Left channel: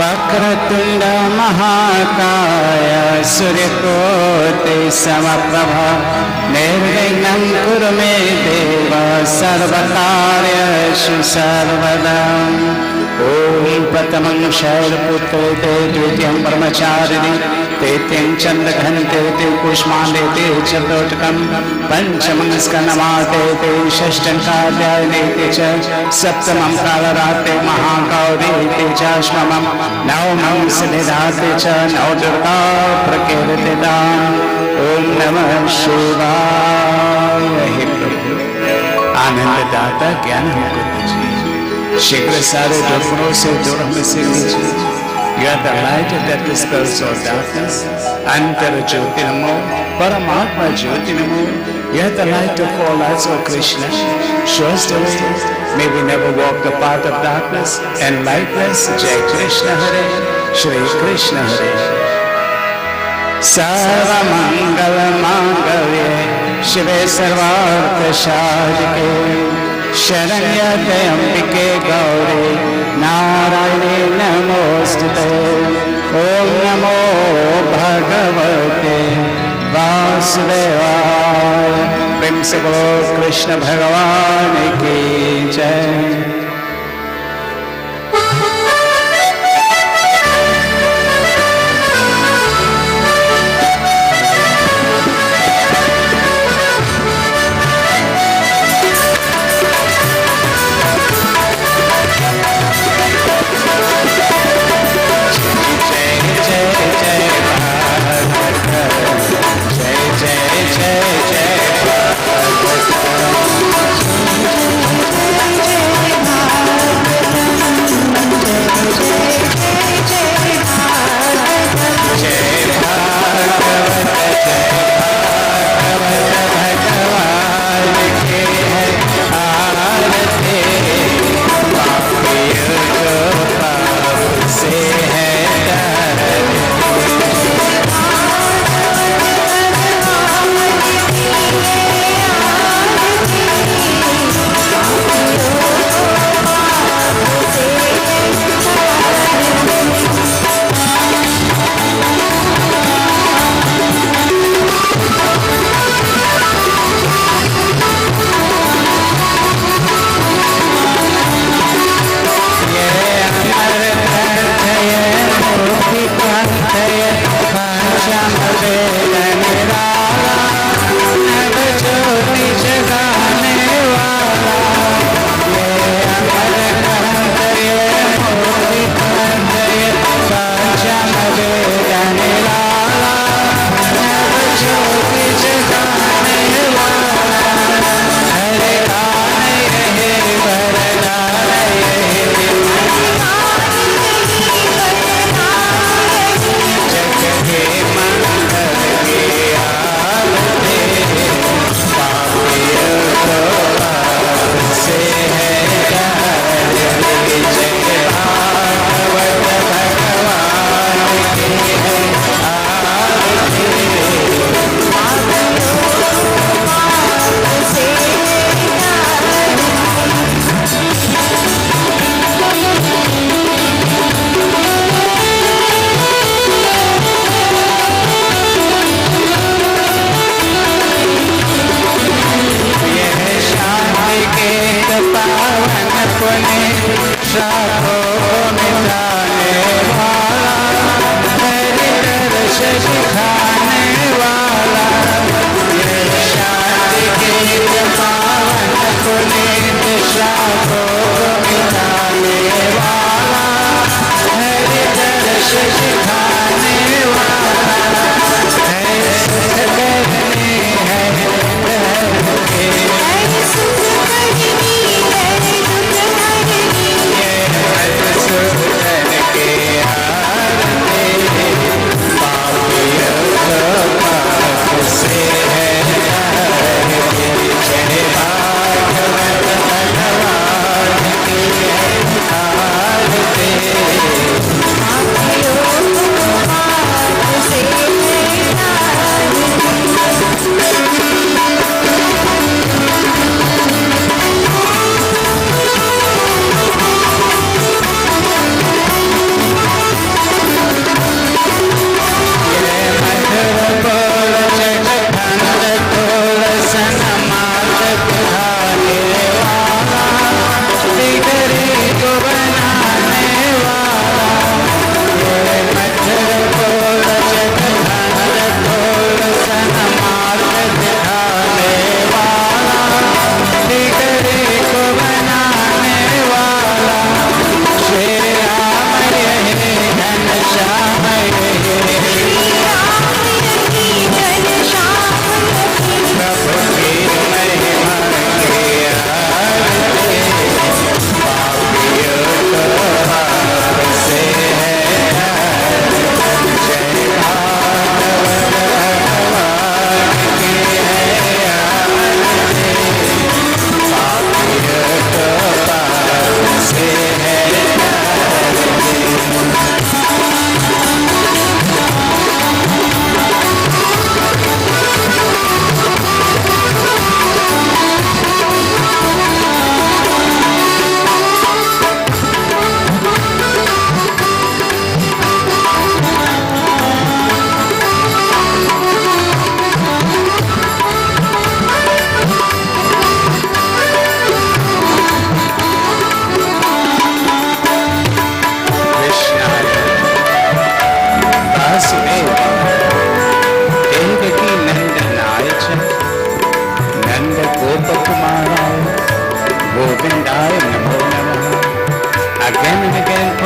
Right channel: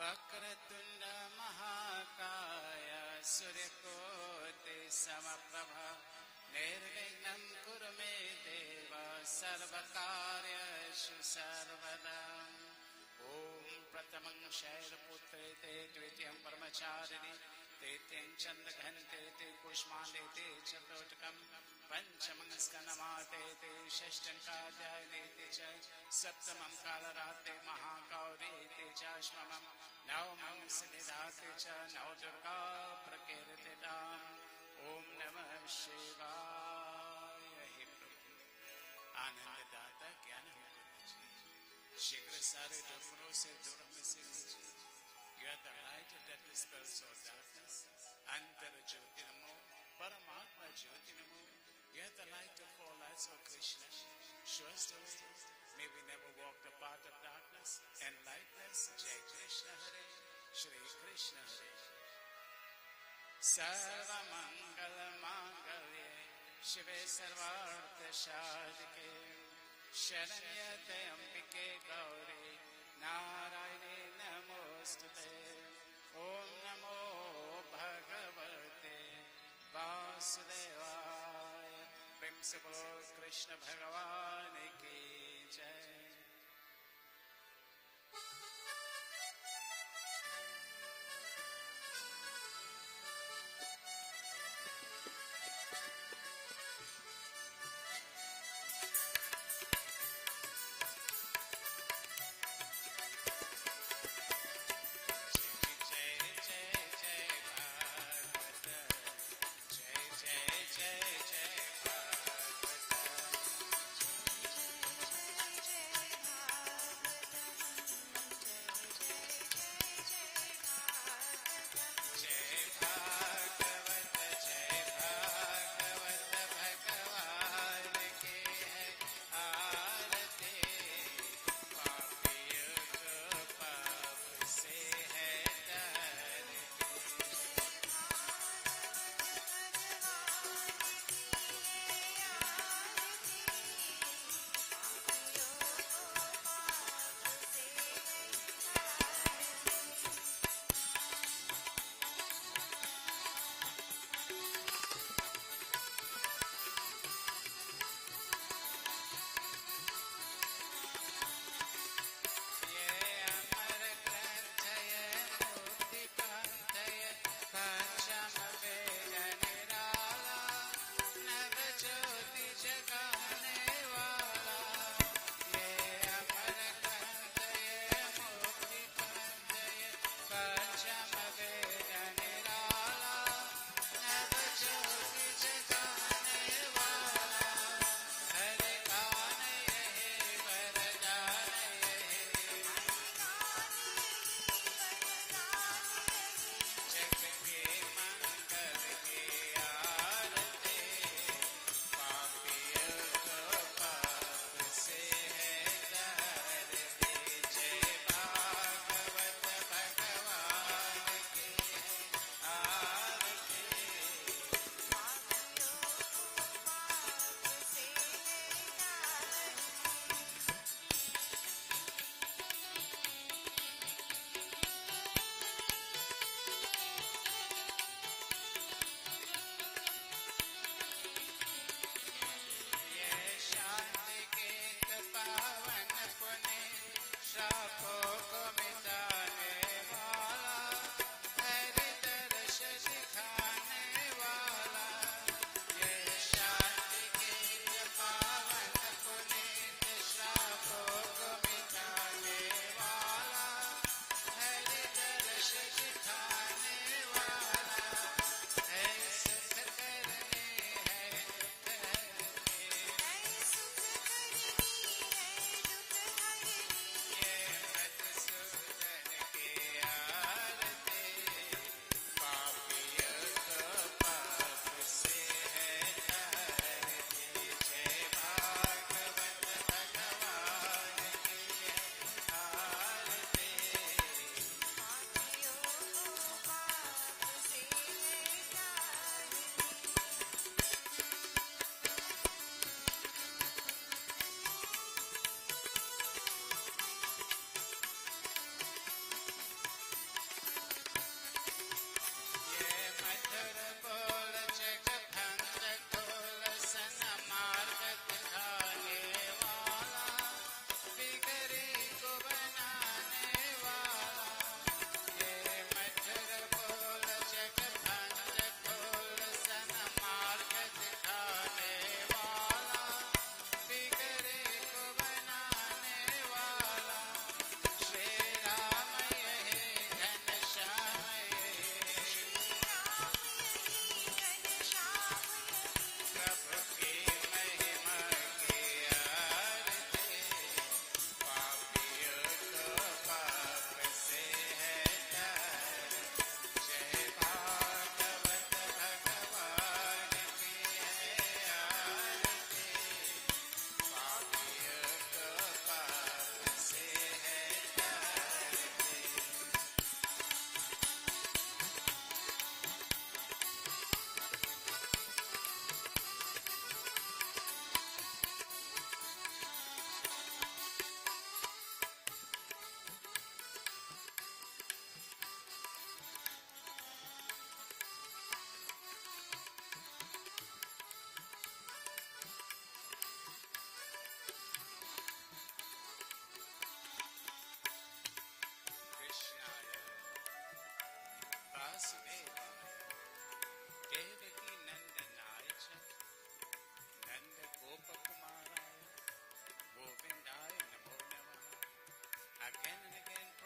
वक्रतुंड महाकाय सूर्यकोटि समप्रभा निर्विघ्नं कुरु मे देव सर्वकार्येषु सर्वदा। ओम प्रथमं शैलपुत्रे ते द्वितीयं ब्रह्मचारिणी तृतीयं चन्द्रघण्टे ते कुष्माण्डे ते चतुर्थकं पंचमं स्कन्धमाते ते षष्ठं कात्यायने ते च सप्तमं कालरात्रे महागौरी ते च अष्टमं नवमं सिद्धिदाते च नवदुर्गा प्रकीर्तिताम्। ओम नमः शिवाय। हे प्रभु आनंददाता ज्ञान हमको दीजिए, शीघ्र सारे दुर्गुणों से दूर हमें से लीजिए। You are the light that dispels all darkness. Antara Jyoti Namo, Paramatma Jyoti Namo. You are the light of all lights, O Krishna. Show us the way. May we never walk the path of darkness and lightness. Jai Krishna Hare, Shri Krishna Hare. Sarva Mangala Mangalye, Shive Sarvartha Sadhike, Sharanya Ambike Gauri, Narayane Namostute. Om Namo Bhagavate Vasudevaya। प्रेम से बोलो कृष्ण भगवान की जय। जय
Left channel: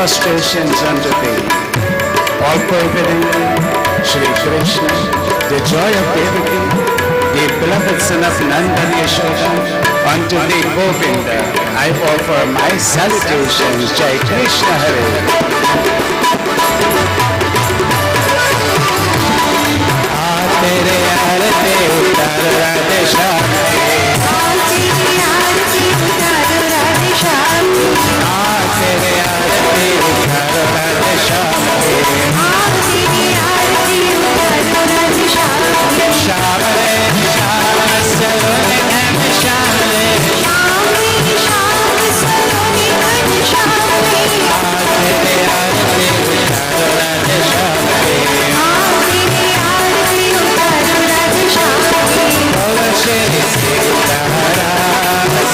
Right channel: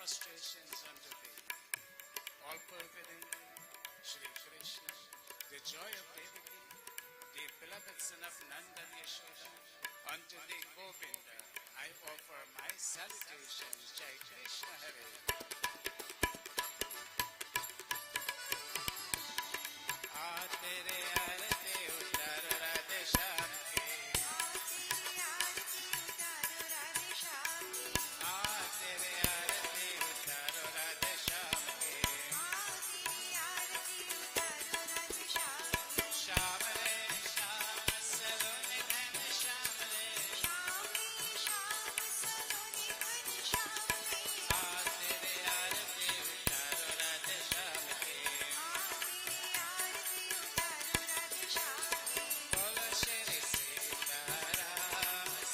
prostrations unto thee. All pervading Shri Krishna, the joy of Devaki, the beloved son of Nanda and Yashoda, unto thee Govinda, I offer my salutations. Jai Krishna Hare. तेरे आरती उतार राधे श्याम, तेरे आरती उतार राधे श्याम, तेरे आरती उतार राधे श्याम, तेरे आरती उतार राधे श्याम, श्याम रे श्याम सलोनी घन श्याम रे, श्याम सलोनी घन श्याम रे, तेरे आरती उतार Radhe Shyam, Shri Sitaram,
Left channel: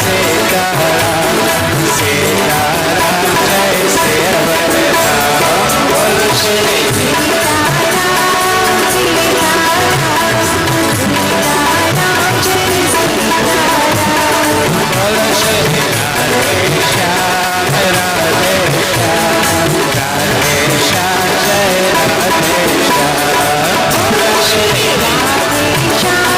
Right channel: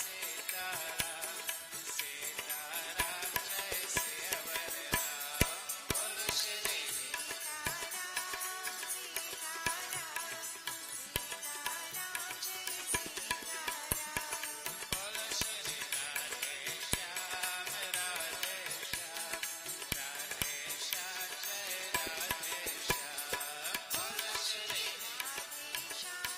Sitaram, Sitaram, Jai Shri Avatar. Bol Shri Sitaram, Sitaram, Sitaram, Jai Sitaram. Bol Shri Radhe Shyam, Radhe Shyam, Radhe Shyam, Jai Radhe Shyam. Bol Shri Radhe Shyam.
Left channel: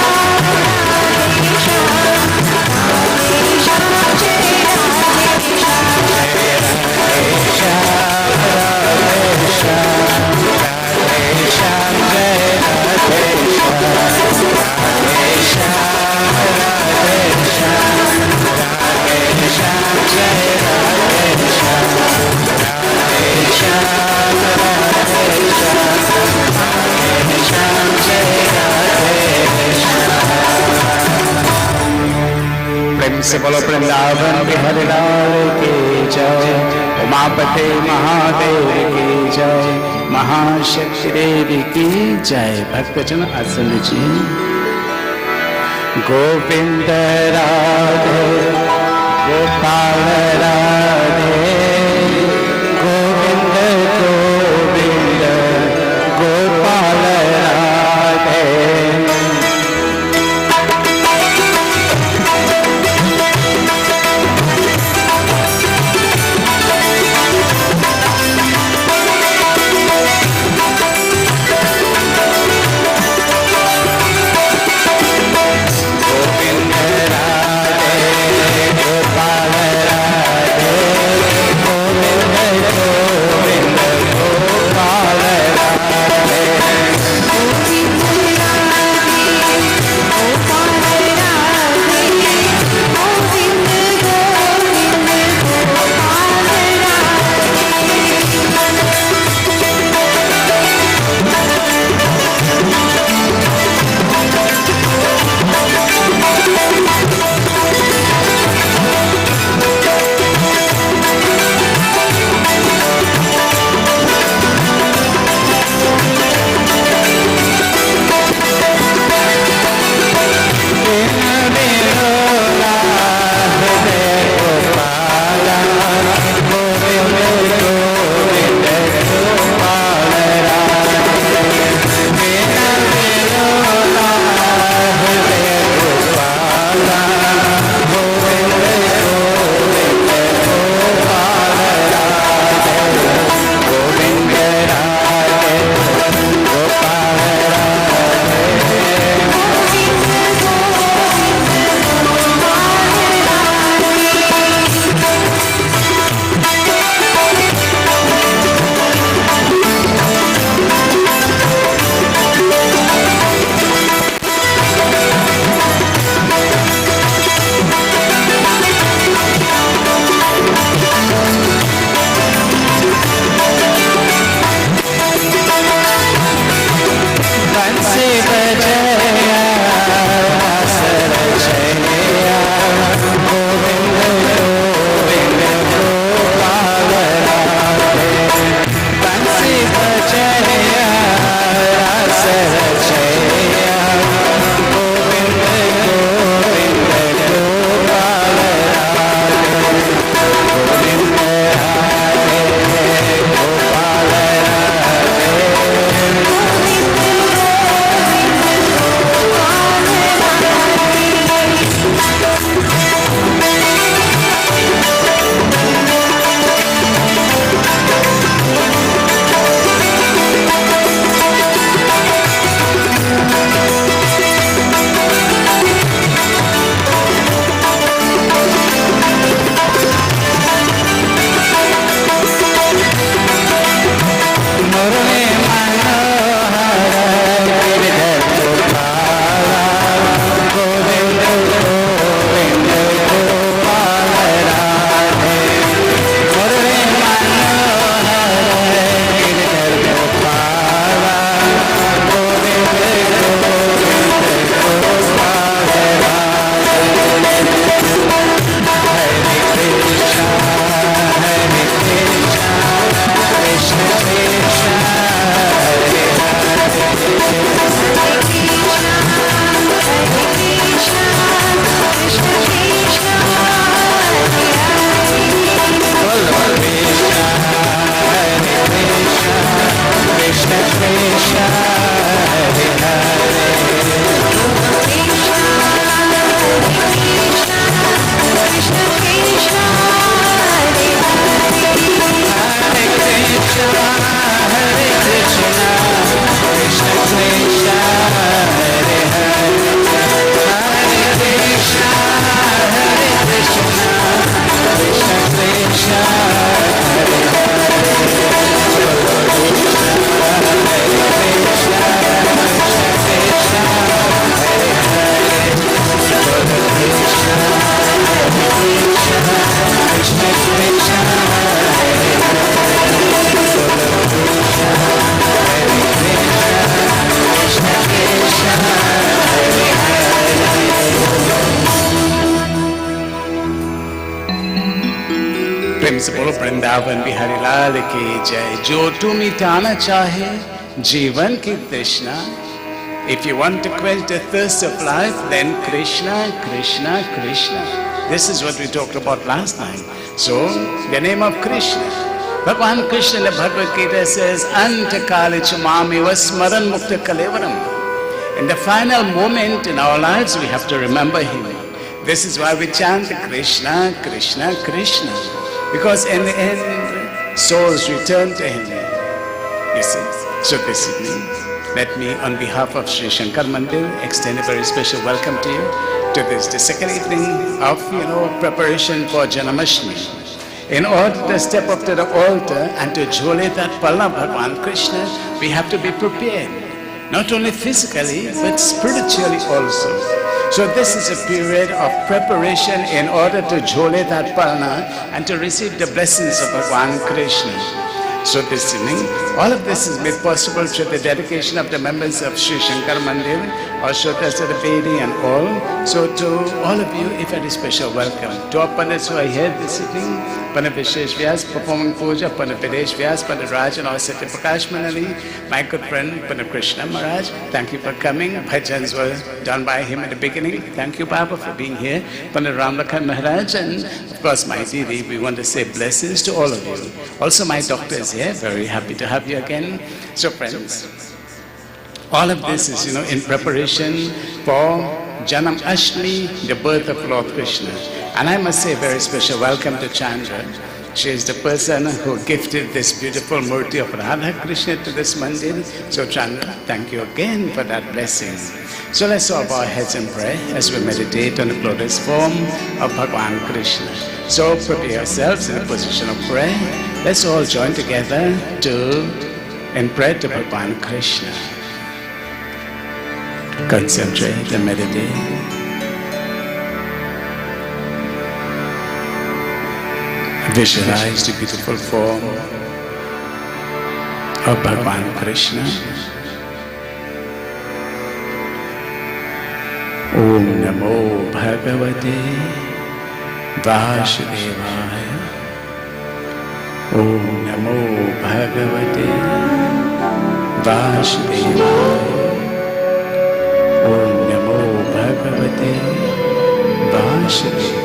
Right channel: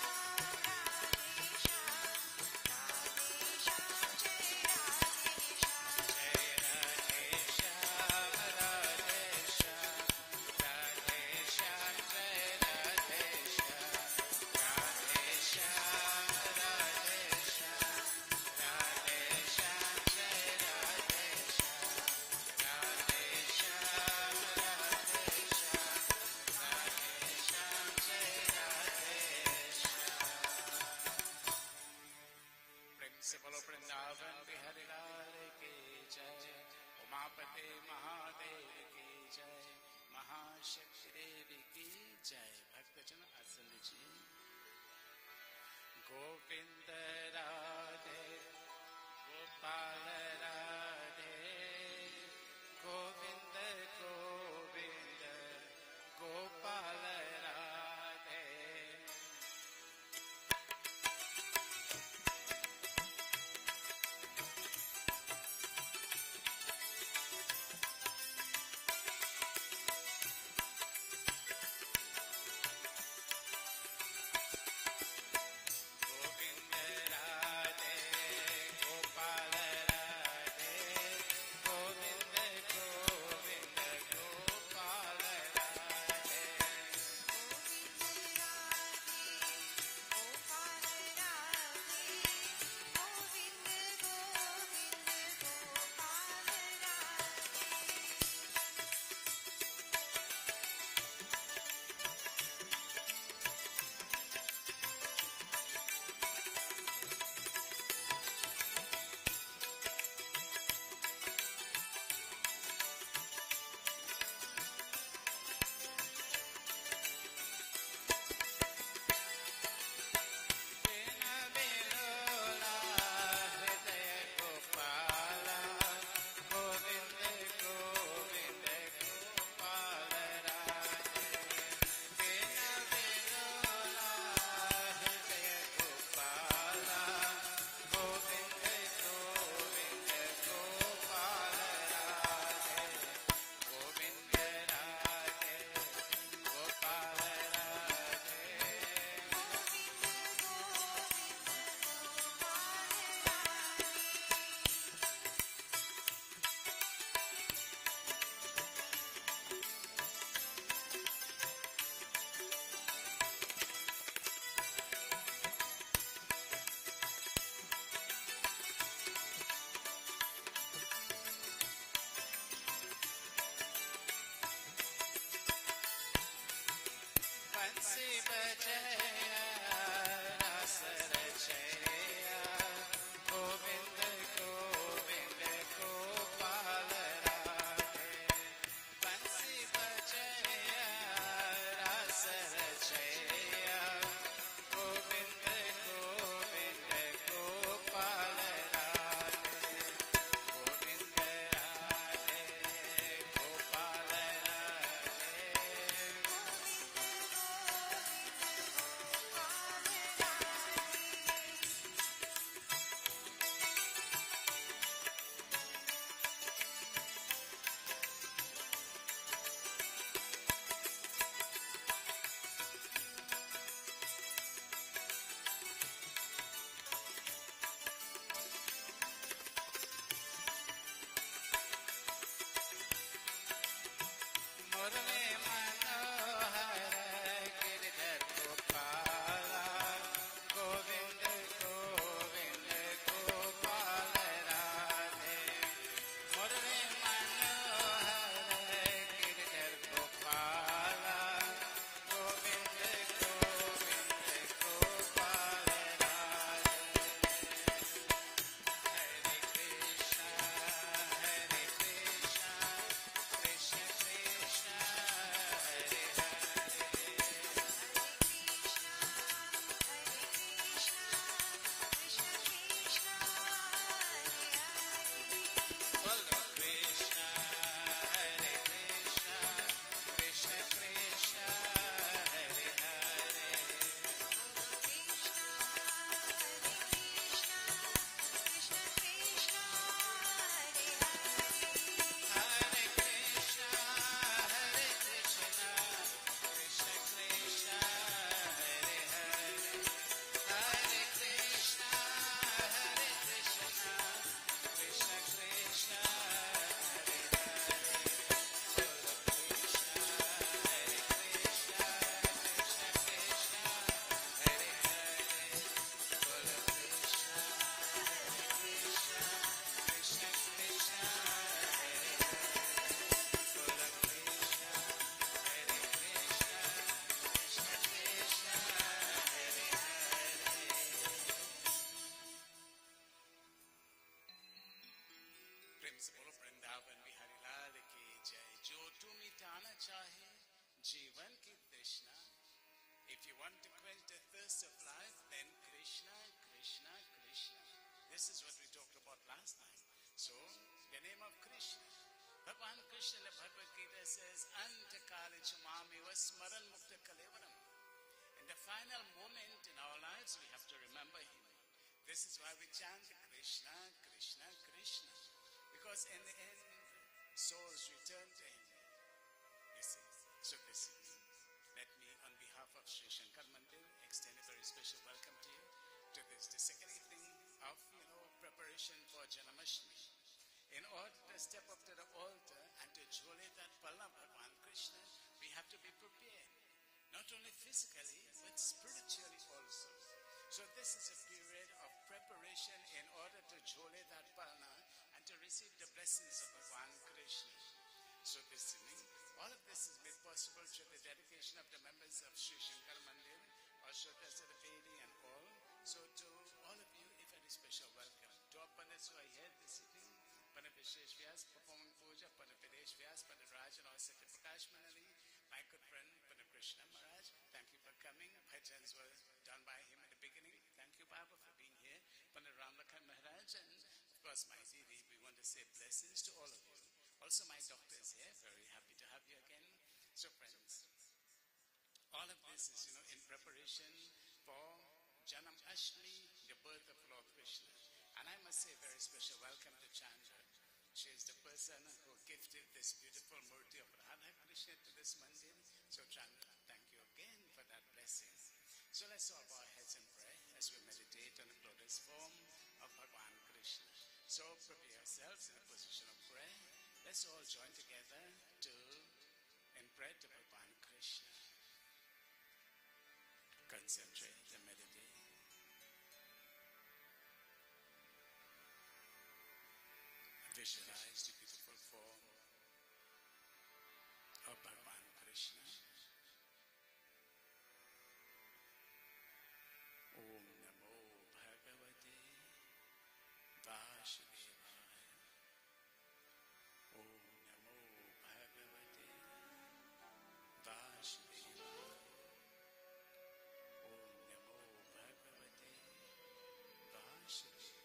से बोलो वृंदावन बिहारी लाल की जय, उमापति महादेव की जय, महाशक्ति देवी की जय। भक्तजन आसन लीजिए। Govind Radhe Gopal Radhe, Govind Govind Gopal Radhe. Govinda Radhe Gopal Radhe Vrindavan Bihari लाल की जय। जो तू मिटाना चाहे जीवन की तृष्णा, if you want to quench the thirst of life, then Krishna, Krishna, Krishna. This is what we talked about last time. So, the name of Krishna. Bhagavan Krishna in the Bhagavad Gita says, Anta kali chamami vasmaran mukta kalevaram. In the final moment in our lives, we have to remember Him. This is why we chant Krishna, Krishna, Krishna. Because in the end, souls return to Him. You see? So this evening, let me, on behalf of Sri Shankar Mandir, extend a very special welcome to you to this, the second evening of, preparation for Janmashtami. In order to step up to the altar and to jole that Palna Bhagavan Krishna, we have to be prepared. Not only physically, but spiritually also. So this is a period of preparation in order to jole that Palna and to receive the blessings of Bhagavan Krishna. So this evening, all of this is made possible through the dedication of the members of Sri Shankar Mandir, also Tasara Bedi and all. So to all of you, a very special welcome. To our Pandits who are here this evening, Pandit Vishesh Vyas performing puja, Pandit Videsh Vyas, Pandit Raj and our Satya Prakash Manali, my good friend Pandit Krishna Maharaj, thank you for coming. Bhajans were done by him at the beginning. Thank you, Baba, for being here. Pandit Ramlakhan Maharaj, and of course my Didi, we want to say blessings to all of you. Also my doctors here, very happy to have you again. So friends, all of this is, in preparation for Janmashtami, the birth of Lord Krishna. And I must say a very special welcome to Chandra. She is the person who gifted this beautiful murti of Radha Krishna to this mandir. So Chandra, thank you again for that blessing. So let's all bow our heads and pray as we meditate on the glorious form of Bhagavan Krishna. So prepare yourselves in a position of prayer. Let's all join together in prayer to Bhagavan Krishna. Concentrate and meditate. Visualize the beautiful form of Bhagavan Krishna. Om Namo Bhagavate Vasudevaya. Om Namo Bhagavate Vasudevaya. Om Namo Bhagavate Vasudevaya.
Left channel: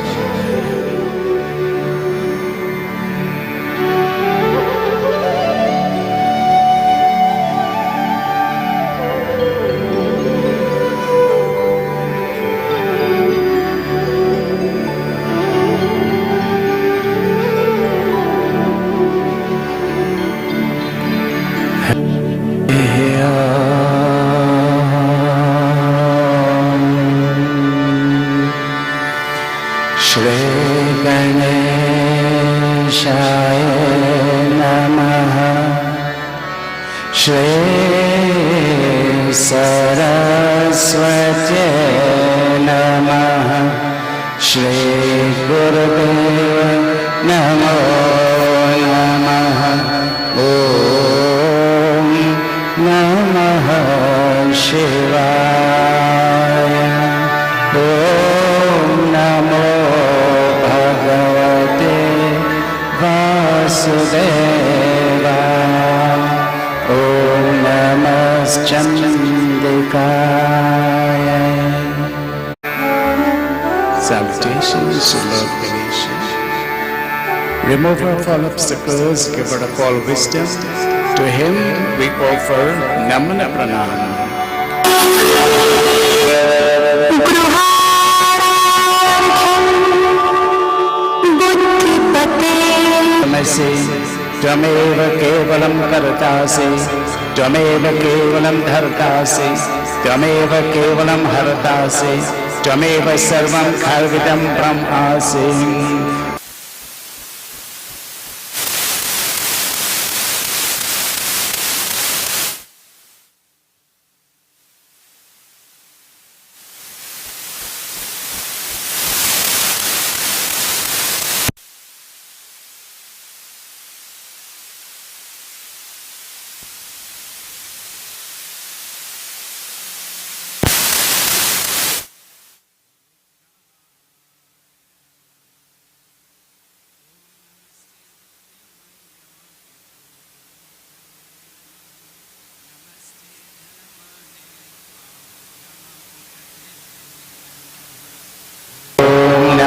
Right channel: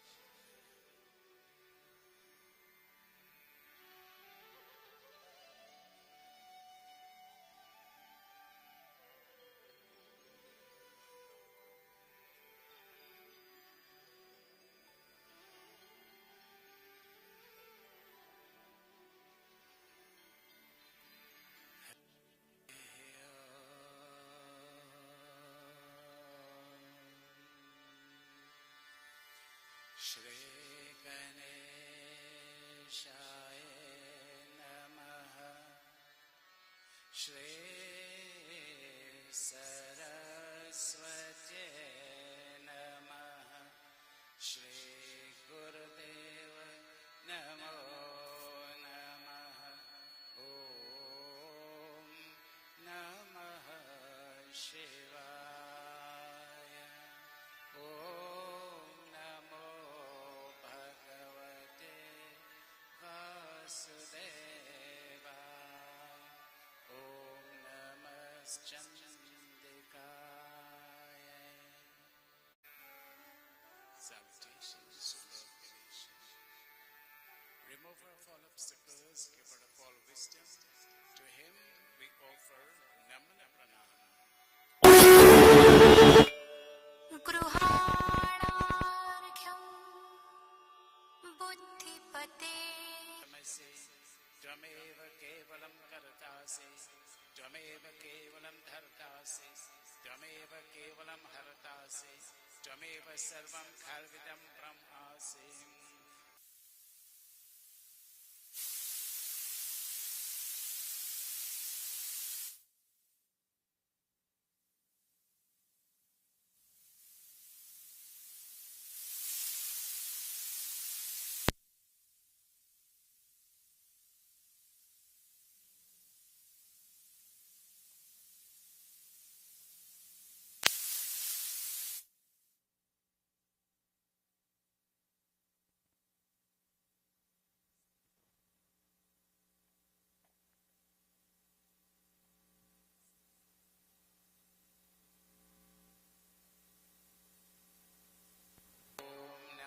Salutations to Lord Ganesha, remover of all obstacles, giver of all wisdom. To him we offer Namana Pranam. Tvamev kevalam kartasi, Tvamev kevalam dhartasi, Tvamev kevalam hartasi, Tvamev sarvam khalvidam brahmasi.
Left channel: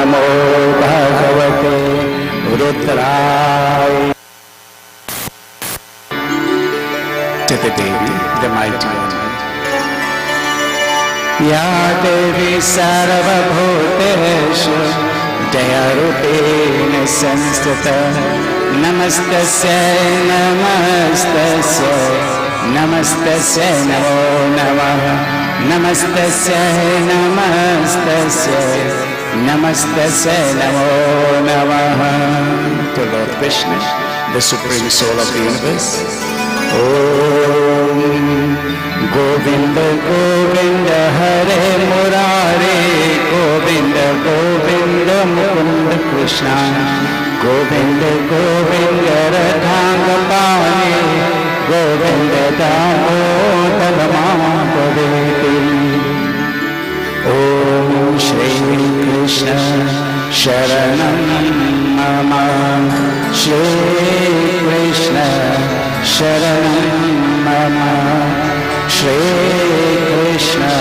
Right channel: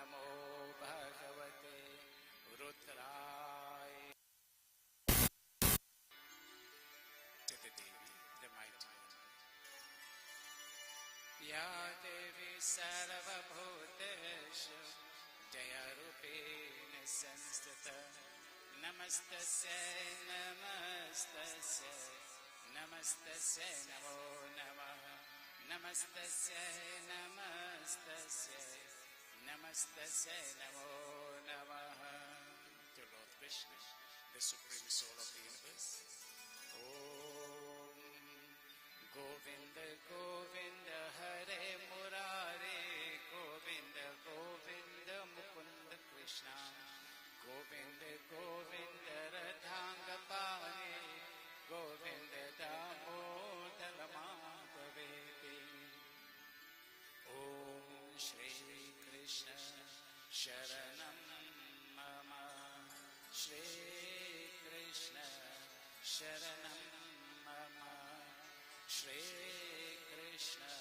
नमो भगवते रुद्राय. To the Devi, the mighty one. Ya Devi Sarvabhuteshu Jayarupena Sanstata Namastasya Namastasya Namastasya Namo Namaha Namastasya Namastasya Namastasya Namo Namaha. To Lord Krishna, the Supreme Soul of the Universe. Om Govinda Govinda Hare Murare Govinda Govinda Mukunda Krishna Govinda Govinda Radhangapane Govinda Damodara Madhaveti. Om Shri Krishna Sharanam Mama Shri Krishna Sharanam Mama Shri Krishna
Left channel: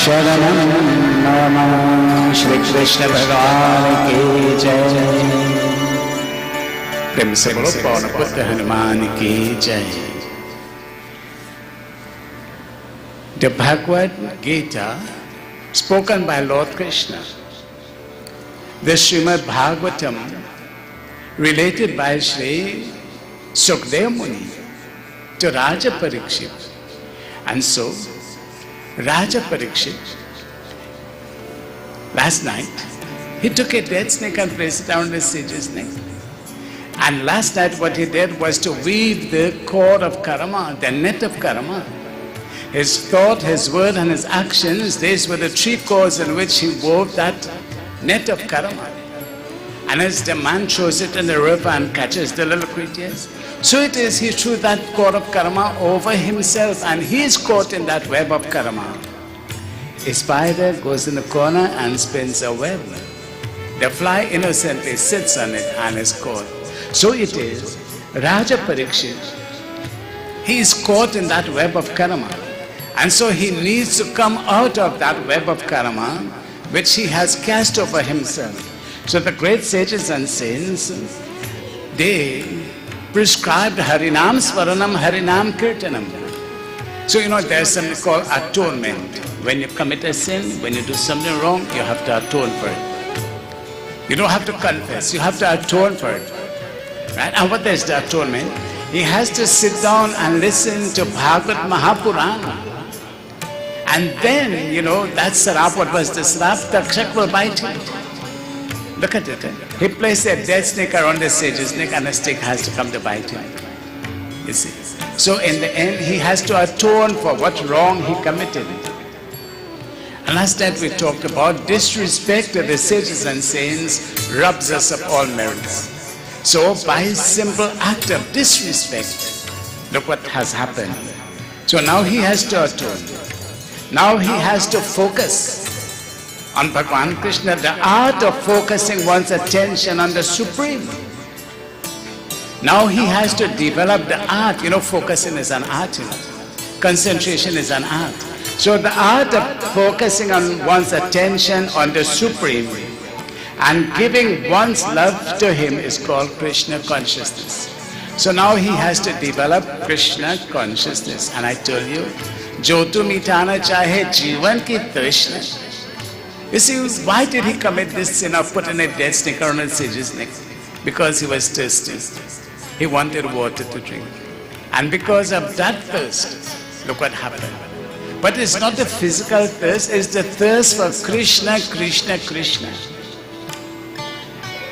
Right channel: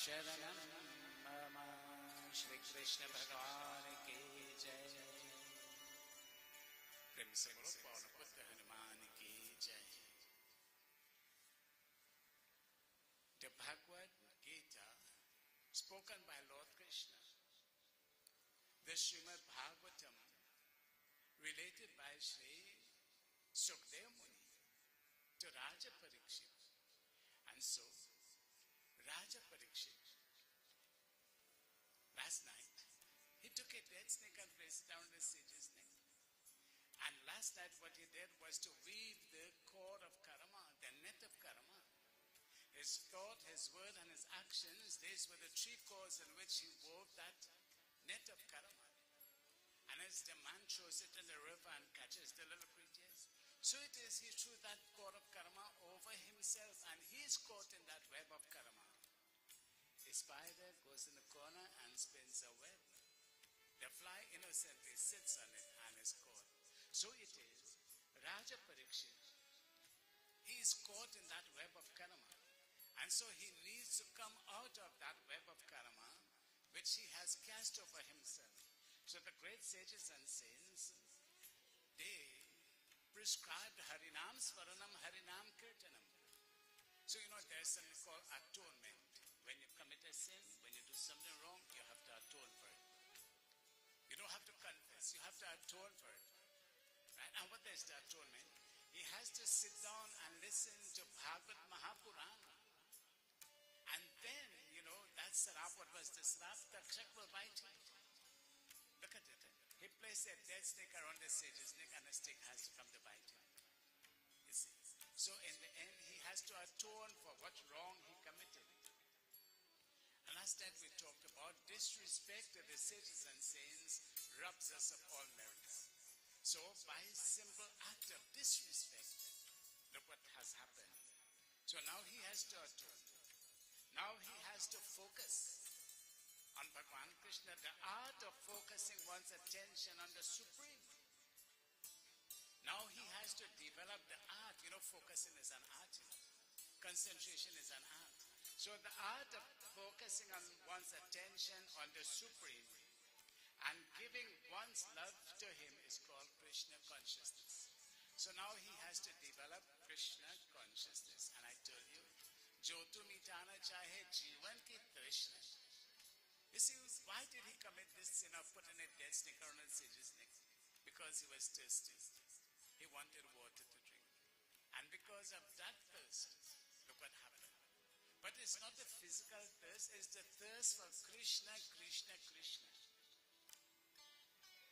Sharanam Mama. Shri Krishna Bhagavan ki jai. Prem se bolo Pawan Putra Hanuman ki jai. The Bhagavad Gita spoken by Lord Krishna, the Srimad Bhagavatam related by Sri Sukadeva Muni to Raja Parikshit. And so, Raja Parikshit, last night, he took a dead snake and placed it around the sage's neck. And last night what he did was to weave the cord of karma, the net of karma. His thought, his word and his actions, these were the three cords in which he wove that net of karma. And as the man throws it in the river and catches the little creatures, so it is he threw that cord of karma over himself and he is caught in that web of karma. A spider goes in the corner and spins a web. The fly innocently sits on it and is caught. So it is, Raja Parikshit, he is caught in that web of karma. And so he needs to come out of that web of karma which he has cast over himself. So the great sages and saints, they prescribed Harinam Swaranam, Harinam Kirtanam. So there's something called atonement. When you commit a sin, when you do something wrong, you have to atone for it. You don't have to confess, you have to atone for it. Right? And what is the atonement? He has to sit down and listen to Bhagavad Mahapurana. And then, that sarap, what was the sarap? Takshak will bite him. Look at it. He placed a dead snake around the sage's neck and a snake has to come to bite him. You see. So in the end, he has to atone for what wrong he committed. And last night we talked about disrespect to the sages and saints robs us of all merits. So by simple act of disrespect, look what has happened. So now he has to atone. Now he has to focus on Bhagavan Krishna, the art of focusing one's attention on the Supreme. Now he has to develop the art. Focusing is an art. Concentration is an art. So the art of focusing on one's attention on the Supreme and giving one's love to him is called Krishna consciousness. So now he has to develop Krishna consciousness. And I told you, Jotu mitana chahe jivan ki trishna. You see, why did he commit this sin of putting a dead snake around a sage's neck? Because he was thirsty. He wanted water to drink. And because of that thirst, look what happened. But it's not the physical thirst, it's the thirst for Krishna, Krishna, Krishna.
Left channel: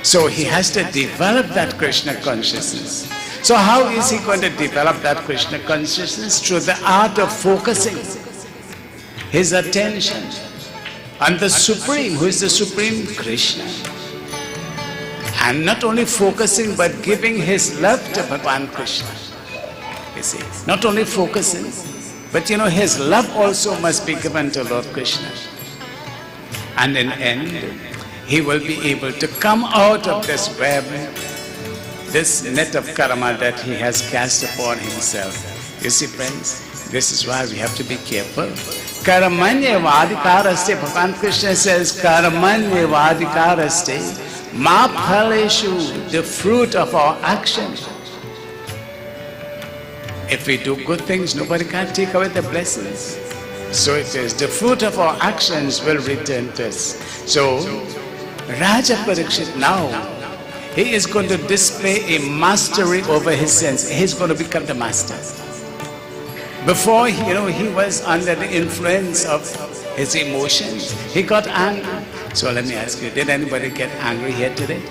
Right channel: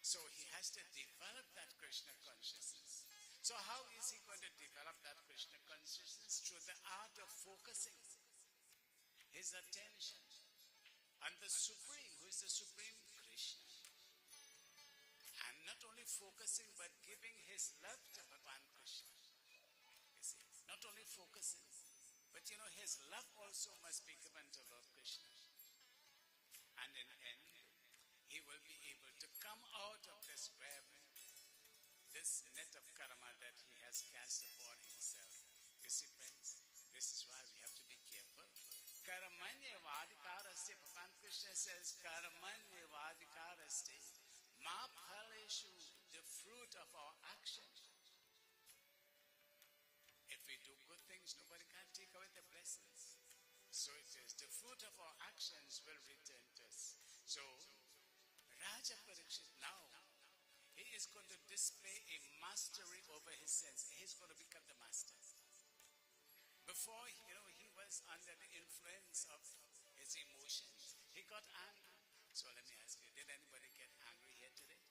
So he has to develop that Krishna consciousness. So how is he going to develop that Krishna consciousness? Through the art of focusing his attention on the Supreme. Who is the Supreme? Krishna. And not only focusing, but giving his love to Bhagavan Krishna. You see, not only focusing, but his love also must be given to Lord Krishna. And in the end, he will be able to come out of this web, this net of karma that he has cast upon himself. You see, friends, this is why we have to be careful. Karmanyevadikaraste, Bhagavan Krishna says, Karmanyevadikaraste, ma phaleshu, the fruit of our action. If we do good things, nobody can take away the blessings. So it is, the fruit of our actions will return to us. So, Raja Parikshit now, he is going to display a mastery over his sense. He's going to become the master. Before, he was under the influence of his emotions. He got angry. So let me ask you, did anybody get angry here today?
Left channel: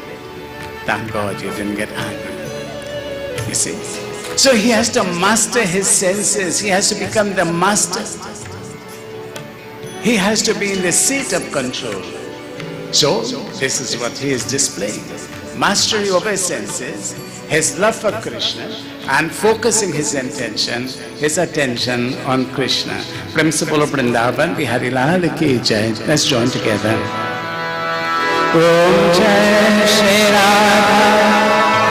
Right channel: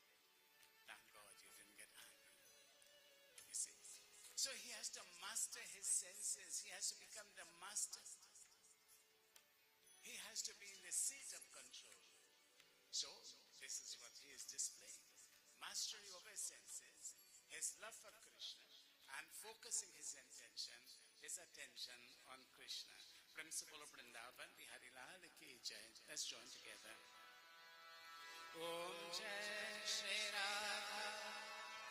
Thank God you didn't get angry. You see? So he has to master his senses. He has to become the master. He has to be in the seat of control. So this is what he is displaying. Mastery over his senses, his love for Krishna, and focusing his attention on Krishna. Principle of Vrindavan, Bihari Lal ki Jai. Let's join together. Om Jai Shri Radha,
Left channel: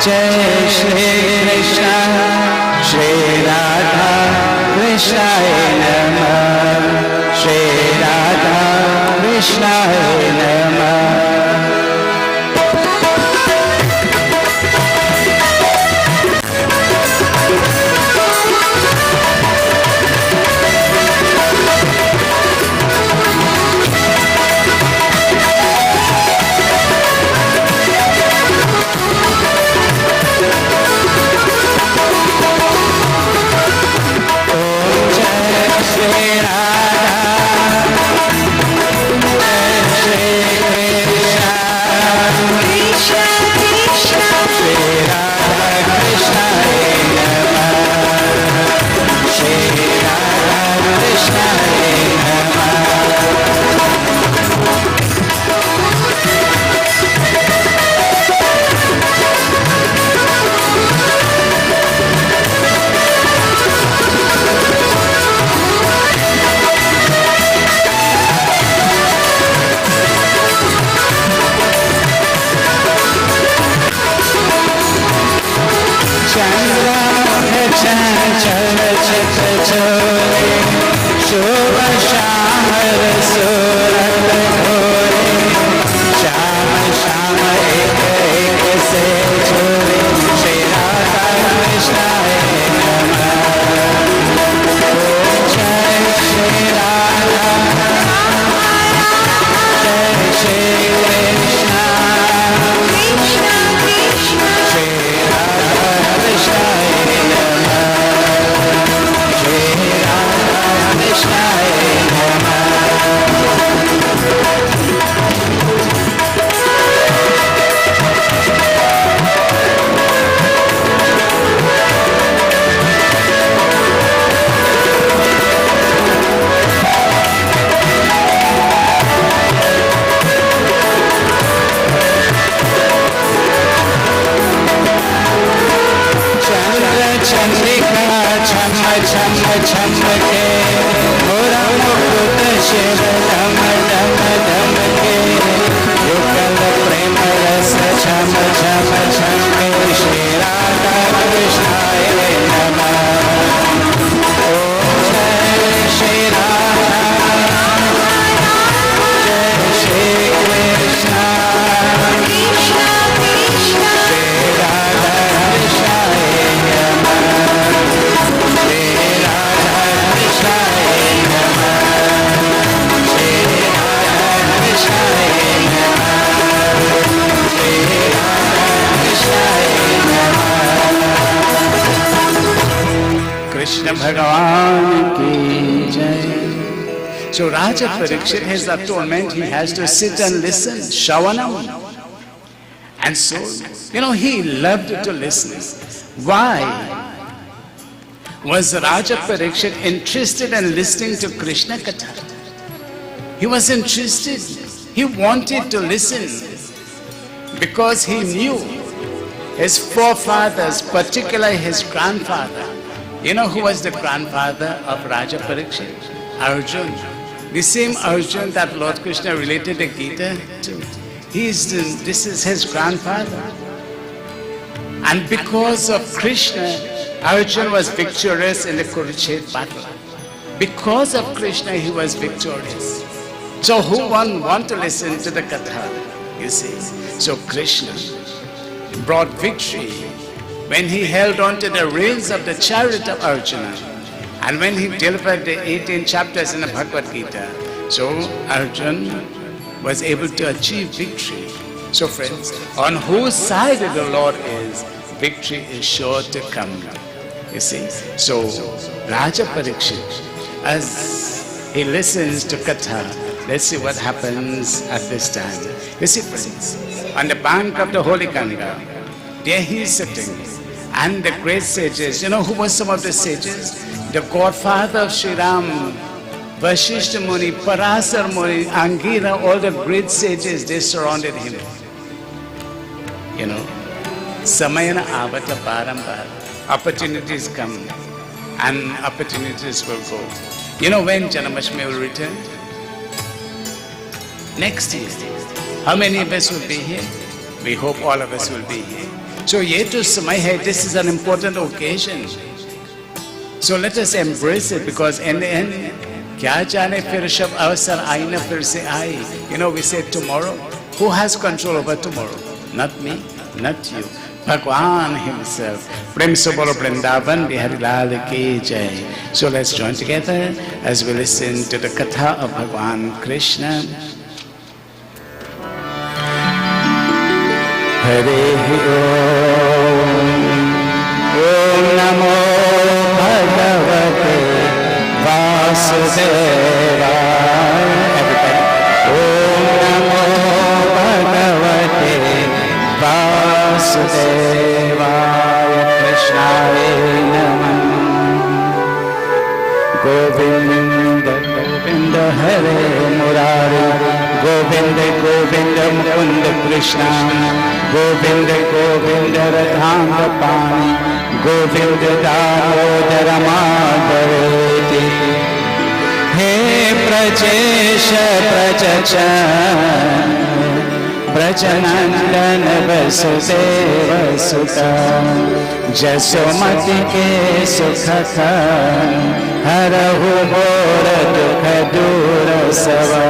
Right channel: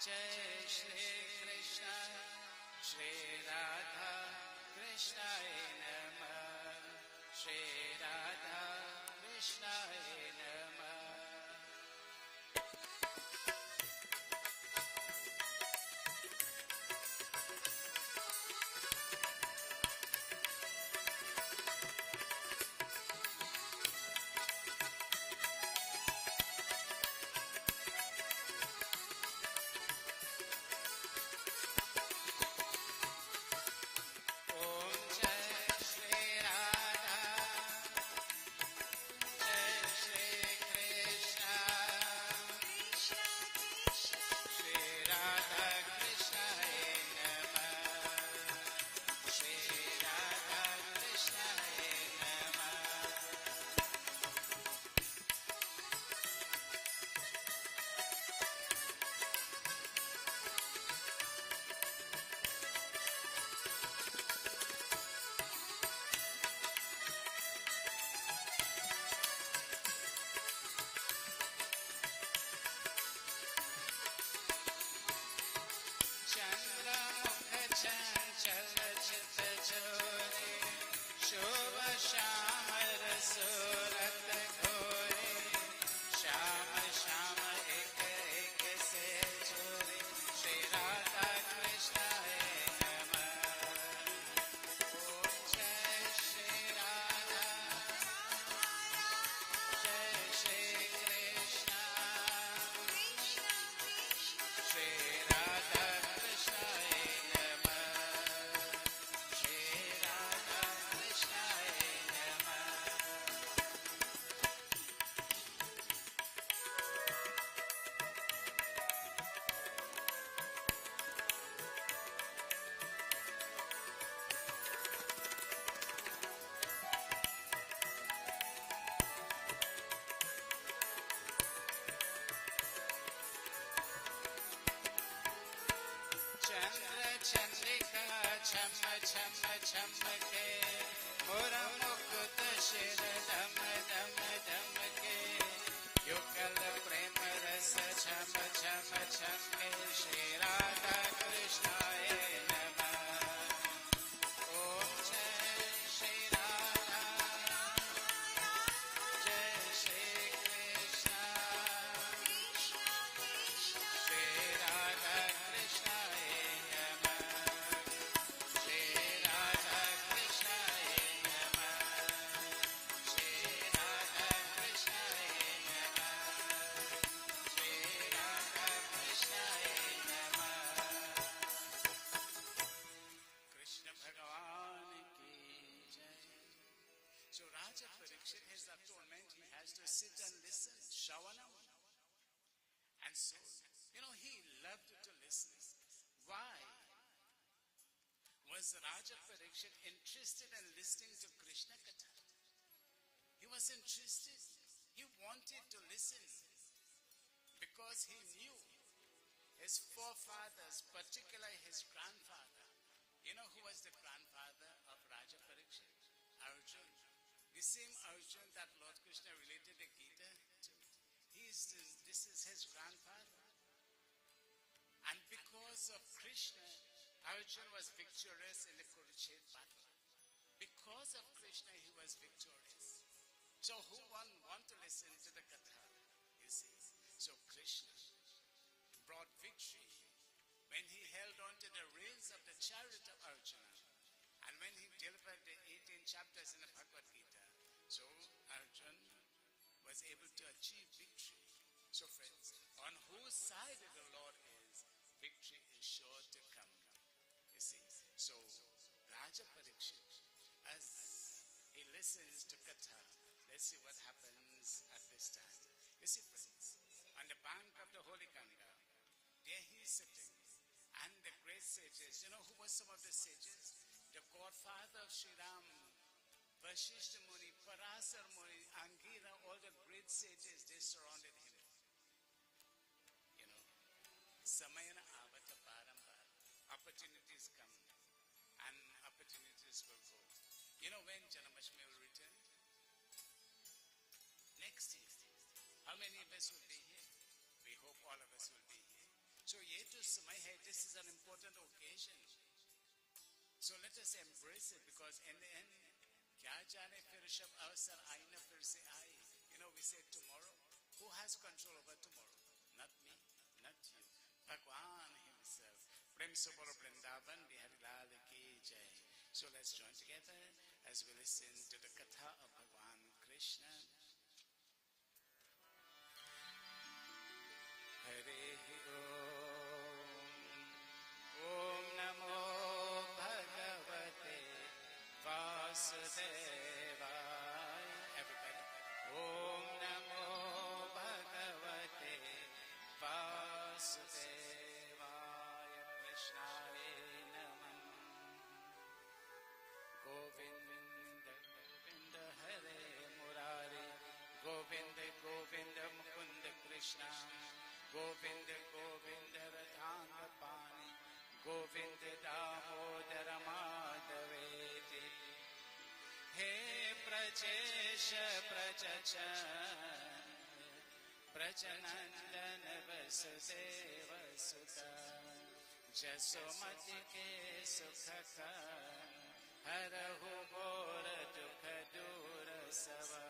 Jai Shri Krishna, Shri Radha Krishnaya Namah, Shri Radha Krishnaya Namah. So Raja Parikshit, his atonement, he has to sit and listen, Shravanam. And so, he loved to listen. Why was Raja Parikshit interested in listening to Krishna Katha? He was interested. He wanted to listen because he knew his forefathers, particularly his grandfather. You know who was the grandfather of Raja Parikshit? Arjun. The same Arjun that Lord Krishna related the Gita to. This is his grandfather. And because of Krishna, Arjun was victorious in the Kurukshetra battle. Because of Krishna, he was victorious. So who want to listen to the Katha? You see. So Krishna brought victory when he held on to the reins of the chariot of Arjuna. And when he delivered the 18 chapters in the Bhagavad Gita, so Arjuna was able to achieve victory. So friends, on whose side the Lord is, victory is sure to come. You see? So Raja Parikshit, as he listens to Katha, let's see what happens at this time. You see friends, on the bank of the holy Ganga, there he is sitting, and the great sages, you know who were some of the sages? The godfather of Sri Ram, Vashishta Muni, Parasar Muni, Angira, all the great sages, they surrounded him. You know, Samayana Avata Parambar, opportunities come and opportunities will go. You know when Janamashmi will return? Next year. How many of us will be here? We hope all of us will be here. So ye to samay hai, this is an important occasion. So let us embrace it, because in the end, kya jane fir shab avasar aina fir se aaye. You know, we say tomorrow. Who has control over tomorrow? Not me, not you. Bhagwan himself. Prem se bolo Vrindavan Bihari Lal ki jai. So let's join together as we listen to the Katha of Bhagwan Krishna. Hare Om, Om Namo Bhagavate Vasudevaya. Everybody. Om Namo Bhagavate Vasudevaya. Krishnaya Namah. Govinda Govinda Hare Murari. Govinda Govinda Mukunda Krishna. Govinda Govinda Radhanga Pani. Govinda Damodara Madhaveti. He Prajesha Prajachan Brajanandana Vasudeva Sutta Jasomati Ke Sukhaka Harahu Bora Dukha Dura Sava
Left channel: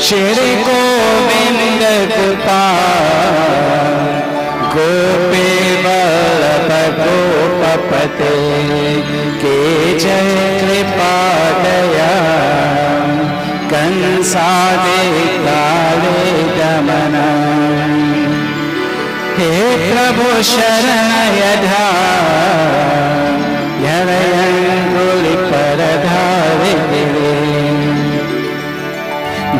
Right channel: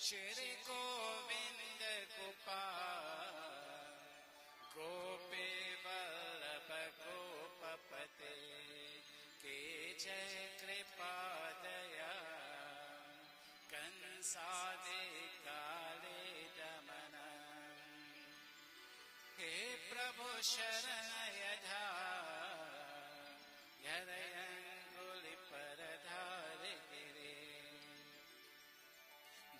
Shri Govinda Gopal Gopi Vallabha Gopapate Ke Jai Kripadaya Kansade Kale Damana. He Prabhu Sharanayadha Yarayanguli Paradhari Giri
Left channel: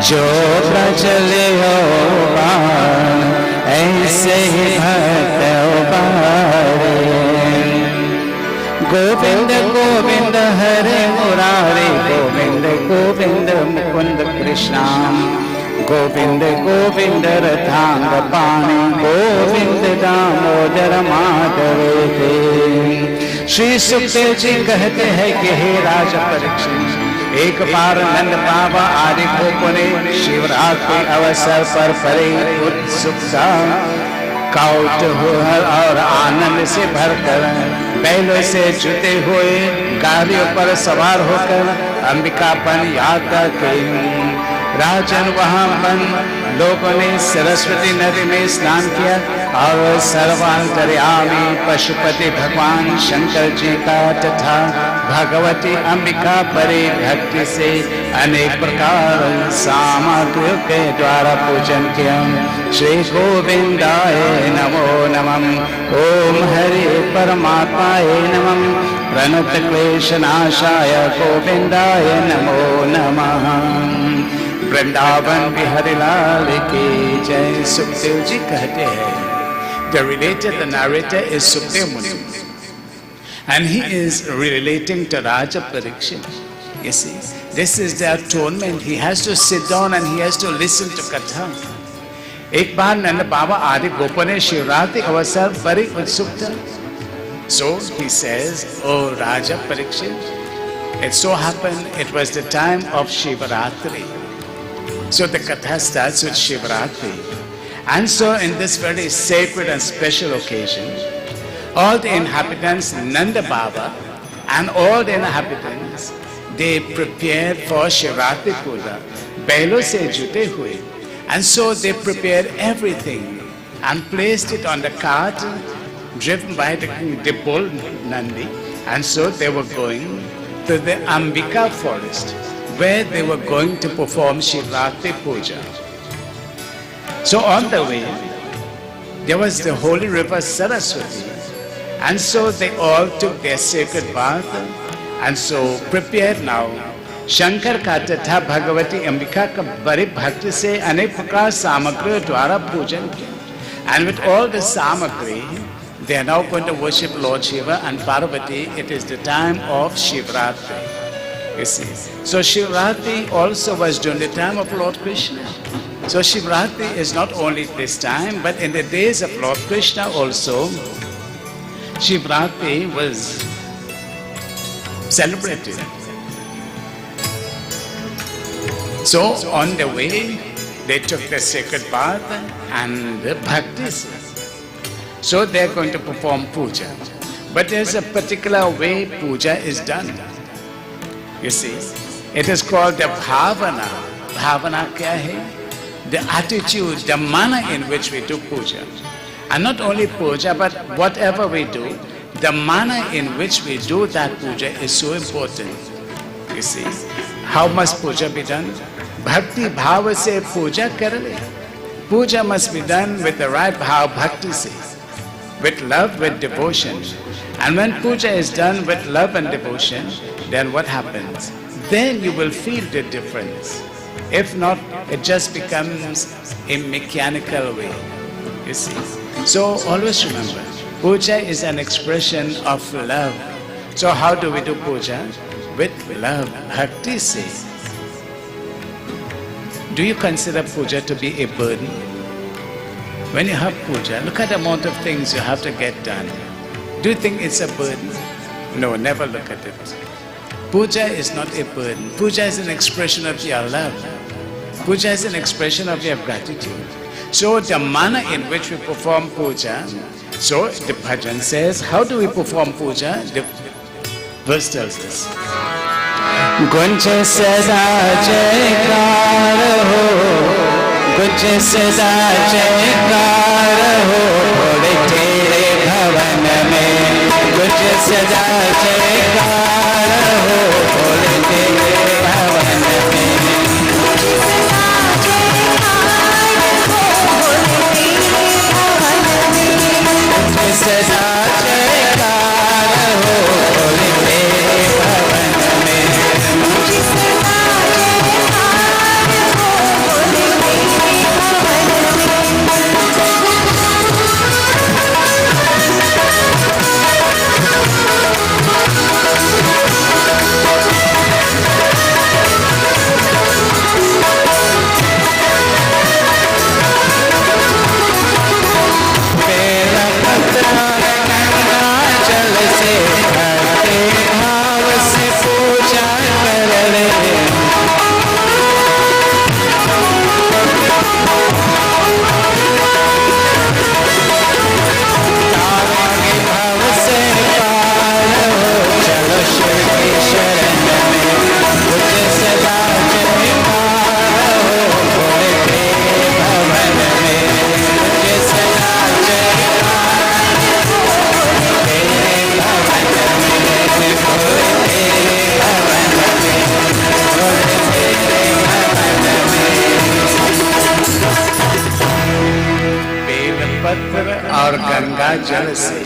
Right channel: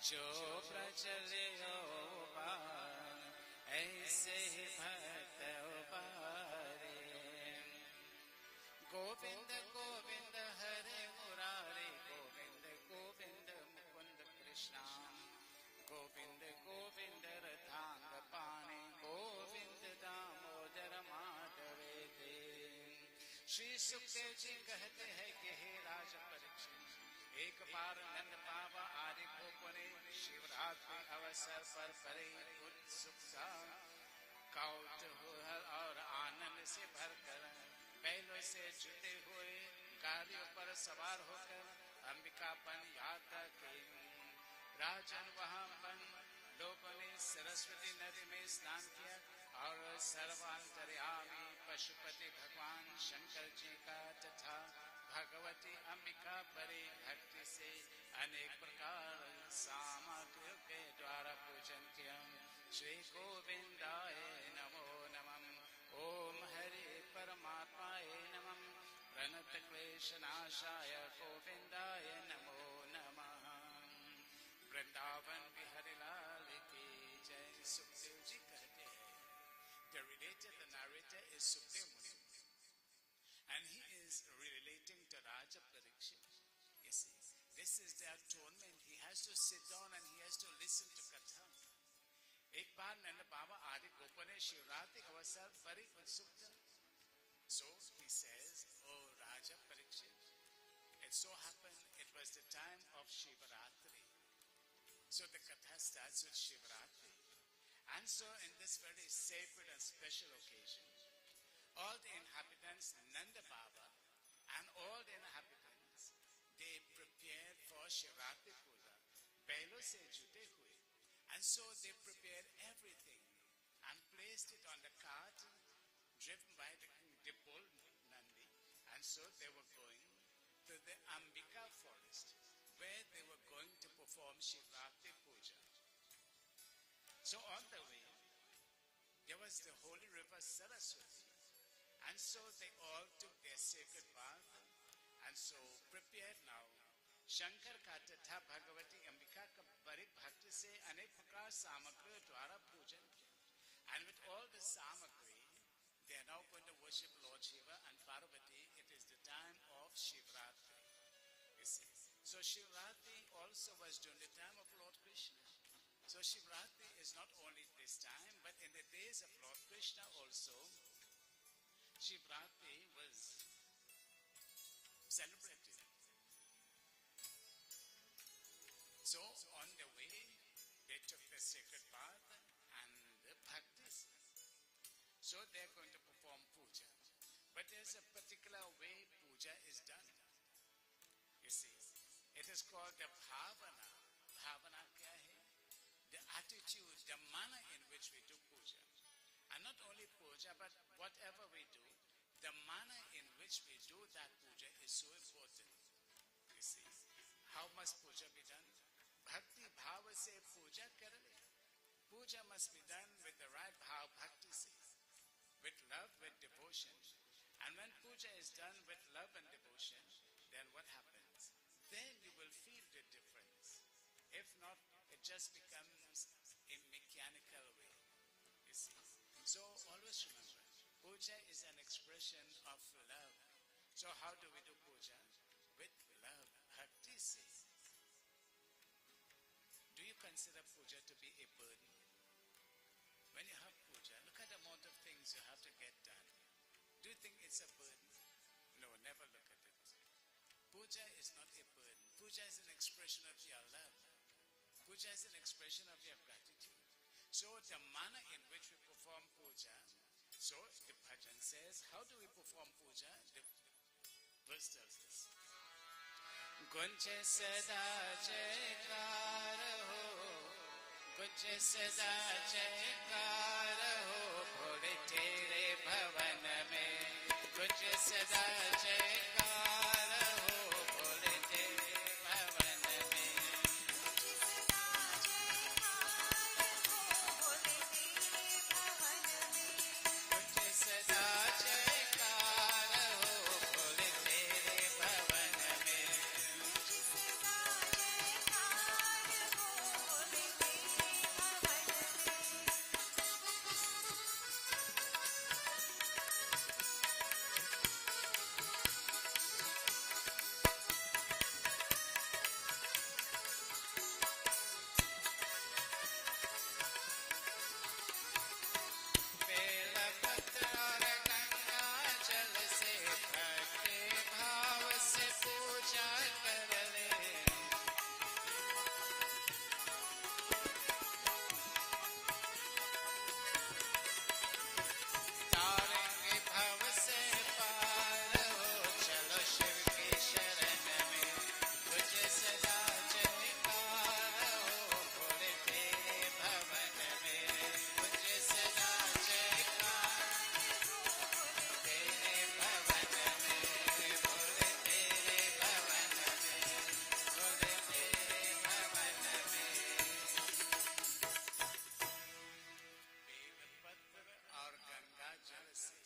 Jo Prajale Oban Aise Hi Bhakta Obare. Govinda Govinda Hare Murari. Govinda Govinda Mukunda Krishna. Govinda Govinda Radhanga Pani. Govinda Damodara Madhaveti. Shri Sukhdev ji कहते हैं कि हे राजा परीक्षित, एक बार नंद बाबा आदि गोपों ने शिवरात्रि अवसर पर परे उत्सुकता कौतूहल और आनंद से भरकर बैलों से जुते हुए गाड़ियों पर सवार होकर अंबिकापन यात्रा की। राजन वहां लोगों ने सरस्वती नदी में स्नान किया और सर्वांतर्यामी पशुपति भगवान शंकर जी का तथा भगवती अंबिका परि भक्ति से अनेक प्रकार सामग्रियों के द्वारा पूजन किया। श्री गोविंदाय नमो नमः। ओम हरि परमात्माय नमः। प्रणत क्लेशनाशाय गोविंदाय नमो नमः। वृंदावन बिहारी लाल की जय। सुखदेव जी कहते हैं, the relator, the narrator is Sukhdev Muni, and he is relating to Raja Parikshit. You see, this is the atonement. He has to sit down and he has to listen to Katha. एक बार नंद बाबा आदि गोपों ने शिवरात्रि अवसर पर ही उत्सुक था. So he says, "Oh Raja Parikshit, it so happened it was the time of Shivaratri." So the Katha starts with Shivaratri. And so in this very sacred and special occasion, all the inhabitants, Nanda Baba and all the inhabitants, they prepared for Shivratri Puja, Bailo se jute hue. And so they prepared everything and placed it on the cart driven by the bull Nandi. And so they were going to the Ambika forest, where they were going to perform Shivratri Puja. So on the way, there was the holy river Saraswati. And so they all took their sacred bath and so prepared now. Shankar का तथा भगवती अंबिका का बड़े भक्ति से अनेक प्रकार सामग्री द्वारा पूजन किया. And with all the samagri, they are now going to worship Lord Shiva and Parvati. It is the time of Shivratri. You see. So Shivratri also was during the time of Lord Krishna. So Shivratri is not only this time, but in the days of Lord Krishna also, Shivratri was celebrated. So on the way, they took the sacred bath and the bhaktis. So they are going to perform puja. But there's a particular way puja is done. You see, it is called the bhavana. Bhavana kya hai? The attitude, the manner in which we do puja. And not only puja, but whatever we do, the manner in which we do that puja is so important. You see, how must puja be done? Bhakti bhava se puja karale. Puja must be done with the right bhav, bhakti se, with love, with devotion. And when puja is done with love and devotion, then what happens? Then you will feel the difference. If not, it just becomes a mechanical way. You see. So always remember, puja is an expression of love. So how do we do puja? With love, bhakti se. Do you consider puja to be a burden? When you have puja, look at the amount of things you have to get done. Do you think it's a burden? No, never look at it. Puja is not a burden. Puja is an expression of your love. Puja is an expression of your gratitude. So the manner in which we perform puja, so the bhajan says, how do we perform puja? The verse tells us. Gunj sada jaykar ho, gunj sada jaykar ho, thode tere bhavan mein. Gunj sada jaykar ho, thode tere bhavan mein. Gunj sada jaykar ho, thode tere bhavan mein. और गंगा जल से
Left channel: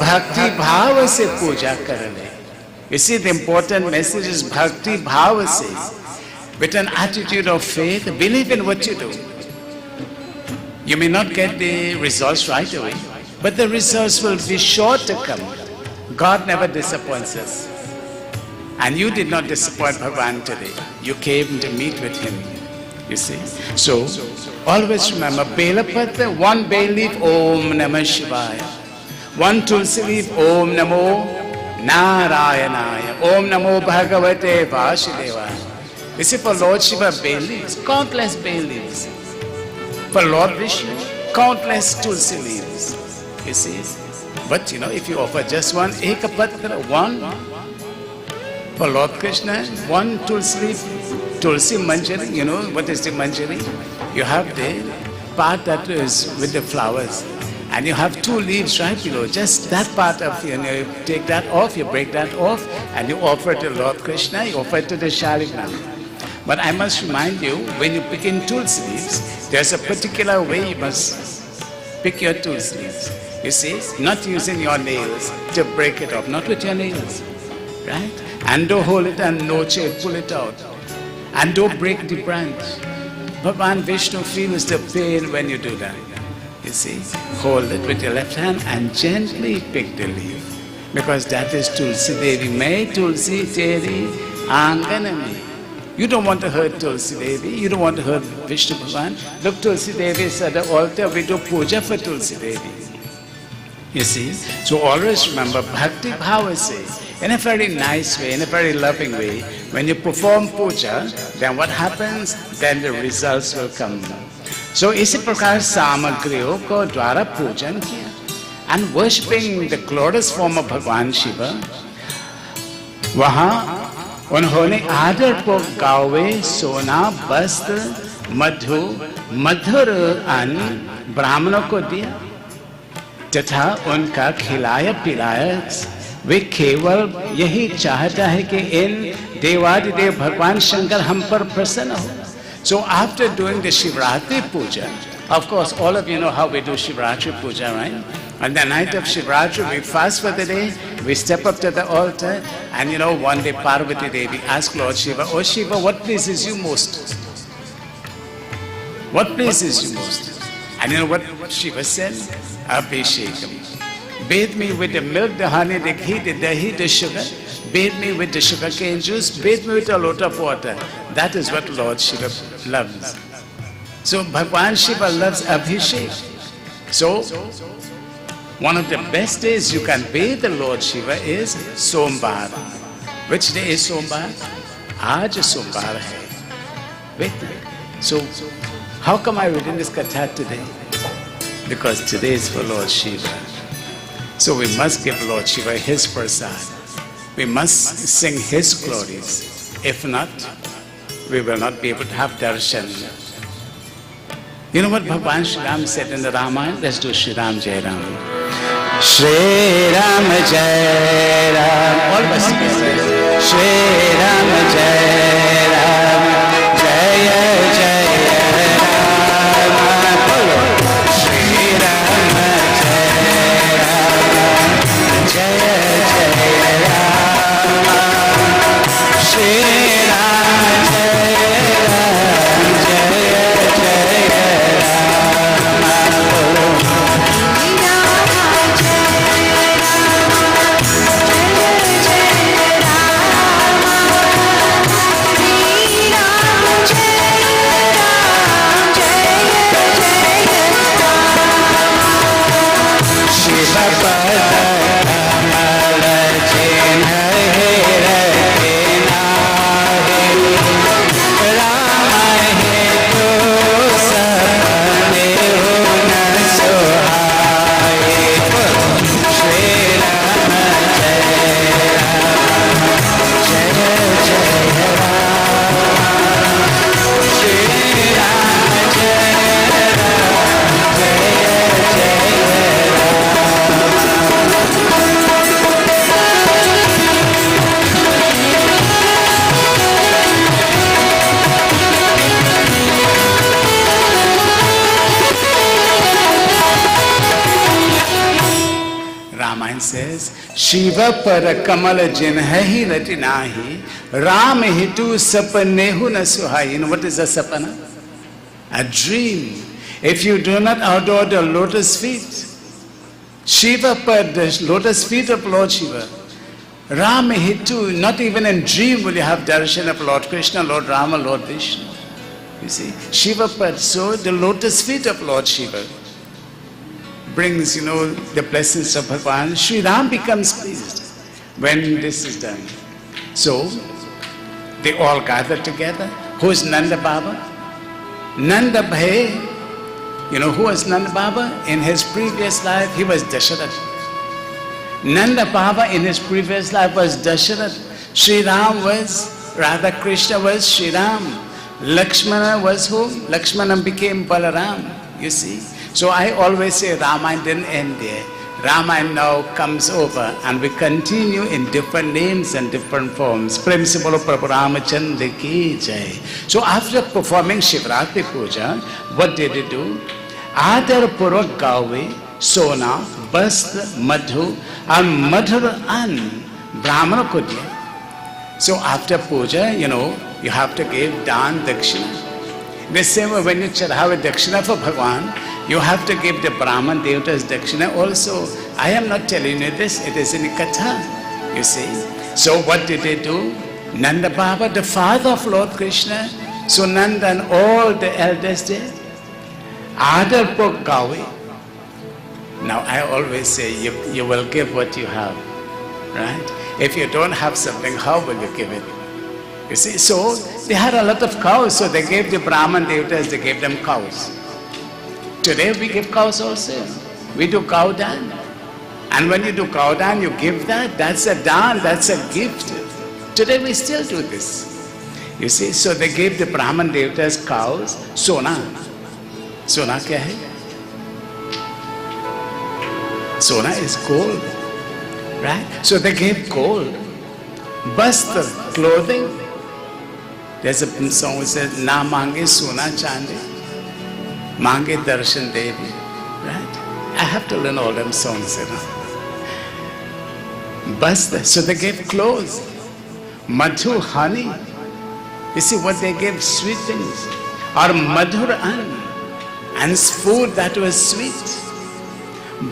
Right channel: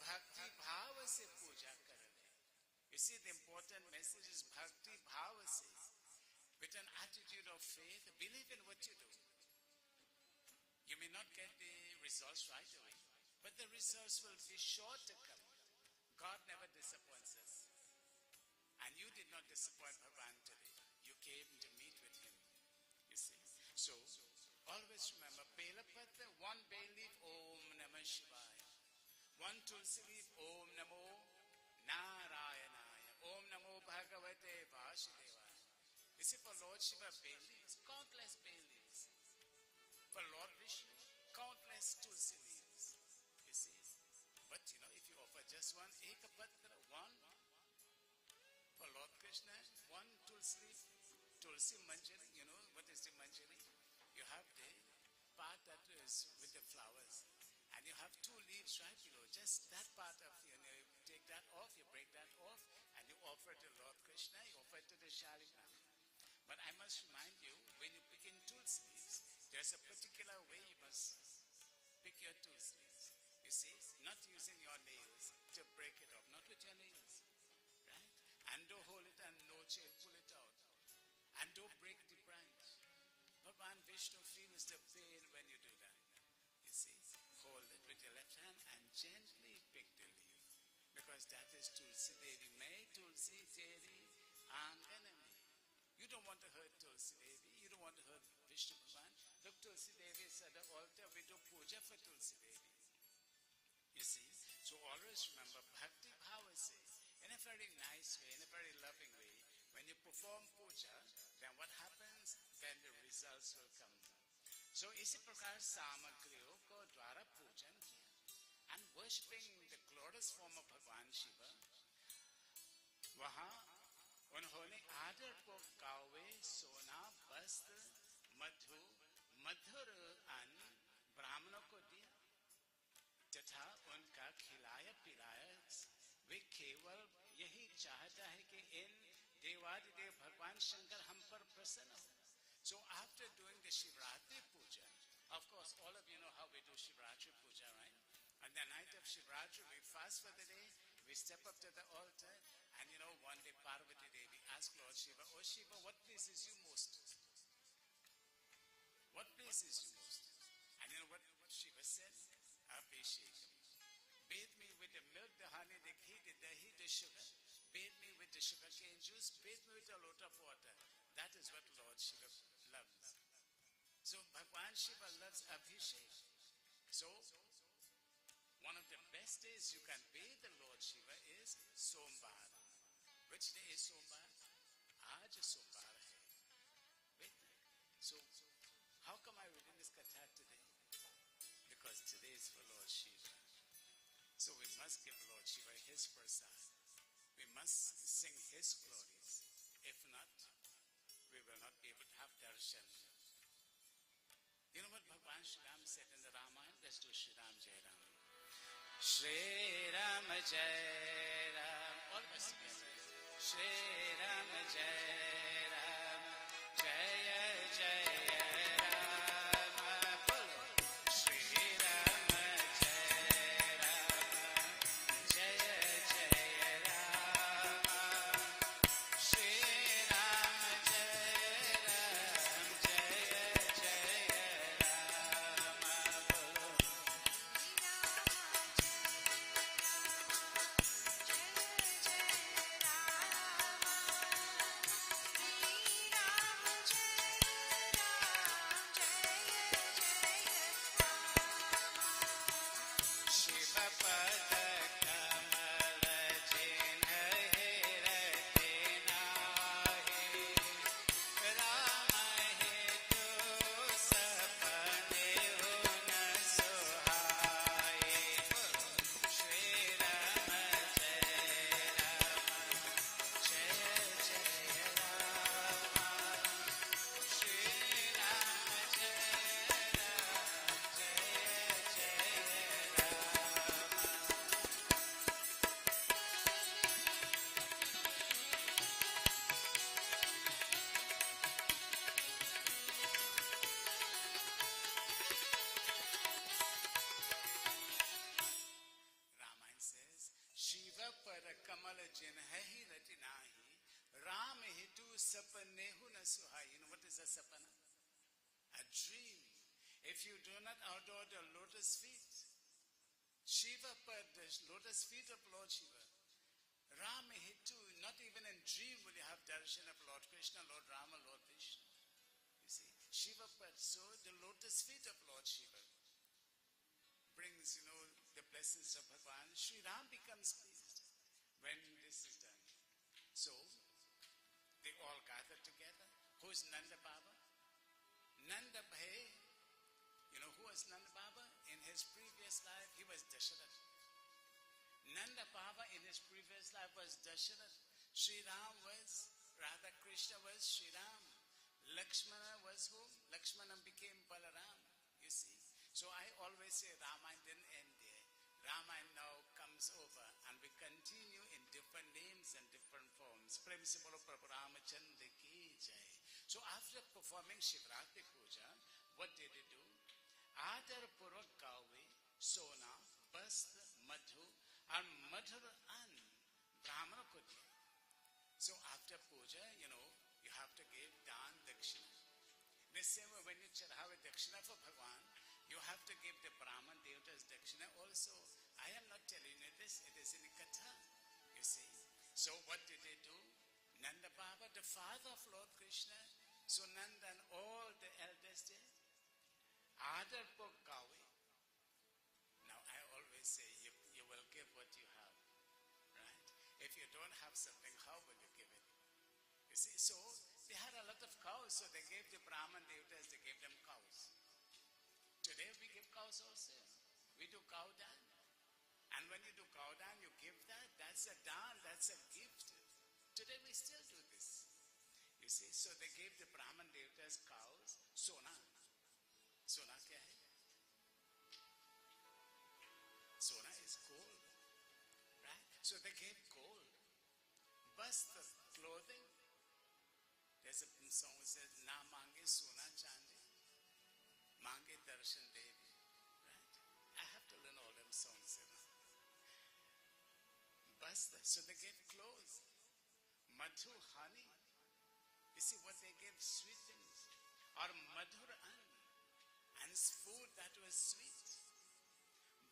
भक्ति भाव से पूजा करने. You see, the important message is bhakti bhava se. With an attitude of faith, believe in what you do. You may not get the results right away, but the results will be sure to come. God never disappoints us. And you did not disappoint Bhagavan today. You came to meet with him. You see? So, always remember, Belapatra, one bay leaf, Om Namah Shivaya. One tulsi leaf, Om Namo Narayanaya. Om Namo Bhagavate Vasudevaya. You see, for Lord Shiva, bay leaves, countless bay leaves. For Lord Vishnu, countless tulsi leaves. You see? But if you offer just one, Ekapatra, one, For Lord Krishna, one Tulsi Manjari, you know what is the Manjari? You have the part that is with the flowers. And you have 2 leaves right below. Just that part of, you take that off, you break that off, and you offer it to Lord Krishna, you offer it to the Shaligram. But I must remind you, when you pick in Tulsi leaves, there's a particular way you must pick your Tulsi leaves. You see, not using your nails to break it off, not with your nails, right? And don't hold it and noche, pull it out. And don't break the branch. Bhagavan Vishnu feels the pain when you do that. You see, hold it with your left hand and gently pick the leaf. Because that is Tulsi Devi. May Tulsi Teri Anganami. You don't want to hurt Tulsi Devi. You don't want to hurt Vishnu Bhagavan. Look, Tulsi Devi is at the altar. We do puja for Tulsi Devi. You see? So always remember, Bhakti Bhava says, in a very nice way, in a very loving way, when you perform puja, then what happens? Then the results will come. So इसी प्रकार सामग्रियों को द्वारा पूजन किया, and worshipping the glorious form of भगवान शिव, वहाँ उन्होंने आदर को गावे सोना वस्त्र मधु मधुर अन्न ब्राह्मणों को दिया तथा उनका खिलाया पिलाया। वे केवल यही चाहता है कि इन देवादिदेव भगवान शंकर हम पर प्रसन्न हो। So after doing the Shivratri Puja, of course all of you know how we do Shivratri Puja, right? On the night of Shivratri, we fast for the day, we step up to the altar, and you know, one day Parvati Devi asked Lord Shiva, "Oh Shiva, what pleases you most? What pleases you most?" And you know what Shiva said? Abhishekam. Bathe me with the milk, the honey, the ghee, the dahi, the sugar. Bathe me with the sugar cane juice. Bathe me with a lot of water. That is what Lord Shiva loves. So Bhagwan Shiva loves Abhishek. So one of the best days you can bathe the Lord Shiva is Sombar. Which day is Sombar? Aaj Sombar hai. Wait. So how come I reading this katha today? Because today is for Lord Shiva. So we must give Lord Shiva his prasad. We must sing his glories. If not, we will not be able to have darshan. You know what Bhagwan Shri Ram said in the Ramayana? Let's do Shri Ram Jai Ram. Shri Ram Jai Ram. All of us together. Shri Ram Jai Ram. Jaya Jaya Ram. Shri Ram Jai Ram. Jaya Jaya Ram. Shri Ram Jai Ram. Jaya Jaya says, Shiva para kamal jinhahi ratinahi, Ram hitu sapanehu na suhai. You know what is a sapana? A dream. If you do not adore the lotus feet, Shiva par the lotus feet of Lord Shiva, Ram hitu, not even in dream will you have darshan of Lord Krishna, Lord Rama, Lord Vishnu. You see, Shiva par, so the lotus feet of Lord Shiva brings, you know, the blessings of Bhagavan. Sri Ram becomes pleased when this is done. So, they all gather together. Who is Nanda Baba? Nanda Bhai. You know who was Nanda Baba? In his previous life, he was Dasharath. Nanda Baba in his previous life was Dasharath. Sri Ram was, Radha Krishna was Sri Ram. Lakshmana was whom? Lakshmana became Balaram, you see. So I always say Ramayana didn't end there. Ramayana now comes over and we continue in different names and different forms. Principle of Prabhu Ramachandra ki jai. So after performing Shivratri Puja, what did he do? Adar Purvak Gawe, Sona, Bast, Madhu, and Madhur An, Brahmana ko diya. So after puja, you have to give dan dakshina. The same way when you have a dakshina for Bhagwan, you have to give the Brahman Devatas dakshina also. I am not telling you this, it is in the Katha, you see. So what did they do? Nanda Baba, the father of Lord Krishna, so Nanda and all the elders did. Adar Purvak Gawe. Now I always say, you will give what you have, right? If you don't have something, how will you give it? You see, so they had a lot of cows, so they gave the Brahman Devatas, they gave them cows. Today we give cows also. We do cow dan. And when you do cow dan, you give that. That's a dan, that's a gift. Today we still do this. You see, so they gave the Brahman Devatas cows, sona. Sona kya hai? Sona is gold. Right? So they gave gold, bastra, clothing. There's a song which says, Na mange sona chandi, mange darshan devi. Right? I have to learn all them songs, Bastra. So they gave clothes, madhu, honey. You see what they gave? Sweet things. Or madhur an, and food that was sweet.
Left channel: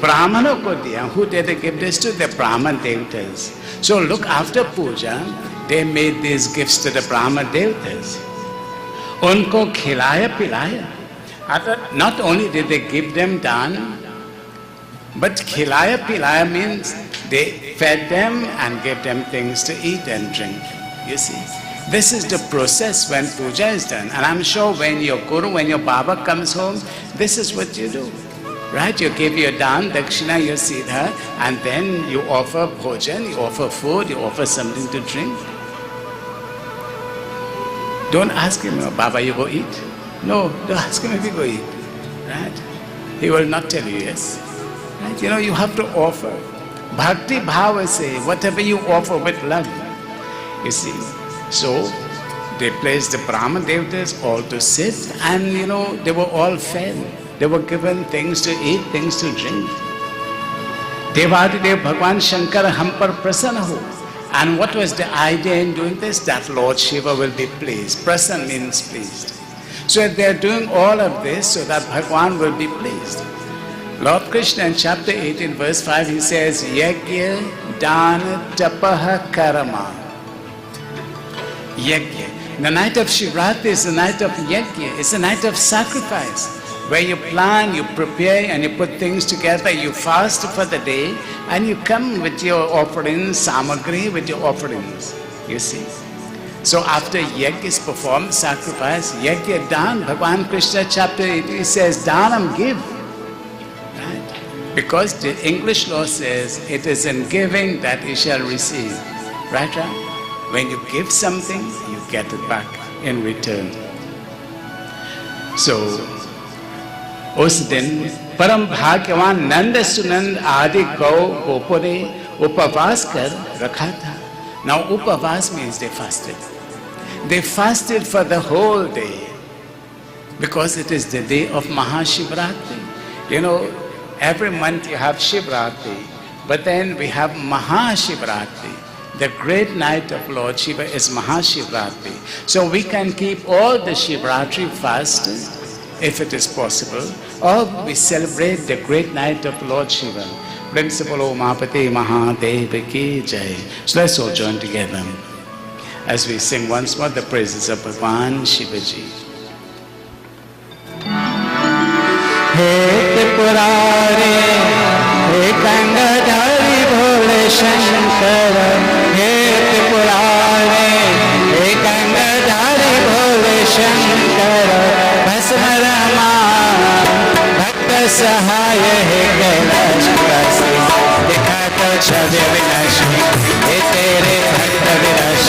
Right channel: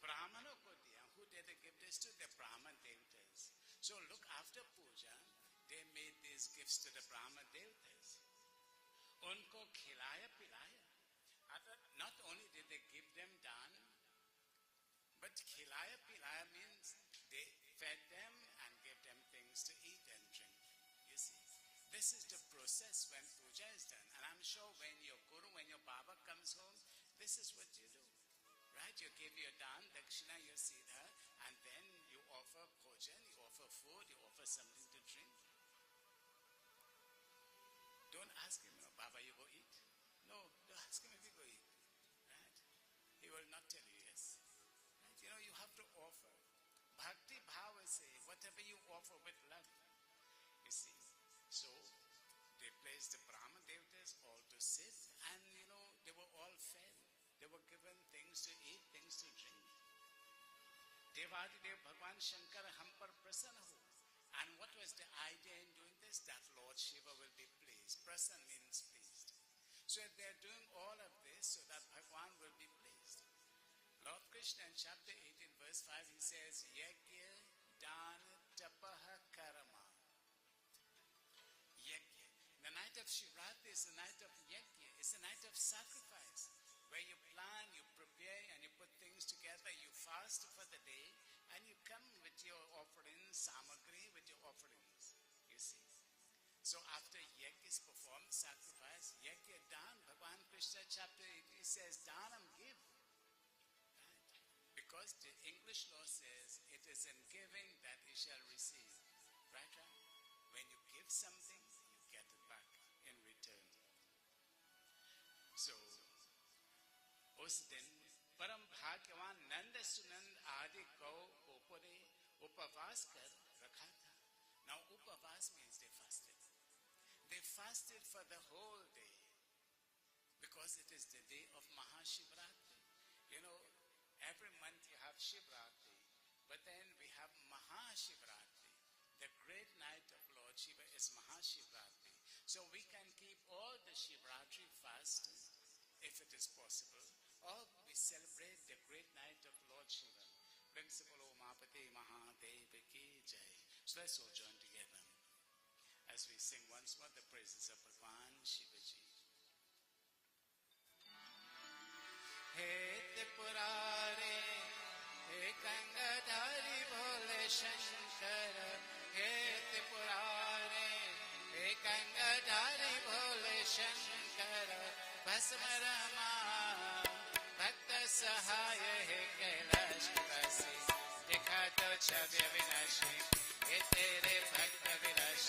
Brahmana ko diya. Who did they give this to? The Brahman Devatas. So look, after puja, they made these gifts to the Brahman Devatas. Unko khilaya pilaya. Not only did they give them dan, but khilaya pilaya means they fed them and gave them things to eat and drink. You see, this is the process when puja is done. And I'm sure when your guru, when your Baba comes home, this is what you do. Right? You give your dan, dakshina, your siddha, and then you offer bhojan, you offer food, you offer something to drink. Don't ask him, Baba, you go eat. No, don't ask him if you go eat. Right? He will not tell you yes. Right? You have to offer. Bhakti bhava say, whatever you offer with love. You see, so they placed the Brahman Devatas all to sit, and they were all fed. They were given things to eat, things to drink. Devadidev Bhagwan Shankar hum par prasanna ho. And what was the idea in doing this? That Lord Shiva will be pleased. Prasanna means pleased. So they are doing all of this so that Bhagwan will be pleased. Lord Krishna in chapter 18 verse 5 he says, Yajna, Dana, Tapaha, Karama. Yajna. The night of Shivratri is the night of Yajna. It's a night of sacrifice, where you plan, you prepare, and you put things together. You fast for the day, and you come with your offerings, samagri, with your offerings. You see. So after Yajna is performed, sacrifice, Yajna Dan, Bhagwan Krishna chapter 18 says, Danam, give. Right? Because the English law says, it is in giving that you shall receive. Right? When you give something, you get it back in return. So, उस दिन परम भाग्यवान नंद सुनंद आदि गौ गोपों ने उपवास कर रखा था. Now उपवास means they fasted. They fasted for the whole day because it is the day of Mahashivratri. Every month you have Shivratri, but then we have Mahashivratri. The great night of Lord Shiva is Mahashivratri. So we can keep all the Shivratri fasts if it is possible, or we celebrate the great night of Lord Shiva. Principle O Mahapati Mahadeva ki jai. So let's all join together as we sing once more the praises of Bhagwan Shivaji. He Tripurari, He Gangadhari Bhole Shankara, He Tripurari, He Gangadhari Bhole Shankara, Bhasmarama, Bhakta Sahaya, He Kailash Kasi, Dikhata Chhavya Vinashi, He Tere Bhakta Vinashi.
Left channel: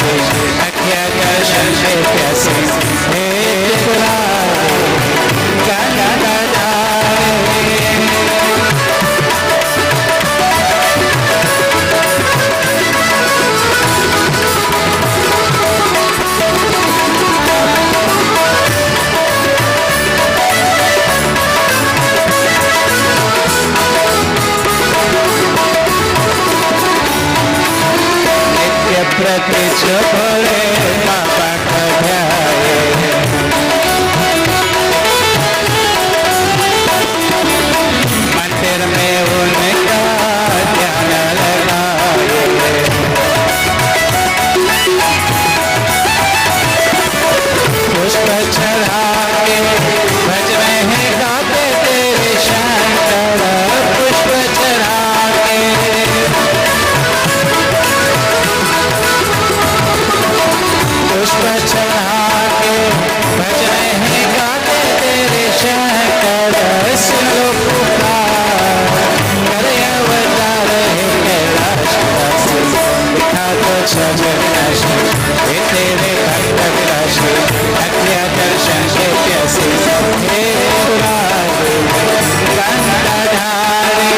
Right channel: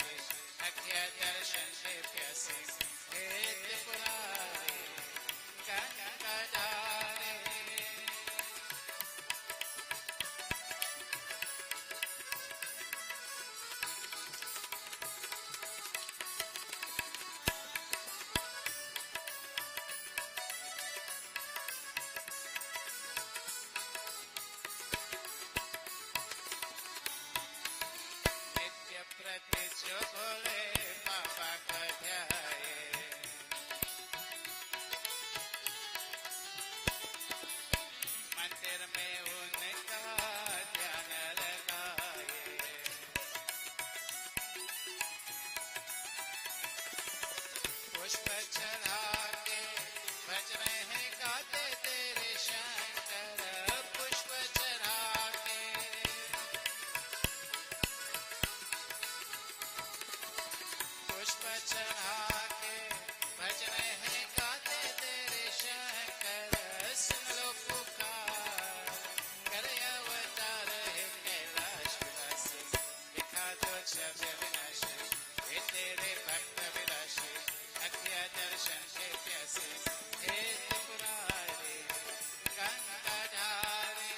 प्रत्यक्ष भोले बाबा को ध्याए। मंदिर में उनका ध्यान लगाए। पुष्प चढ़ा के भज रहे गाते तेरे शंकर। पुष्प चढ़ा के पुष्प चढ़ा के भज रहे गाते तेरे शंकर। सुन लो पुकार करे अवतार है कैलाशवासी। दिखा दो छज विनाशी हे तेरे भक्त विलासी। अज्ञा दर्शन के प्यासे हे मुरारी गंगाधारी।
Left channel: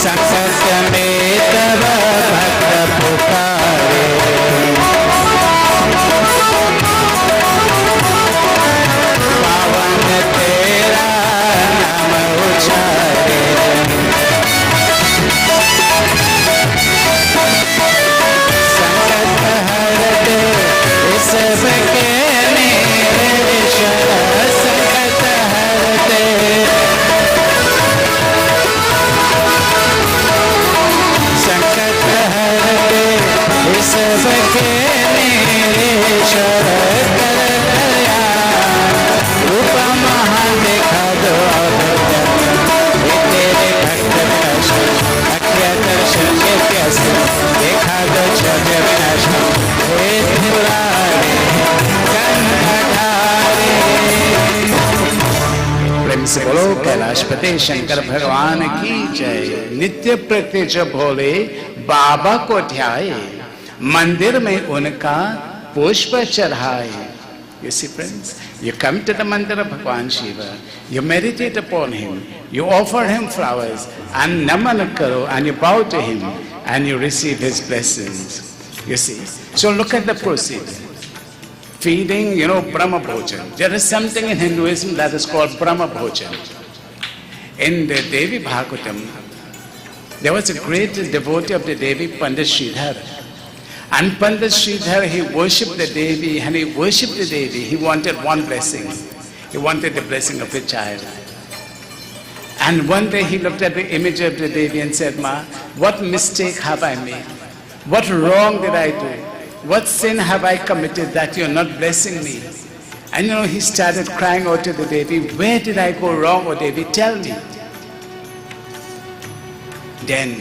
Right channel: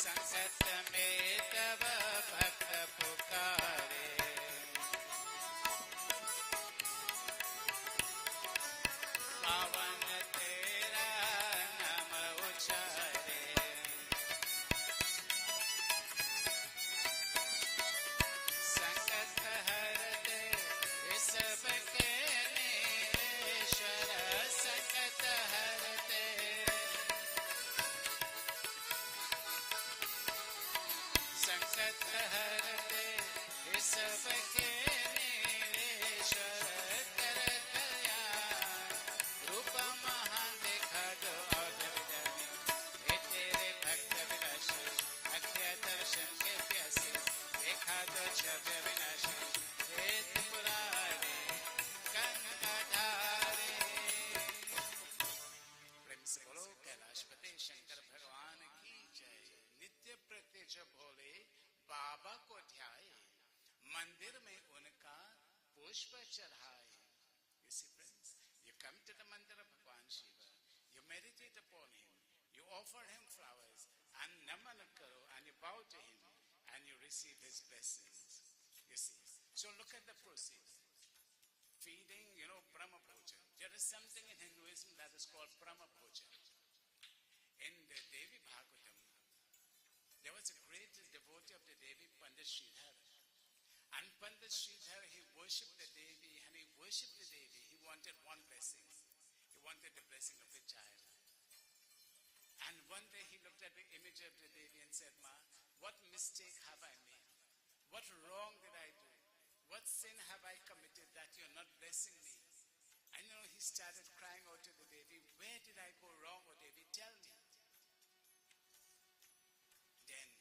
संकट में तब भक्त पुकारे। पावन तेरा नाम उचारे। संकट हरते सबके निरीश्वर। संकट हरते संकट हरते सबके निरीश्वर। कर दया रूप महान देखा दो हे तेरे भक्त विनाशी। अज्ञा दर्शन के प्यासे देखा दो छज विनाशी हे त्रिपुरारी गंगाधारी। प्रेम से बोलो कैलाशपति शंकर भगवान की जय। नित्य प्रत्यक्ष भोले बाबा को ध्याए। मंदिर में उनका पुष्प चढ़ाए। You see friends, you come to the mandir of Bhagwan Shiva, you meditate upon him, you offer him flowers and naman karo, and you bow to him and you receive his blessings. You see, so look at the procedure. Feeding, Brahma Bhojan. There is something in Hinduism that is called Brahma Bhojan. In the Devi Bhagavatam, there was a great devotee of the Devi, Pandit Sridhar. And Pandit Sridhar, he worshipped the Devi, and he worshipped the Devi. He wanted one blessing. He wanted the blessing of a child. And one day he looked at the image of the Devi and said, Ma, what mistake have I made? What wrong did I do? What sin have I committed that you're not blessing me? And he started crying out to the Devi, where did I go wrong, O Devi? Tell me. Then,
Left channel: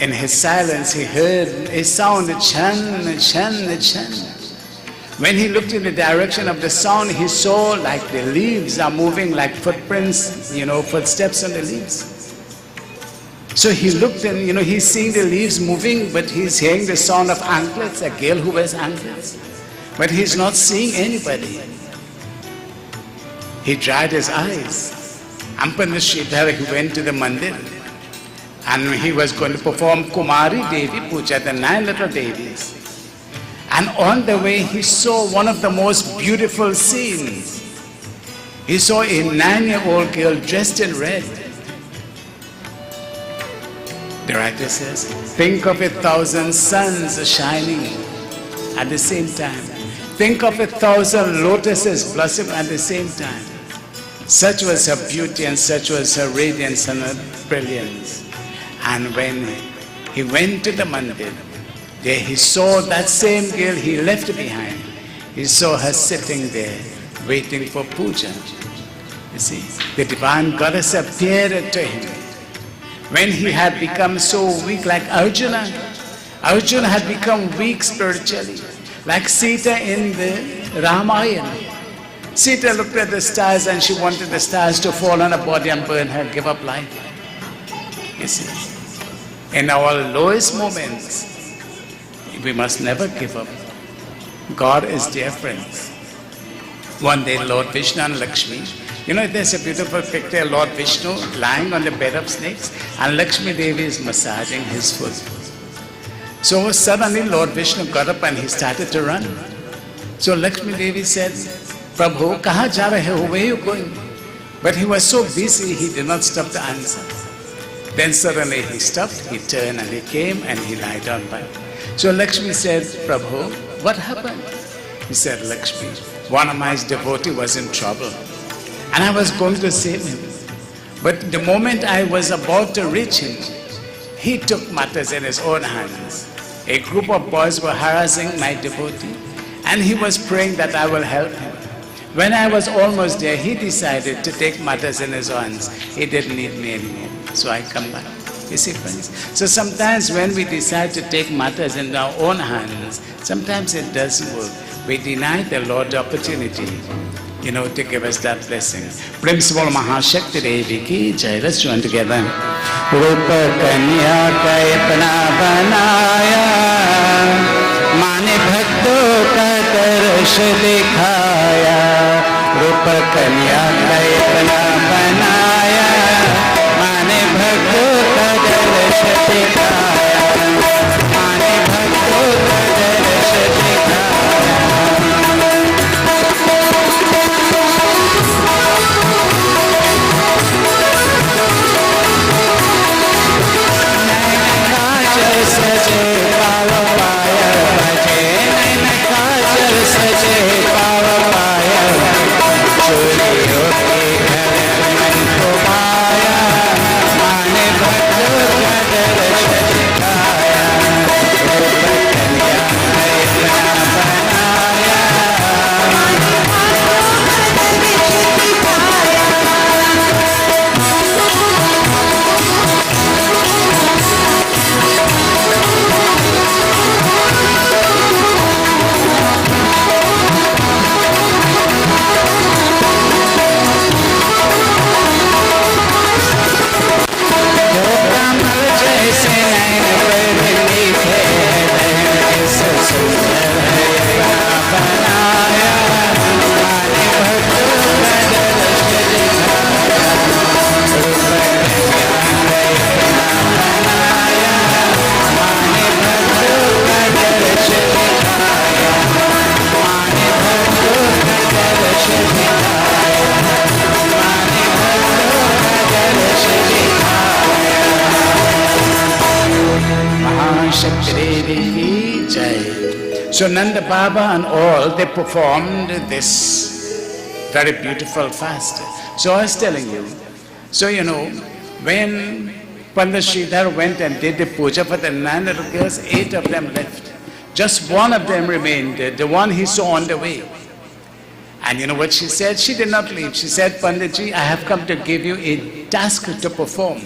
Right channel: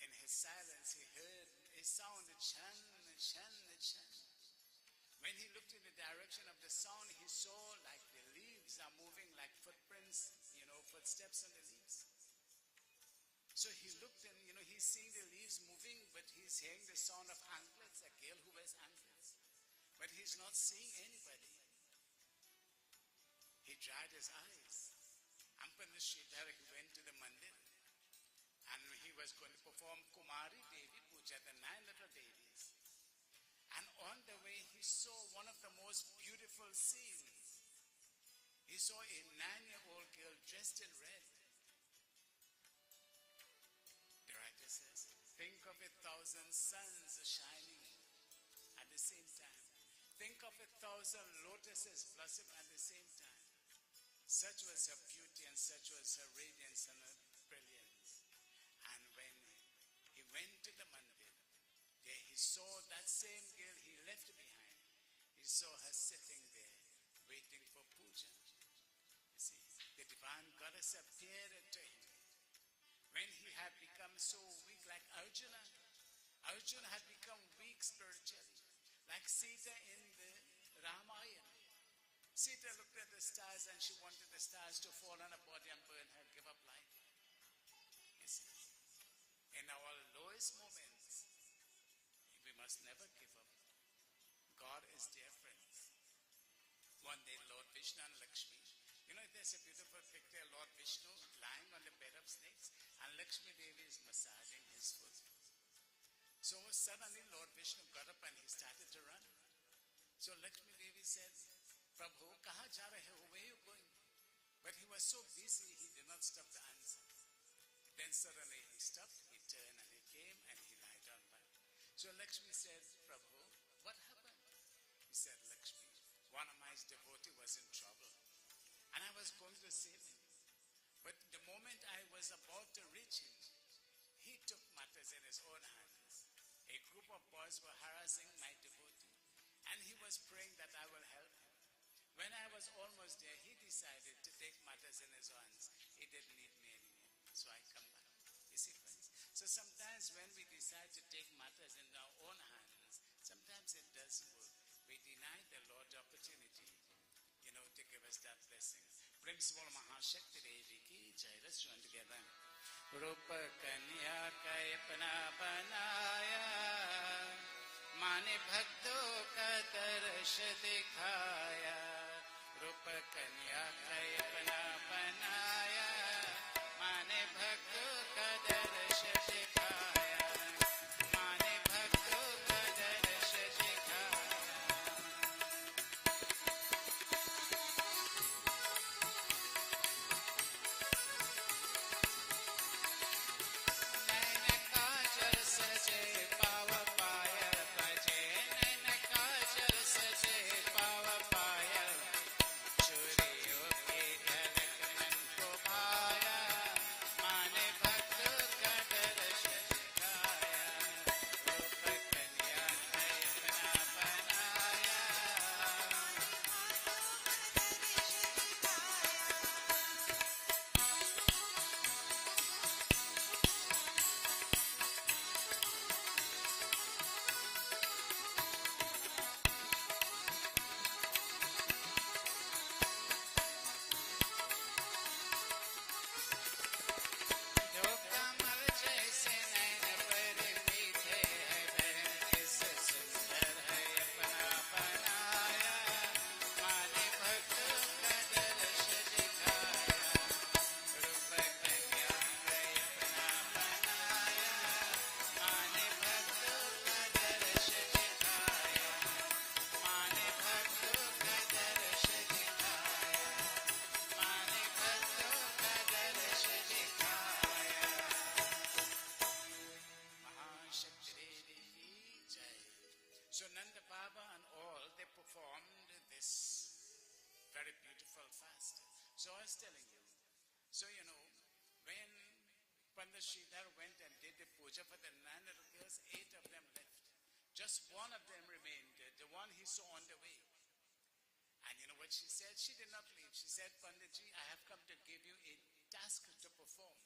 in his silence, he heard a sound, a chan, a chan, a chan. When he looked in the direction of the sound, he saw like the leaves are moving like footprints, footsteps on the leaves. So he looked and, he's seeing the leaves moving, but he's hearing the sound of anklets, a girl who wears anklets. But he's not seeing anybody. He dried his eyes. Pandit Sridhar, he went to the mandir. And he was going to perform Kumari Devi Puja, the 9 little Devis. And on the way, he saw one of the most beautiful scenes. He saw a 9-year-old girl dressed in red. The writer says, think of 1,000 suns shining at the same time. Think of 1,000 lotuses blossoming at the same time. Such was her beauty and such was her radiance and her brilliance. And when he went to the mandir, there he saw that same girl he left behind. He saw her sitting there, waiting for puja. You see, the divine goddess appeared to him. When he had become so weak, like Arjuna, Arjuna had become weak spiritually, like Sita in the Ramayana. Sita looked at the stars and she wanted the stars to fall on her body and burn her, give up life. You see, in our lowest moments, we must never give up. God is dear friends. One day Lord Vishnu and Lakshmi, You know, there's a beautiful picture of Lord Vishnu lying on the bed of snakes, and Lakshmi Devi is massaging his foot. So suddenly Lord Vishnu got up and he started to run. So Lakshmi Devi said, Prabhu, kaha ja rahe ho? Where are you going? But he was so busy, he did not stop to answer. Then suddenly he stopped, he turned and he came and he lied down by. So Lakshmi said, Prabhu, what happened? He said, Lakshmi, one of my devotees was in trouble and I was going to save him. But the moment I was about to reach him, he took matters in his own hands. A group of boys were harassing my devotee and he was praying that I will help him. When I was almost there, he decided to take matters in his hands. He didn't need me anymore. So I come back. You see, friends? So sometimes when we decide to take matters in our own hands, sometimes it doesn't work. We deny the Lord the opportunity, you know, to give us that blessing. Principal Mahashakti Devi ki jai. Let's join together. Rupa Kanya Kayapana Banaya Mane Bhakto Ka Darsh Dikhaya Rupa Kanya Kayapana Banaya Mane Bhakto Ka Darsh Dikhaya Mane Bhakto Ka Darsh Dikhaya. So Nanda Baba and all, they performed this very beautiful fast. So I was telling you, so you know, when Pandit Sridhar went and did the puja for the 9 little girls, 8 of them left. Just one of them remained, the one he saw on the way. And you know what she said? She did not leave. She said, Panditji, I have come to give you a task to perform.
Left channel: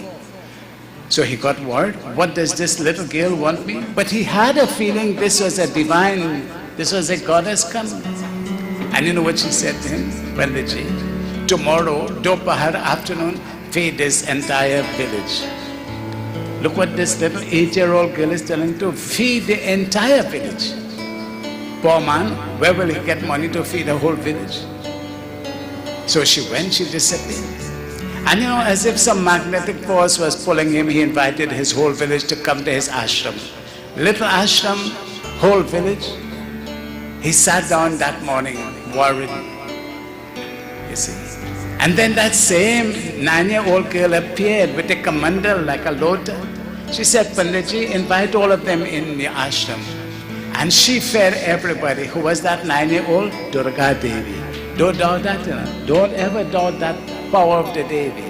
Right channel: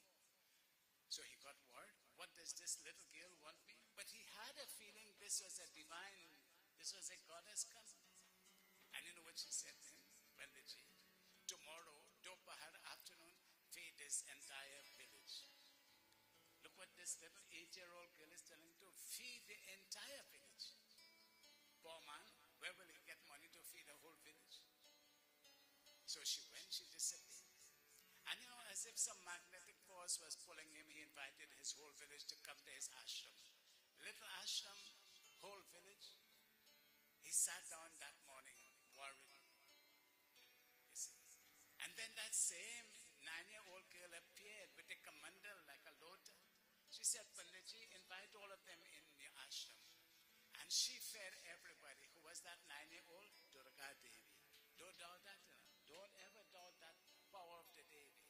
So he got word, what does this little girl want me? But he had a feeling this was a divine, this was a goddess coming. And you know what she said to him? Panditji, tomorrow, Dopahar afternoon, feed this entire village. Look what this little 8-year-old girl is telling to feed the entire village. Poor man, where will he get money to feed the whole village? So she went, she disappeared. And you know, as if some magnetic force was pulling him, he invited his whole village to come to his ashram. Little ashram, whole village. He sat down that morning, worried. You see. And then that same 9-year-old girl appeared with a kamandal like a lota. She said, Panditji, invite all of them in the ashram. And she fed everybody. Who was that 9-year-old? Durga Devi. Don't doubt that, you know. Don't ever doubt that power of the Devi.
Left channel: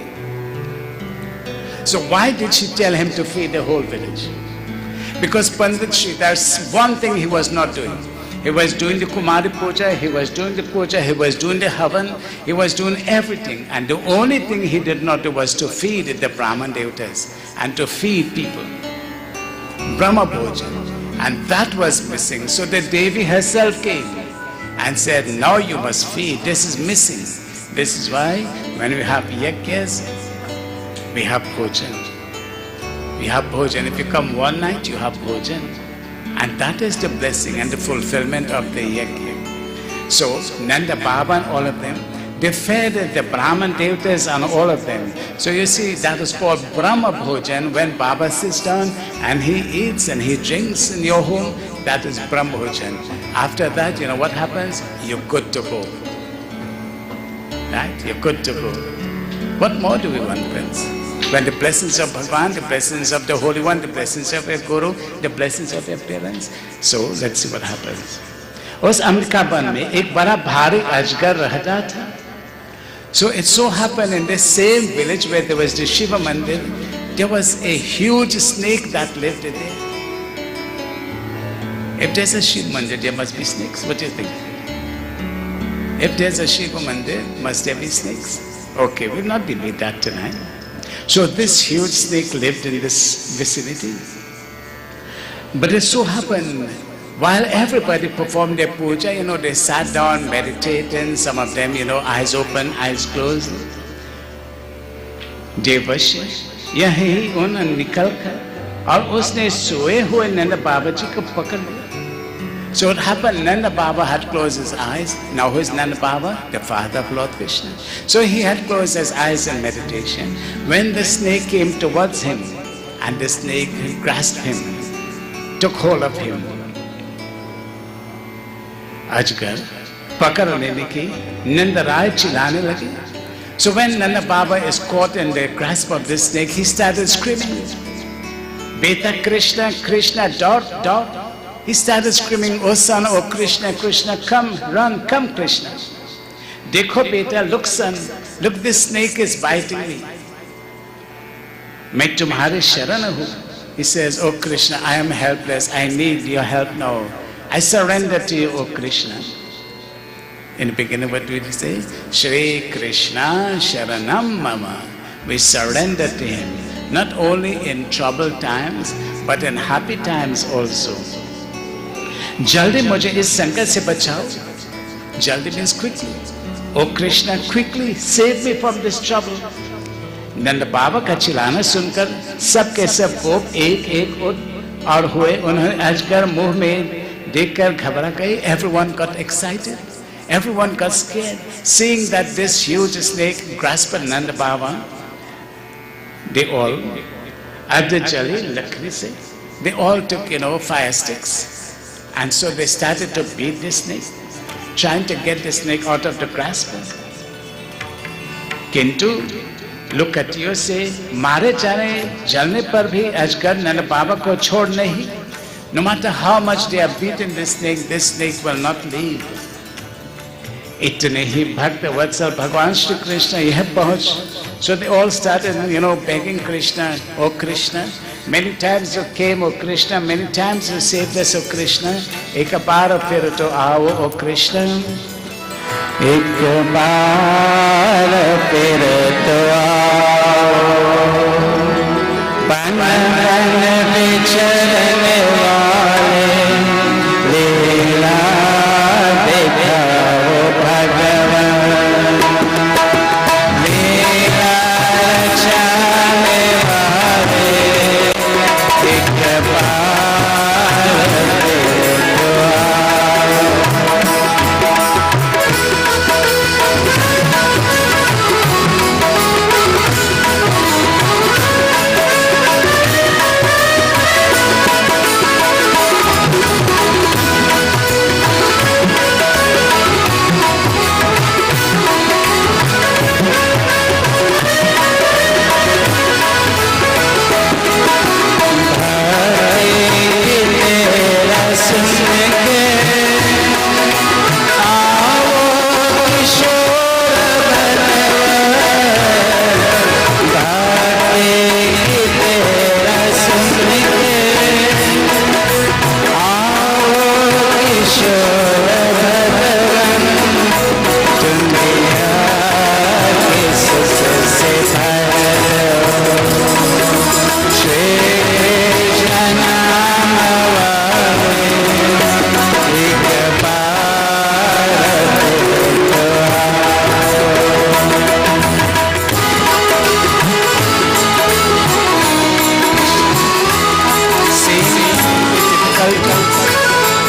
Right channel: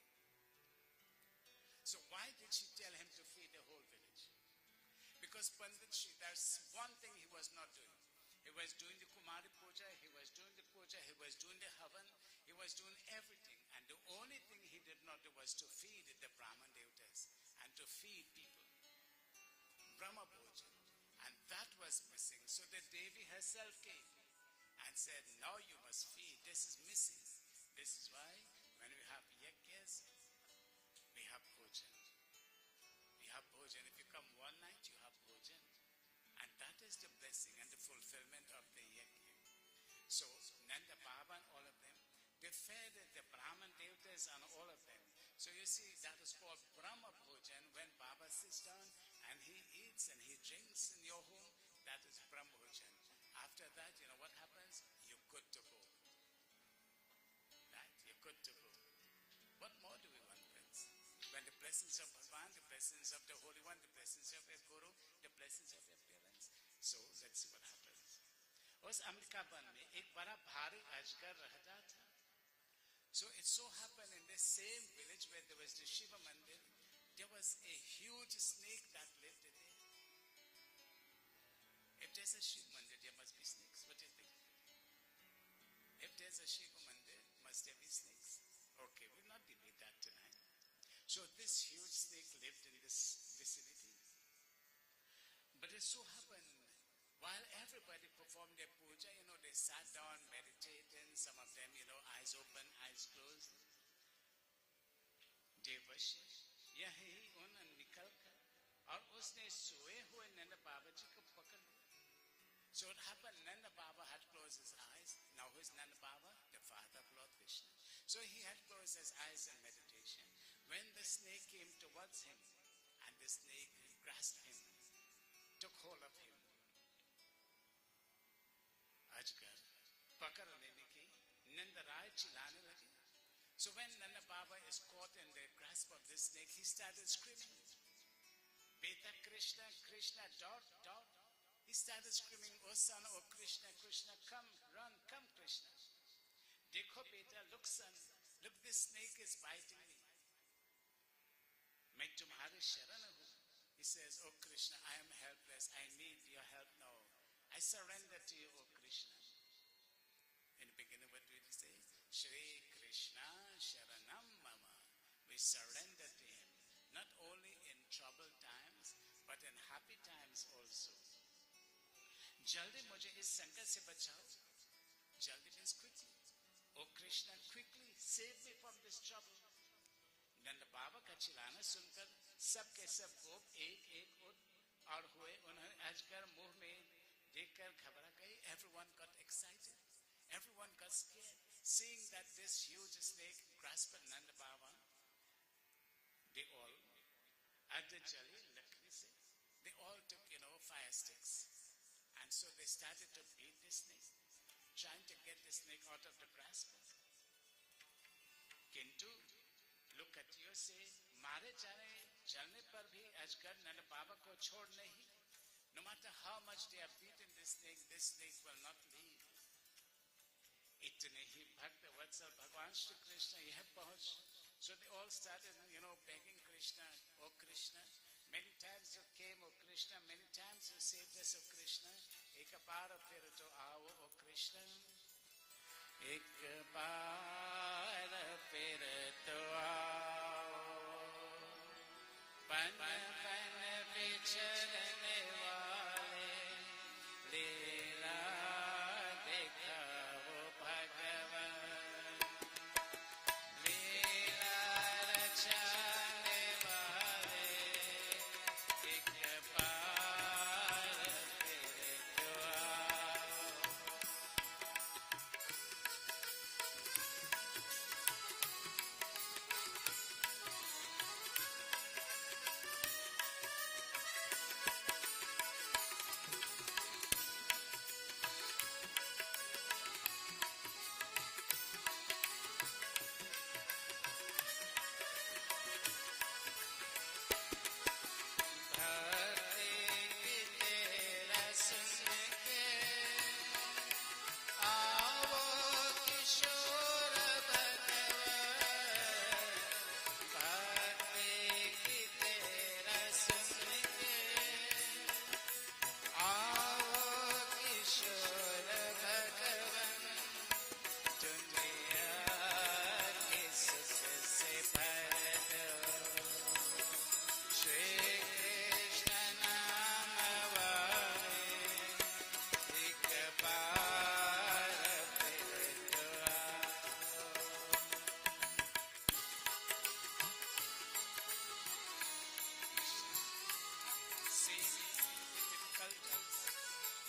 So why did she tell him to feed the whole village? Because Pandit Sridhar's one thing he was not doing. He was doing the Kumari Puja, he was doing the Puja, he was doing the Havan, he was doing everything. And the only thing he did not do was to feed the Brahman Devatas and to feed people. Brahma Bhojan. And that was missing. So the Devi herself came and said, now you must feed, this is missing. This is why when we have yagyas, we have bhojan. We have bhojan. If you come one night, you have bhojan. And that is the blessing and the fulfillment of the yajna. So Nanda Baba and all of them, They fed the Brahman devatas and all of them. So you see, that is called Brahma Bhojan. When Baba sits down and he eats and he drinks in your home, that is Brahma Bhojan. After that, you know what happens? You're good to go. Right? You're good to go. What more do we want, friends? When the blessings of Bhagavan, the blessings of the Holy One, the blessings of your Guru, the blessings of your parents. So let's see what happens. उस अमेरिकावन में एक बड़ा भारी अजगर रहता था. So it so happened in the same village where there was the Shiva Mandir, there was a huge snake that lived there. If there's a Shiva Mandir, there must be snakes. What do you think? If there's a Shiva Mandir, must there be snakes? Okay, we'll not debate that tonight. So this huge snake lived in this vicinity. But it so happened, while everybody performed their puja, you know, they sat down, meditating, some of them, you know, eyes open, eyes closed. देवश्य यही उन निकल कर और उसने सोए हुए नंद बाबा जी को पकड़ लिया. So it happened, Nanda Baba had closed his eyes. Now who is Nanda Baba? The father of Lord Krishna. So he had closed his eyes in meditation. When the snake came towards him, and the snake grasped him, took hold of him, अजगर पकड़ लेने की नंदराय चिल्लाने लगे. So when Nanda Baba is caught in the grasp of this snake, he started screaming, Beta Krishna, Krishna, dot, dot. He started screaming, oh son, oh Krishna, Krishna, come, run, come Krishna. Dekho beta, look son, look, this snake is biting me. मैं तुम्हारे शरण हूँ. He says, oh Krishna, I am helpless, I need your help now. I surrender to you, O Krishna. In the beginning, what did he say? Shri Krishna Sharanam Mama. We surrender to him, not only in troubled times, but in happy times also. Jaldi mujhe is sankat se bachao. Jaldi means quickly. O Krishna, quickly save me from this trouble. नंद बाबा का चिल्लाना सुनकर सब के सब गोप एक एक उठ और हुए. उन्होंने अजगर मुंह में देखकर घबरा गए. Everyone got excited. Everyone got scared. Seeing that this huge snake grasped Nanda Baba, they all, Abdul Jalil Lakri se, they all took, fire sticks. And so they started to beat the snake, trying to get the snake out of the grasp. Kintu, look at you say, मारे जाने जलने पर भी अजगर नंद बाबा को छोड़ नहीं. No matter how much they are beating this snake will not leave. इतने ही भक्त वत्सल भगवान श्री कृष्ण यह पहुंच. So they all started, begging Krishna, oh Krishna. Many times you came, oh Krishna. Many times you saved us, oh Krishna. एक बार फिर तो आओ, oh Krishna. एक बार फिर तो आओ. बन बन विचरने वाले लीला दिखाओ भगवान. लीला रचाने वाले एक बार फिर तो आओ.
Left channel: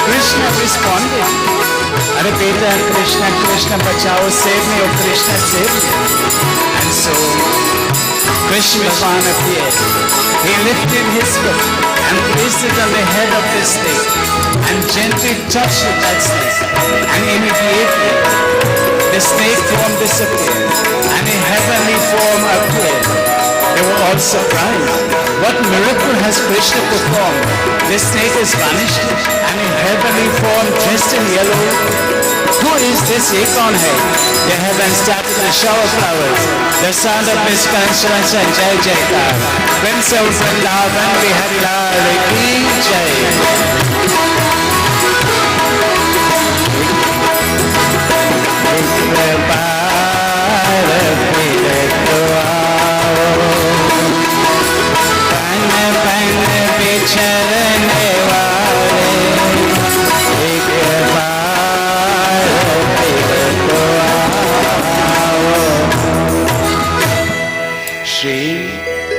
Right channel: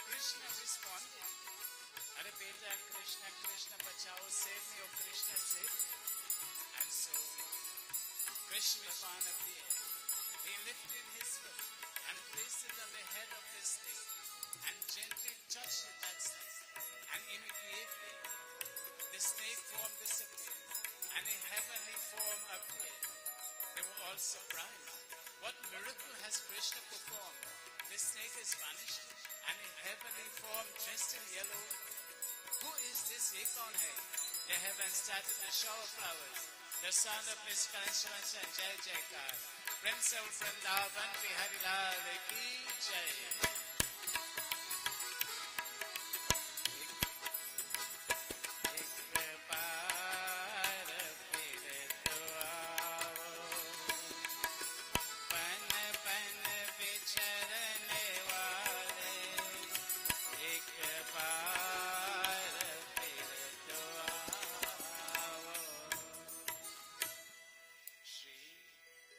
Krishna responded, Are beta, Krishna, Krishna bachao, save me, oh Krishna, save me. And so Krishna Bhagavan appeared. He lifted his foot and placed it on the head of the snake and gently touched that snake. And immediately the snake form disappeared and a heavenly form appeared. They were all surprised. What miracle has Krishna performed? The snake is vanished and a heavenly form dressed in yellow. Who is this? Ye kaun hai? The heavens started to shower flowers. The sound of Miss Constance and Jai Jaikar. Prince of Vrindavan, Bihari Lal ki Jai.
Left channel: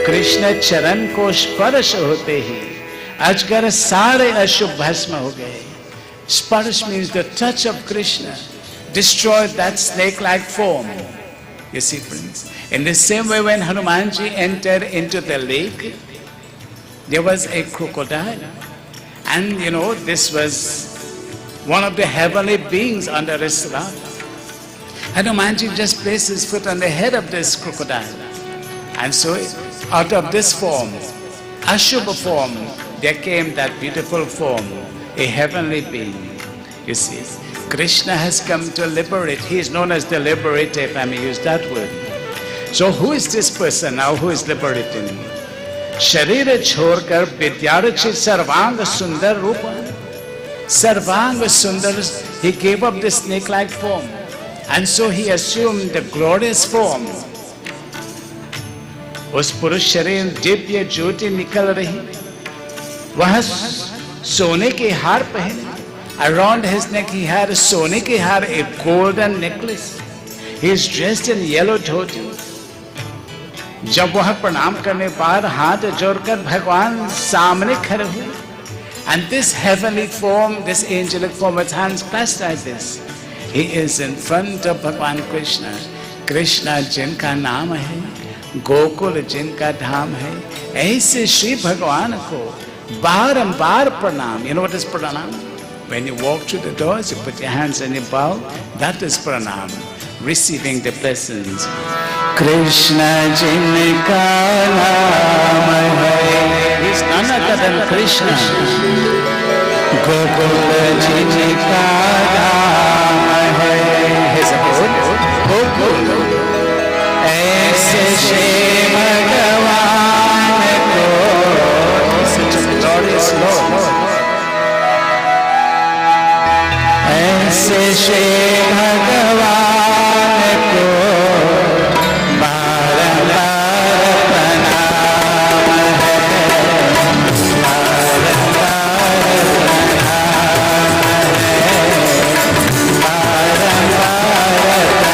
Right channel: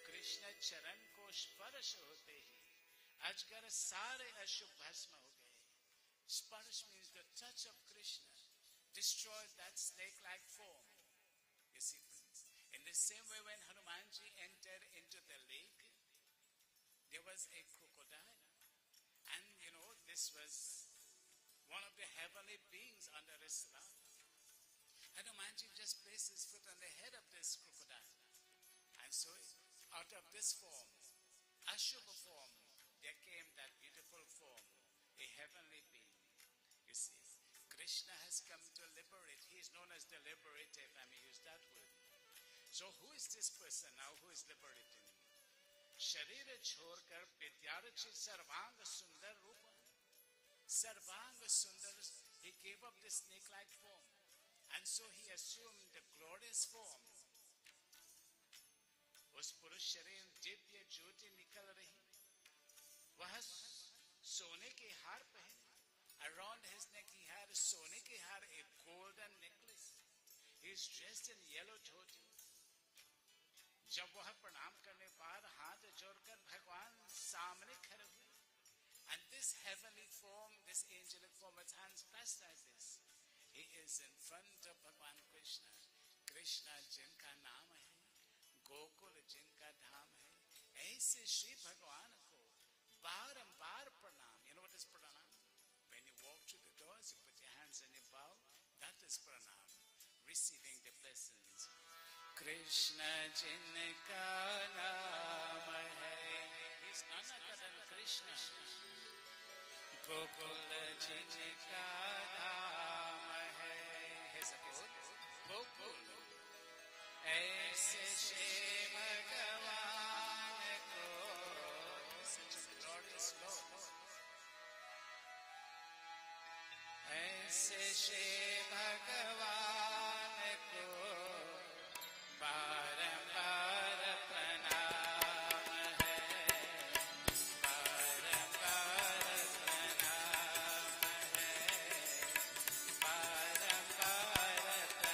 Krishna चरण को स्पर्श होते ही अजगर सारे अशुभ भस्म हो गए. Sparsh means the touch of Krishna destroyed that snake-like form. You see, friends, in the same way when Hanumanji entered into the lake, there was a crocodile, and you know, this was one of the heavenly beings under his lap. Hanumanji just placed his foot on the head of this crocodile, and so out of this form, Ashubha form, there came that beautiful form, a heavenly being. You see, Krishna has come to liberate. He is known as the liberator, if I may use that word. So who is this person now who is liberating? Sharira chhorkar vidyarchi sarvang sundar rupa. Sarvang sundar, he gave up the snake-like form. And so he assumed the glorious form. उस पुरुष शरीर दिव्य ज्योति निकल रही. वह सोने के हार पहने. Around his neck he had a सोने के हार, a golden necklace. He is dressed in yellow dhoti. जब वह प्रणाम करने पर हाथ जोड़कर भगवान सामने खड़े हुए. And this heavenly form, this angelic form with hands clasped like this, he is in front of Bhagwan Krishna. Krishna जिनका नाम है, गोकुल जिनका धाम है, ऐसे श्री भगवान को बारंबार प्रणाम. You know what is pranam? When you walk through the doors, you put your hands and you bow. That is pranam, receiving the blessings. Krishna जिनका नाम है, he is none other than Krishna. Gokul जिनका धाम है, his abode, Gokul. ऐसे श्री भगवान को, such a glorious Lord. ऐसे श्री भगवान को बारंबार प्रणाम है, बारंबार प्रणाम है, बारंबार प्रणाम है.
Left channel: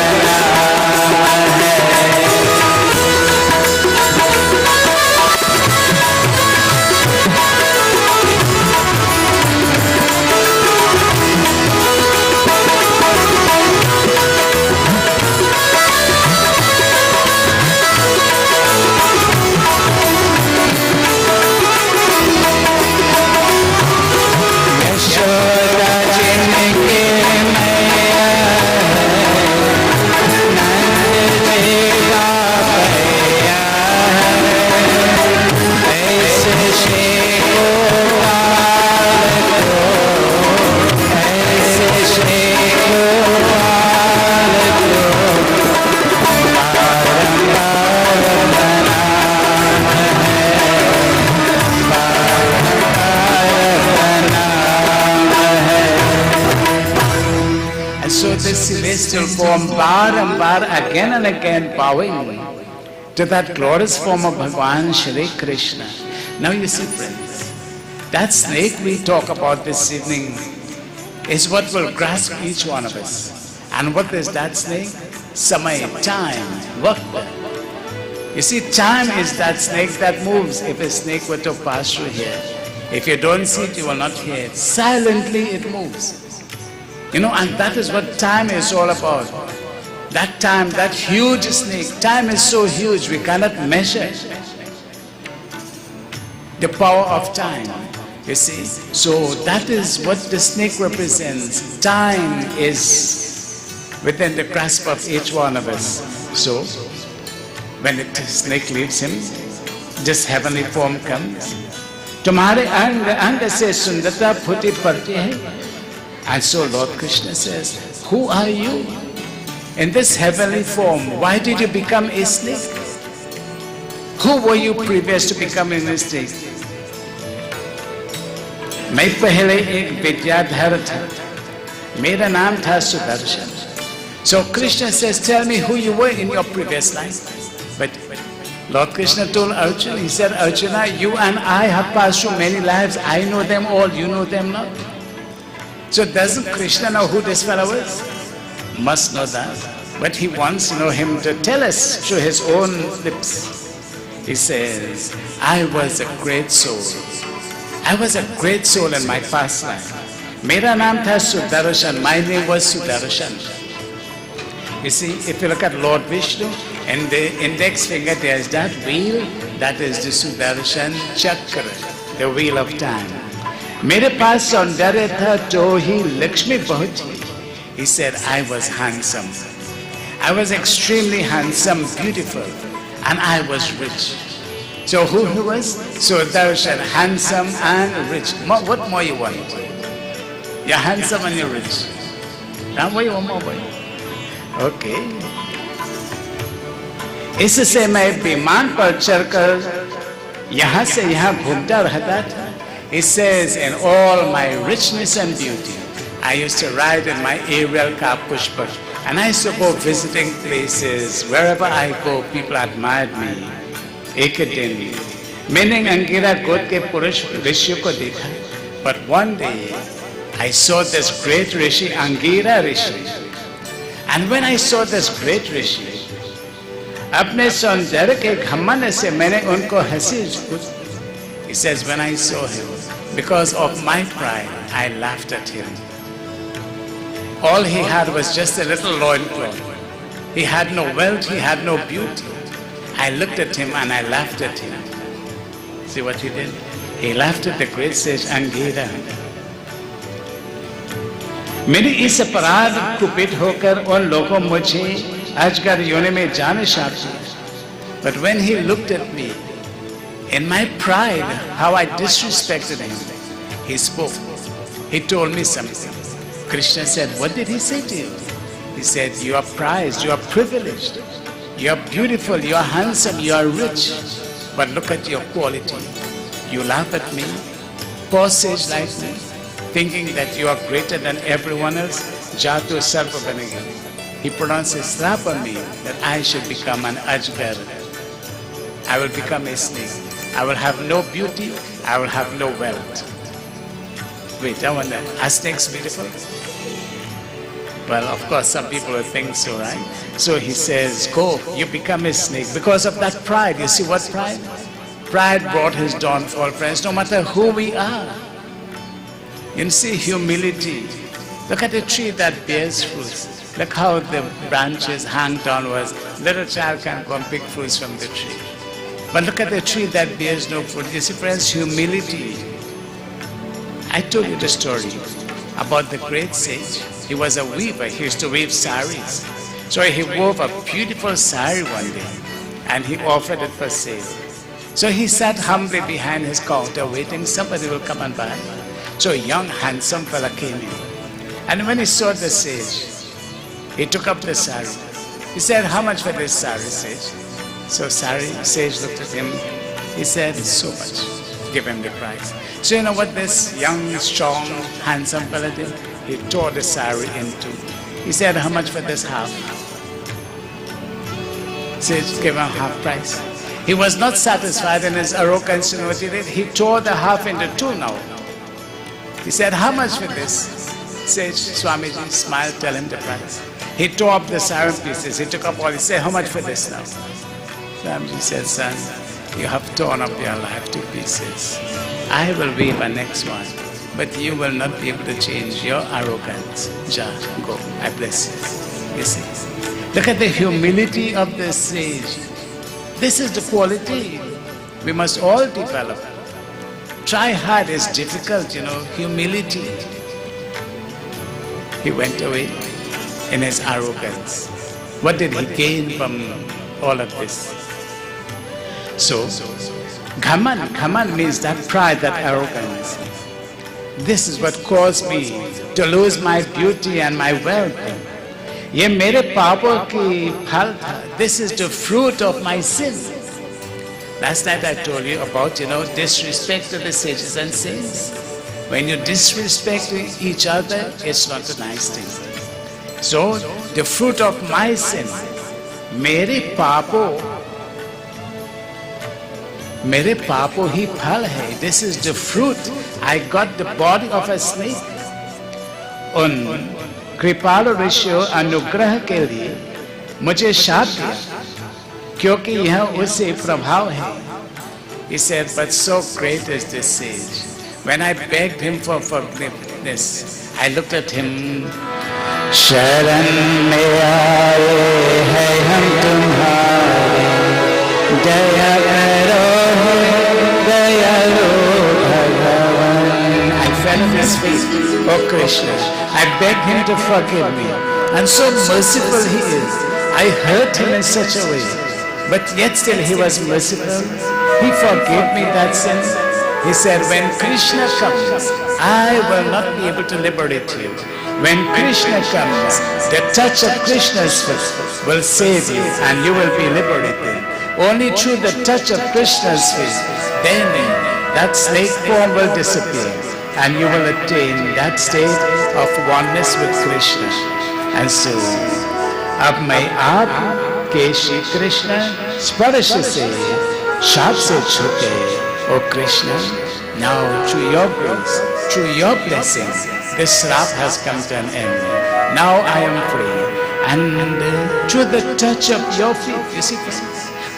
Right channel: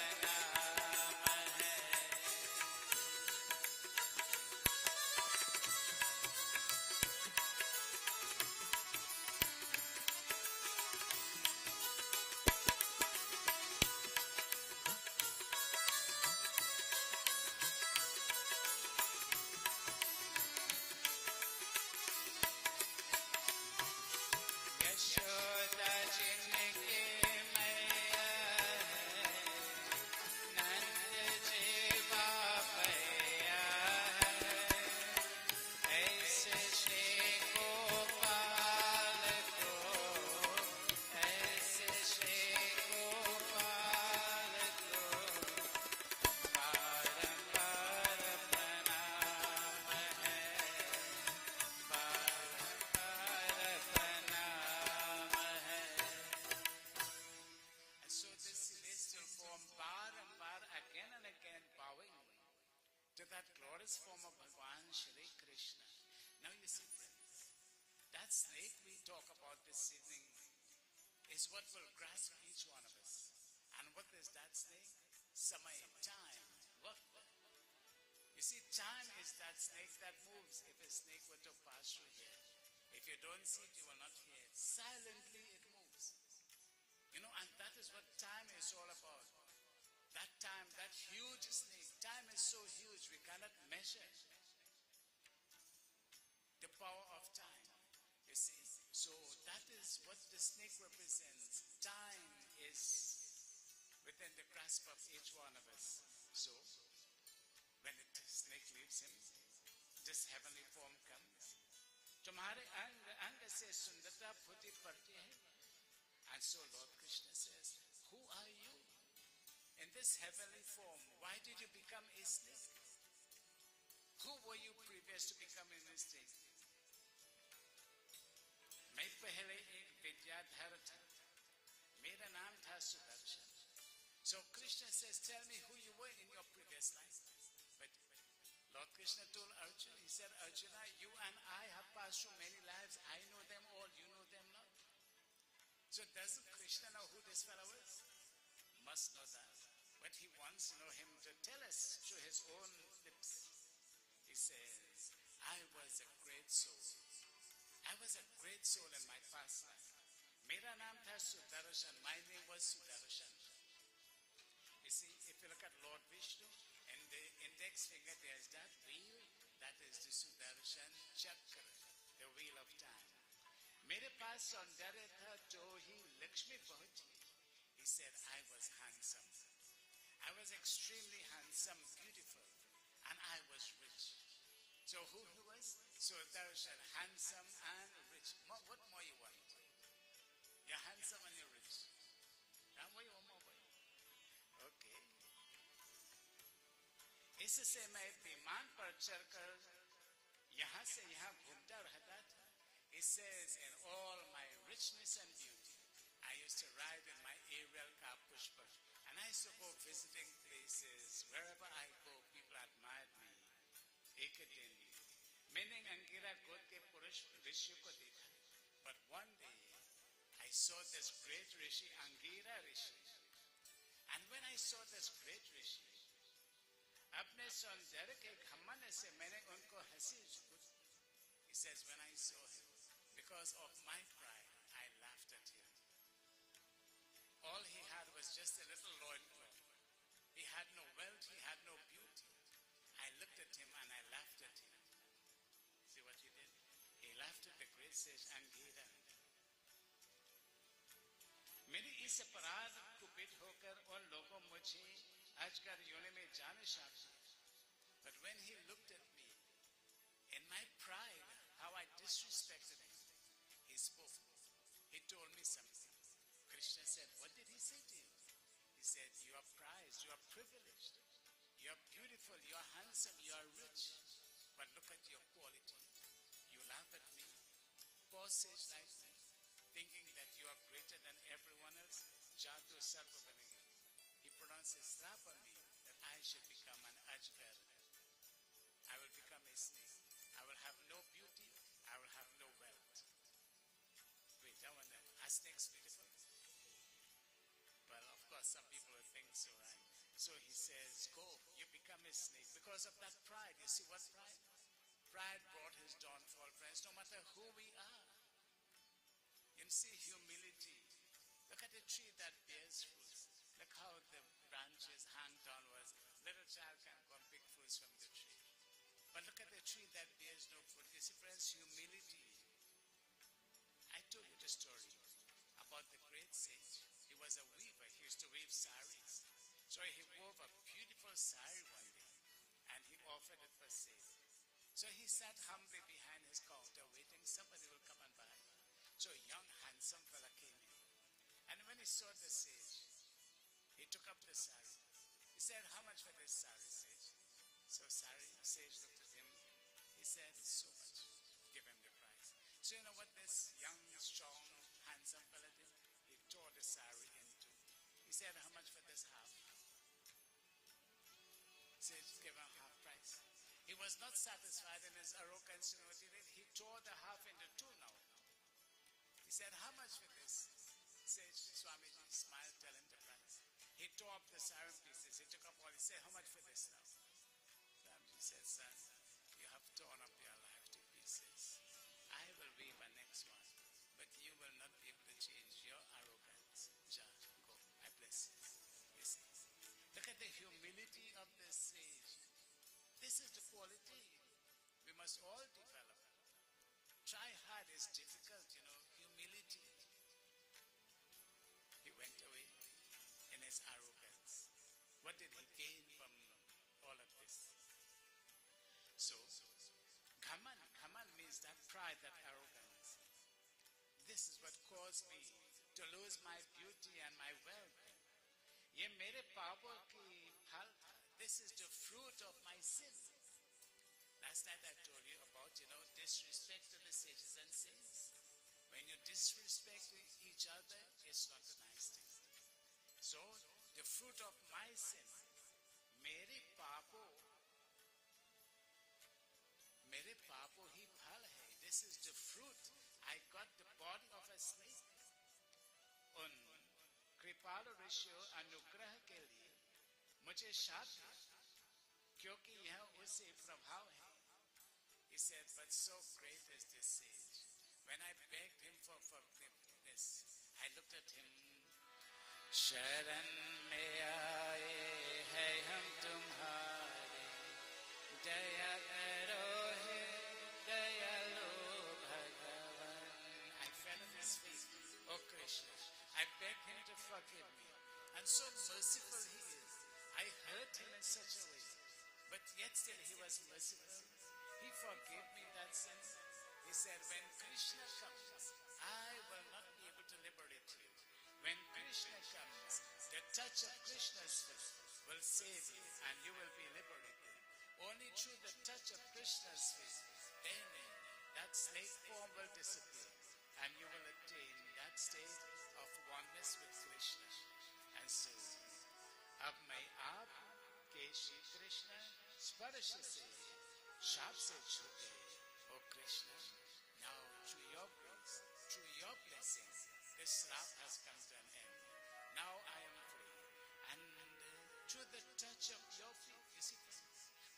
Celestial form, barambar, again and again bowing to that glorious form of Bhagwan Shri Krishna. Now you see, friends, that snake we talk about this evening is what will grasp each one of us. And what is that snake? Samay, time, vakta. You see, time is that snake that moves. If a snake were to pass through here, if you don't see it, you will not hear it. Silently it moves. You know, and that is what time is all about. That time, that huge snake, time is so huge we cannot measure the power of time, you see. So that is what the snake represents. Time is within the grasp of each one of us. So when the snake leaves him, this heavenly form comes. Tumhare ang se sundarta phuti padti hai. And so Lord Krishna says, who are you? In this heavenly form, why did you become a snake? Who were you previous to becoming a snake? मैं पहले एक विद्याधर था, मेरा नाम था Sudarshan. So Krishna says, tell me who you were in your previous life. But Lord Krishna told Arjuna, he said, Arjuna, you and I have passed through many lives. I know them all, you know them not. So doesn't Krishna know who this fellow is? Must know that. But he wants, him to tell us through his own lips. He says, I was a great soul. I was a great soul in my past life. Mera naam tha Sudarshan. My name was Sudarshan. You see, if you look at Lord Vishnu, in the index finger there is that wheel, that is the Sudarshan Chakra, the wheel of time. Mere paas saundarya tha to hi Lakshmi bahut thi. He said, I was handsome. I was extremely handsome, beautiful, and I was rich. So who he was? Sudarshan, handsome and rich. What more you want? You're handsome and you're rich. Now what you want more? Okay. इससे मैं विमान पर चढ़कर यहाँ से यहाँ घूमता रहता था. It says, in all my richness and beauty, I used to ride in my aerial car Pushpa, and I used to go visiting places. Wherever I go, people admired me. एक दिन मैंने अंगिरा गोद के पुरुष ऋषि को देखा. But one day I saw this great rishi, Angira Rishi. And when I saw this great rishi, अपने सौंदर्य के घमंड से मैंने उनको हंसी. He says, when I saw him, because of my pride, I laughed at him. All he had was just a little loincloth. He had no wealth, he had no beauty. I looked at him and I laughed at him. See what he did? He laughed at the great sage Angira. मेरी इस अपराध कुपित होकर उन लोगों मुझे अजगर योनि में जाने चाहते. But when he looked at me, in my pride, how I disrespected him, he spoke. He told me something. Krishna said, what did he say to you? He said, you are prized, you are privileged, you are beautiful, you are handsome, you are rich. But look at your quality. You laugh at me, poor sage like me, thinking that you are greater than everyone else. Jatu Sarva Banega. He pronounced a slap on me that I should become an Ajgar. I will become a snake. I will have no beauty, I will have no wealth. Wait, I wonder, are snakes beautiful? Well, of course, some people will think so, right? So he says, go, you become a snake. Because of that pride, you see what pride? Pride brought his downfall, friends, no matter who we are. You see, humility. Look at a tree that bears fruits. Look how the branches hang downwards. Little child can go and pick fruits from the tree. But look at the tree that bears no fruit. You see, friends, humility. I told you the story about the great sage. He was a weaver. He used to weave saris. So he wove a beautiful sari one day and he offered it for sale. So he sat humbly behind his counter waiting somebody will come and buy. So a young handsome fella came in. And when he saw the sage, he took up the sari. He said, how much for this sari, sage? So sage looked at him. He said, so much. Give him the price. So you know what this young, strong, handsome fella did? He tore the sari in two. He said, how much for this half? Sage gave him half price. He was not satisfied in his arrogance. You know what he did? He tore the half into two now. He said, how much for this? Sage, Swamiji smiled, tell him the price. He tore up the sari pieces. He took up all. He said, how much for this now? Swamiji said, son, you have torn up your life to pieces. I will weave a next one. but you will not be able to change your arrogance. Ja, go. I bless you. You see. Look at the humility of the sage. This is the quality we must all develop. Try hard, it's difficult, humility. He went away in his arrogance. What did he gain from all of this? So, Ghaman means that pride, that arrogance. This is what caused me to lose my beauty and my wealth. ये मेरे पापों की फल था. This is the fruit of my sin. Last night I told you about, disrespect to the sages and saints. When you disrespect each other, it's not a nice thing. So, the fruit of my sin, मेरे पापों ही फल है. This is the fruit. I got the body of a snake. उन कृपालु ऋषियों अनुग्रह के लिए मुझे शाप दिया, क्योंकि यह उसे प्रभाव है. He said, but so great is this sage. When I begged him for forgiveness, I looked at him. शरण में आए हैं हम तुम्हारे, दया करो दयालु भगवान. I fell at his feet. Oh Krishna, I begged him to forgive me. And so merciful he is. I hurt him in such a way, but yet still he was merciful. He forgave me that sin. He said, when Krishna comes, I will not be able to liberate you. When Krishna comes, the touch of Krishna's foot will save you and you will be liberated. Only through the touch of Krishna's feet, then that snake form will disappear and you will attain that state of oneness with Krishna. And so, अब मैं आपके श्री कृष्ण स्पर्श से शाप से छूटे. O Krishna, now through your grace, through your blessing, this slap has come to an end. Now I am free. And through the touch of your feet, you see,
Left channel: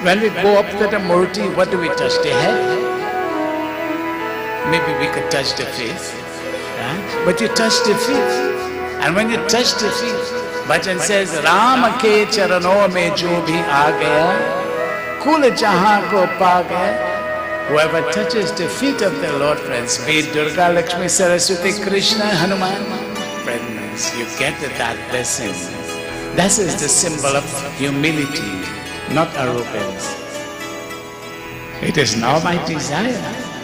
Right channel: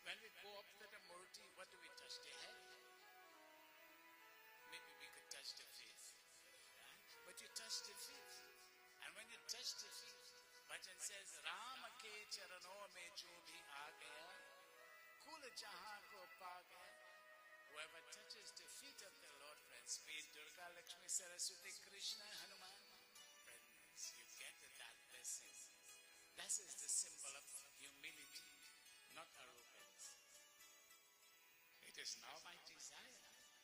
when we go up to the Murti, what do we touch? The head? Maybe we could touch the feet. Right? But you touch the feet. And when you touch the feet, Bhajan says, Ram ke charanon mein jo bhi aa gaya, kul jahan ko pa gaya. Whoever touches the feet of the Lord, friends, be it Durga, Lakshmi, Saraswati, Krishna, Hanuman, friends, you get that blessing. That is the symbol of humility, not arrogance. It is now my desire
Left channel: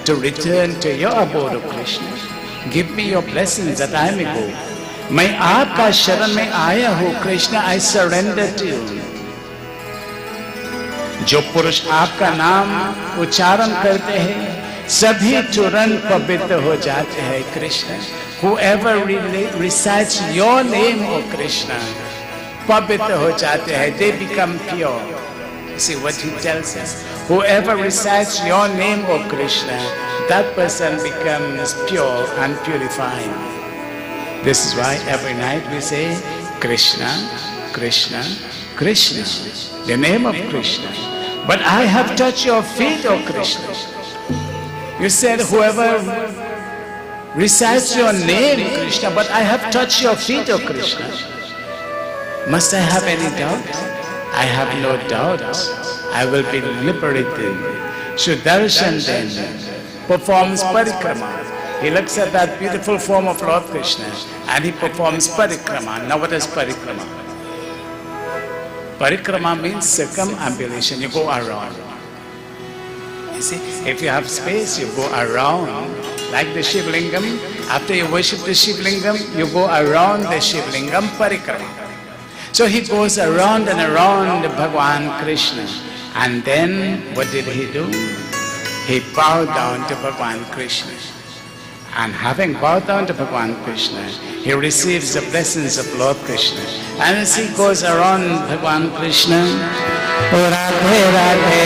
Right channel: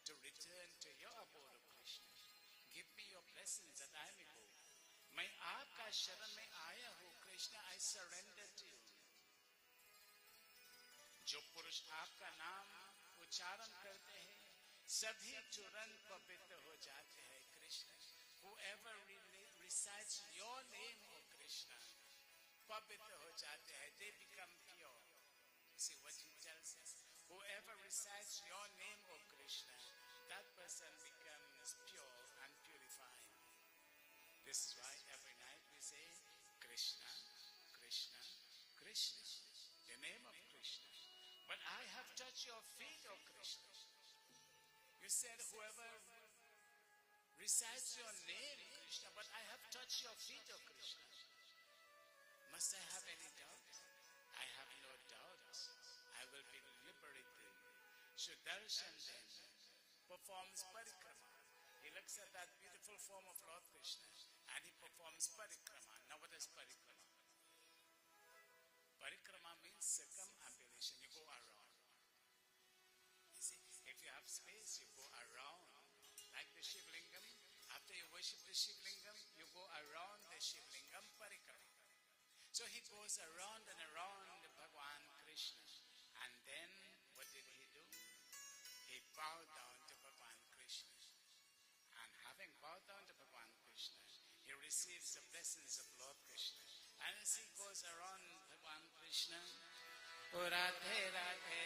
to return to your abode, O Krishna. Give me your blessings that I may go. मैं आपका शरण में आया हूँ, Krishna, I surrender to you. जो पुरुष आपका नाम उच्चारण करते हैं, सभी तुरंत पवित्र हो जाते हैं, Krishna. Whoever recites your name, O Krishna, पवित्र हो जाते हैं. They become pure. See what he tells us. Whoever recites your name, O Krishna, that person becomes pure and purified. This is why every night we say Krishna, Krishna, Krishna, the name of Krishna. But I have touched your feet, O Krishna. You said whoever recites your name, Krishna, but I have touched your feet, O Krishna. Must I have any doubt? I have no doubt. I will be liberated. Sudarshan then performs parikrama. He looks at that beautiful form of Lord Krishna and he performs parikrama. Now what is parikrama? Parikrama means circumambulation. You go around. You see, if you have space, you go around. Like the Shiv Lingam, after you worship the Shiv Lingam, you go around the Shiv Lingam, parikrama. So he goes around and around Bhagwan Krishna. And then, what did he do? He bowed down to Bhagwan Krishna. And having bowed down to Bhagwan Krishna, he receives the blessings of Lord Krishna. And as he goes around Bhagwan Krishna, Radhe Radhe,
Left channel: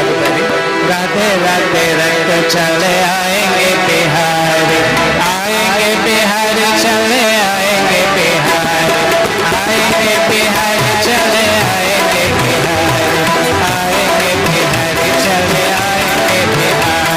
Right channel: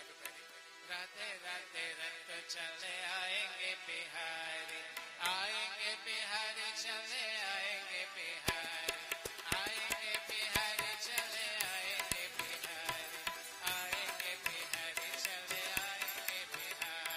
everybody, Radhe Radhe, Radhe chale aayenge Bihari, aayenge Bihari, chale aayenge Bihari, aayenge Bihari, chale aayenge Bihari, aayenge Bihari, chale aayenge Bihari.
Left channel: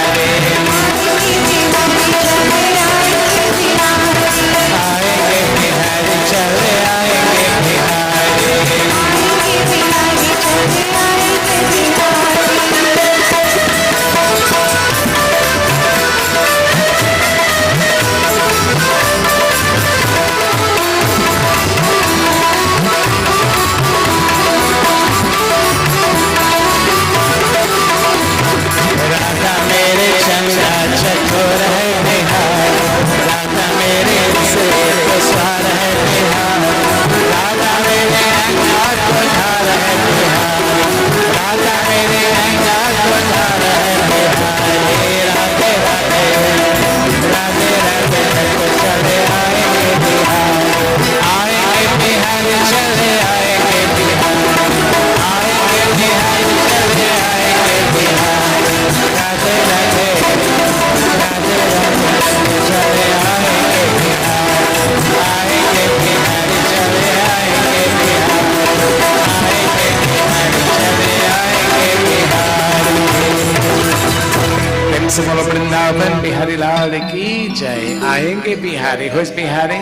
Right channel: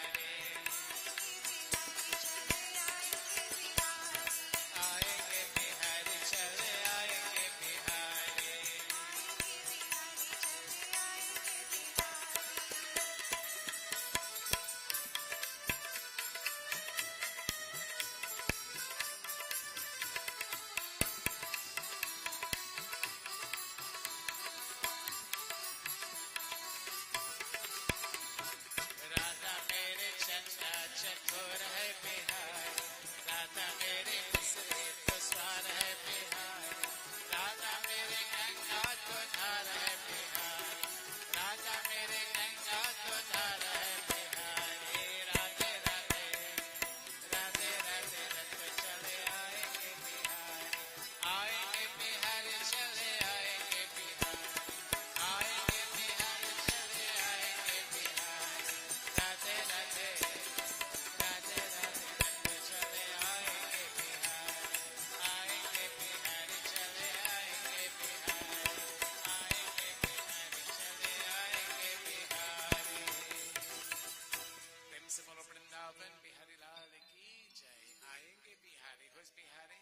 से बोलो वृंदावन बिहारी लाल की जय. आएंगे Bihari. Who is Bihari?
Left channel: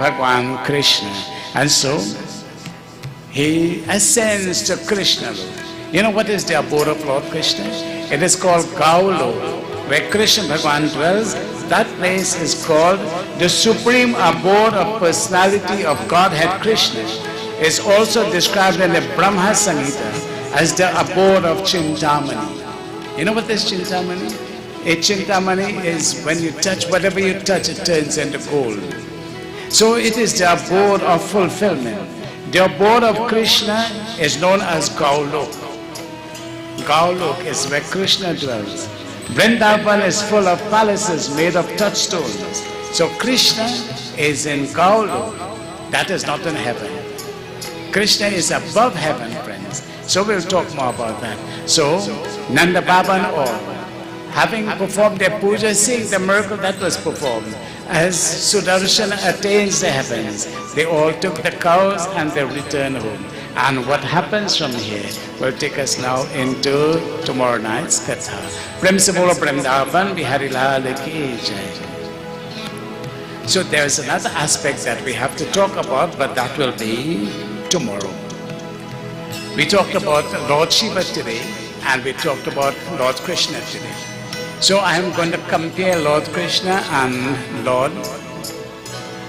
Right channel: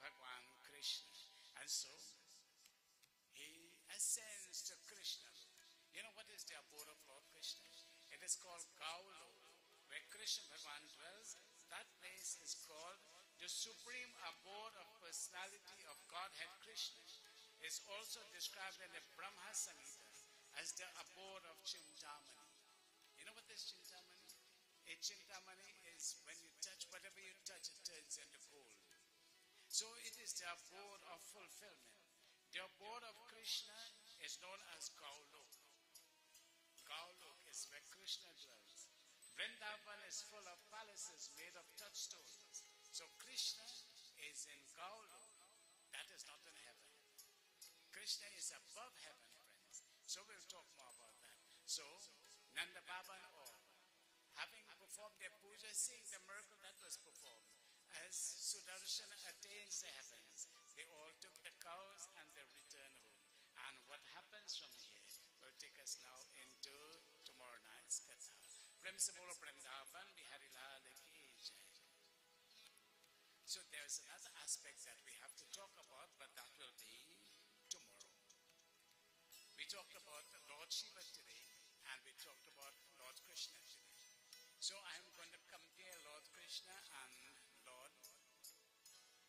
Bhagwan Krishna. And so he ascends to Krishna. You know what is the abode of Lord Krishna? It is called Gaulok, where Krishna Bhagwan dwells. That place is called the supreme abode of personality of Godhead Krishna. Is also described in the Brahma Samhita as the abode of Chintamani. You know what is Chintamani? A Chintamani is when you touch, whatever you touch, it turns into gold. So it is the abode of fulfillment. The abode of Krishna is known as Gaulok. Gaulok is where Krishna dwells. Vrindavan is full of palaces made of touchstones. So Krishna is in Gaulok. That is not in heaven. Krishna is above heaven, friends. So we'll talk more about that. So Nanda Baba and all, having performed their puja, seeing the miracle that was performed, as Sudarshana attains the heavens, they all took the cows and they returned home. And what happens from here will take us now into tomorrow night's Katha. Prem se bolo Vrindavan Bihari Lal ki jai. So there is another aspect that we have to talk about, but that will be tomorrow. We talked about Lord Shiva today, and we talked about Lord Krishna today. So I am going to compare Lord Krishna and Lord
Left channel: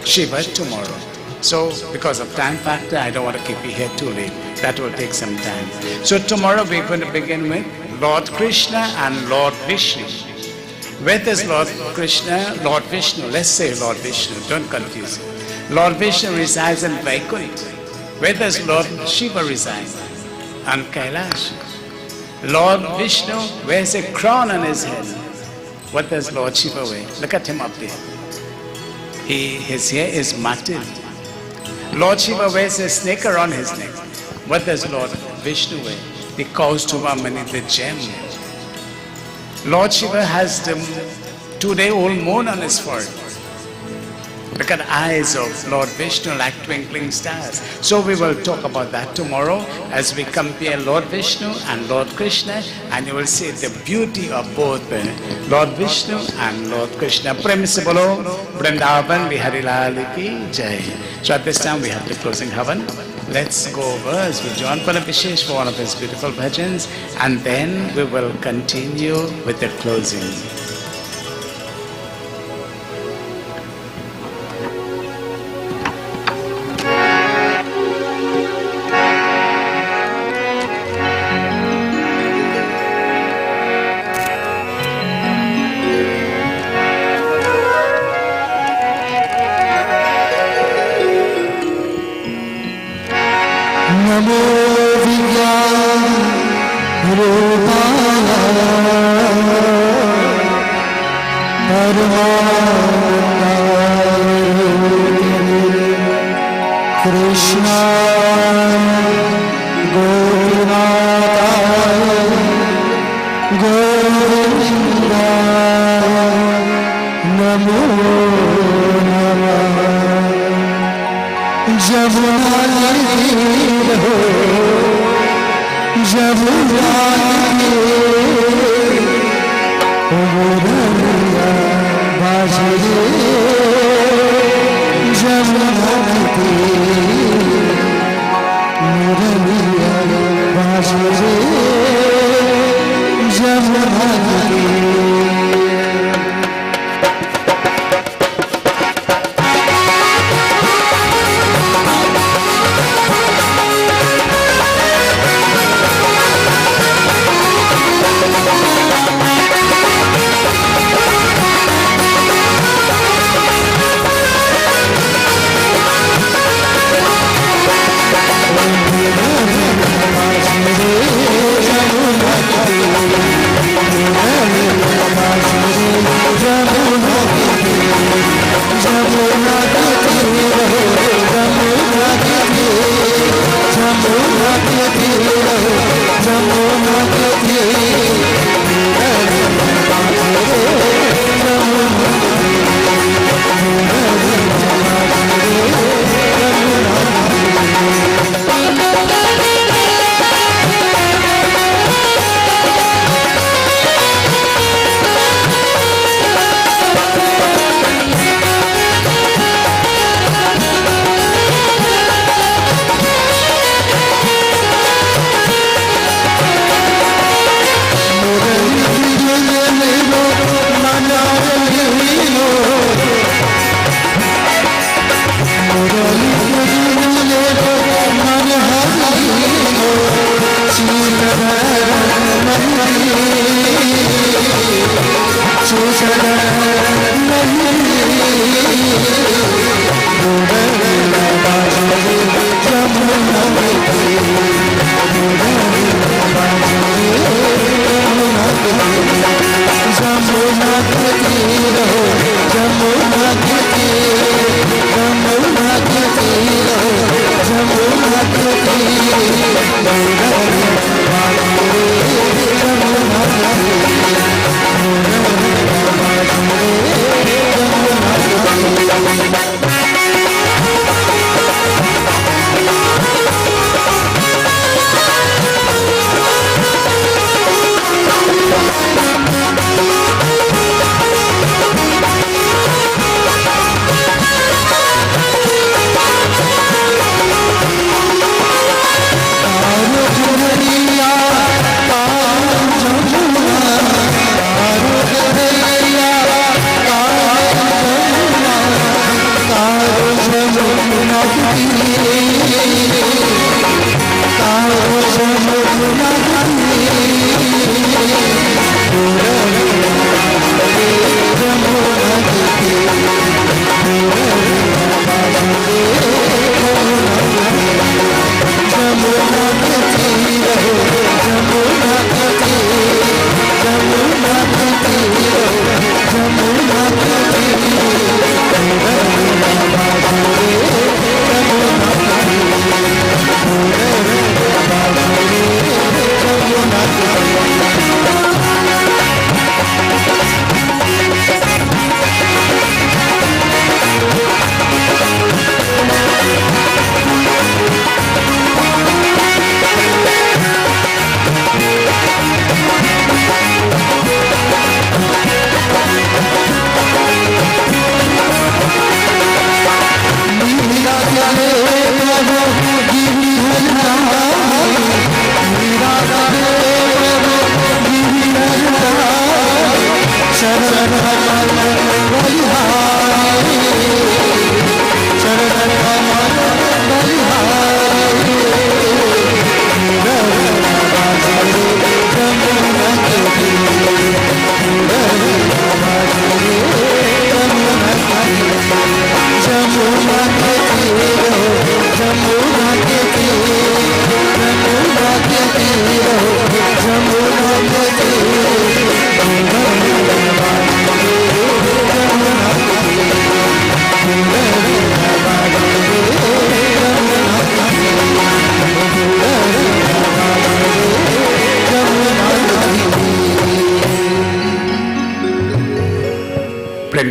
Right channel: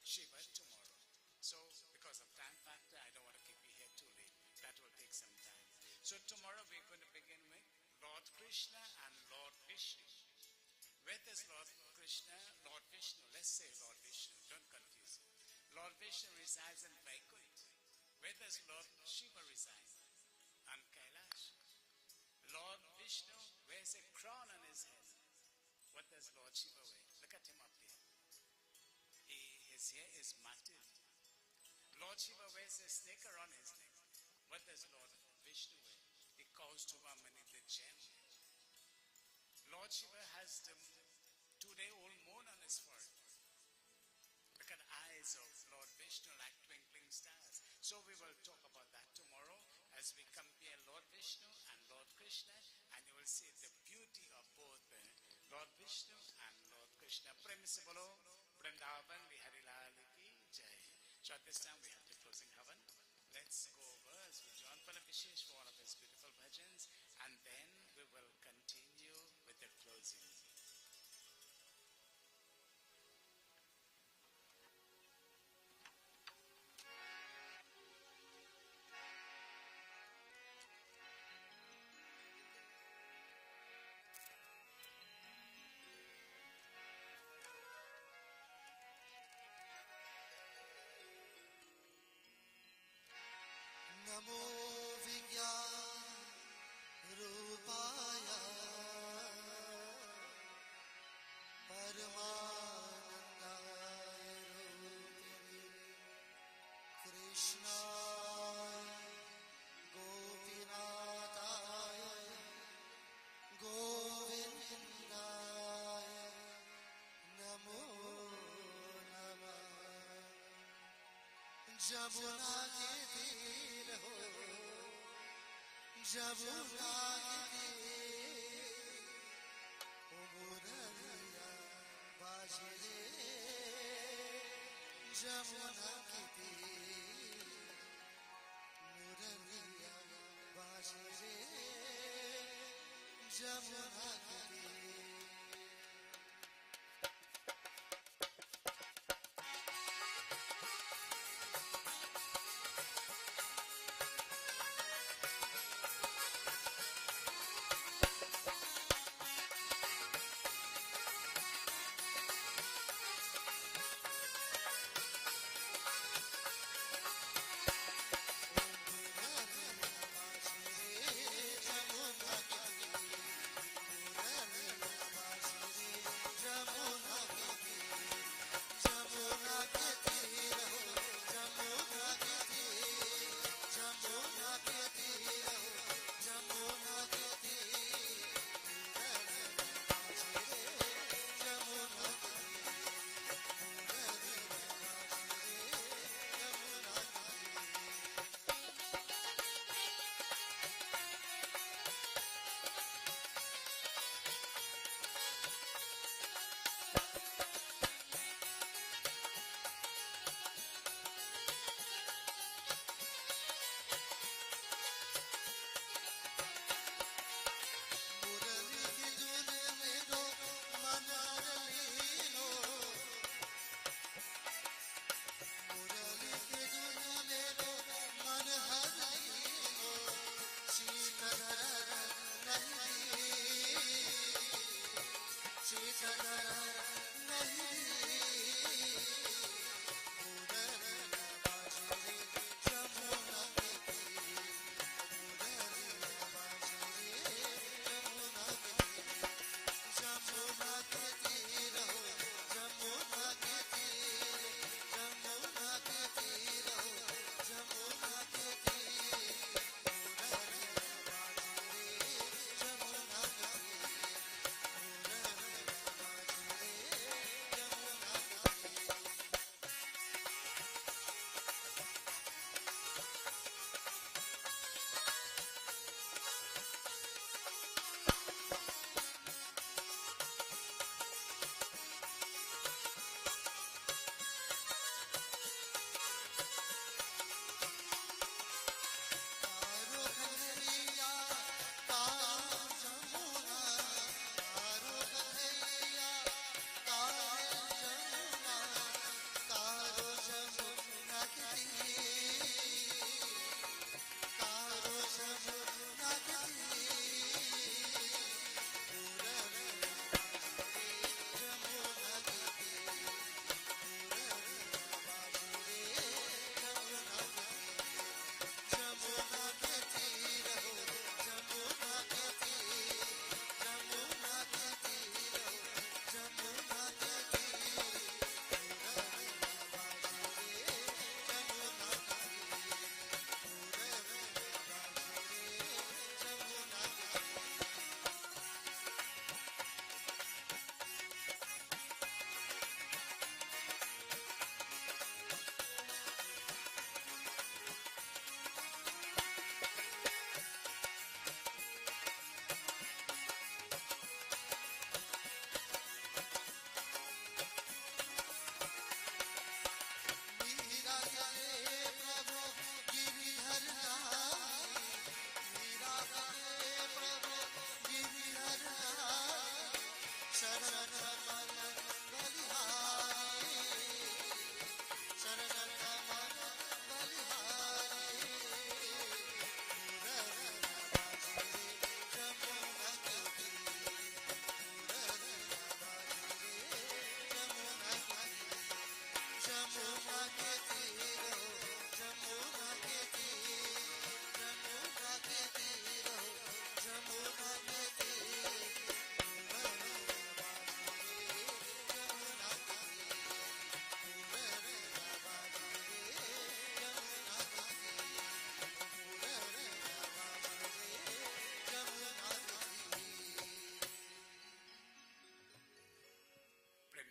Shiva tomorrow. So because of time factor, I don't want to keep you here too late. That will take some time. So tomorrow we're going to begin with Lord Krishna and Lord Vishnu. Where does Lord Krishna, Lord Vishnu, let's say Lord Vishnu, don't confuse it. Lord Vishnu resides in Vaikuntha. Where does Lord Shiva reside? On Kailash. Lord Vishnu wears a crown on his head. What does Lord Shiva wear? Look at him up there. His hair is matted. Lord Shiva wears a snake around his neck. What does Lord Vishnu wear? The Kaustubhamani, the gem. Lord Shiva has the 2-day-old moon on his forehead. Look at the eyes of Lord Vishnu like twinkling stars. So we will talk about that tomorrow as we compare Lord Vishnu and Lord Krishna, and you will see the beauty of both Lord Vishnu and Lord Krishna. Prem se bolo Vrindavan Bihari Lal ki jai. So at this time we have the closing havan. Let's go over as we join Pranab Vishesh for one of his beautiful bhajans, and then we will continue with the closing.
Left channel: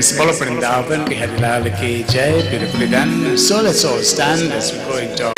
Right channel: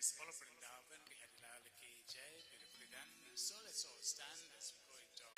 Follow Vrindavan, Bihari Lal ki jai, beautifully done. So let's all stand as we go into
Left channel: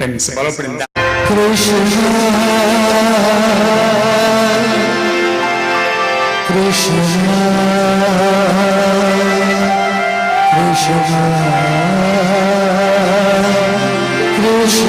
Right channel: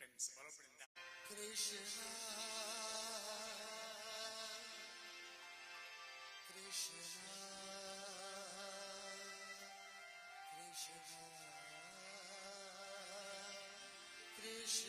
प्रेम से बोलो वृंदावन। कृष्ण कृष्ण कृष्ण कृष्ण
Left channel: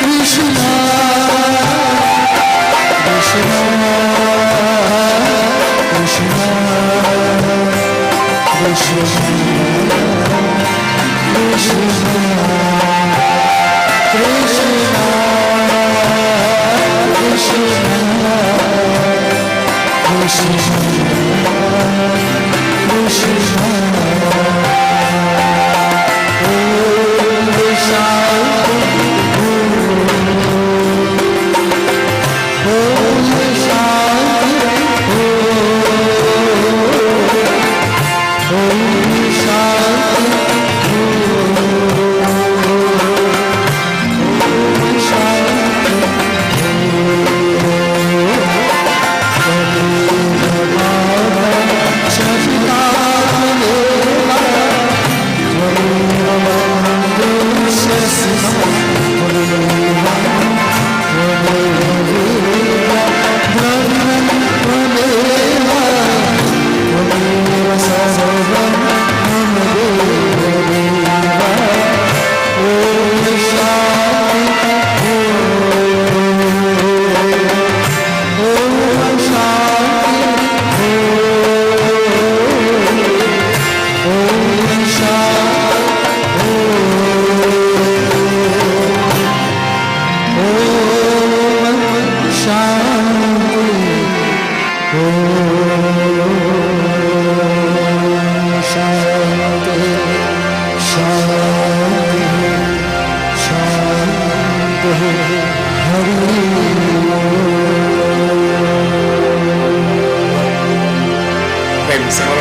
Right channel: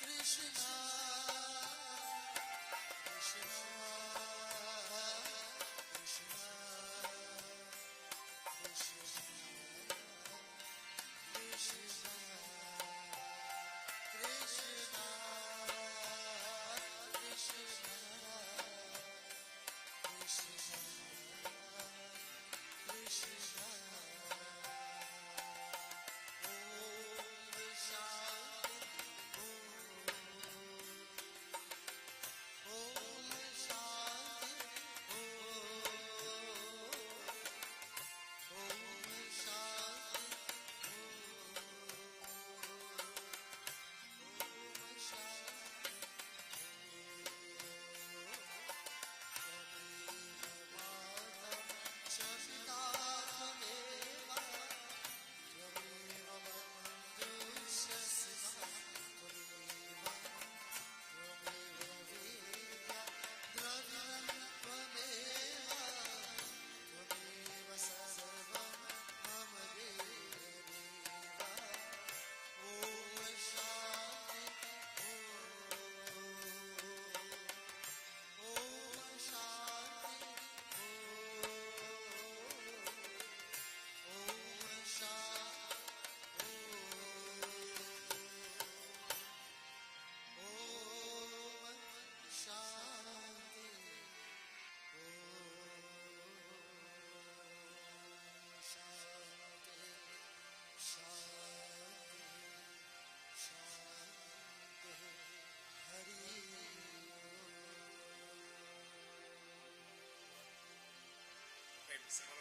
कृष्ण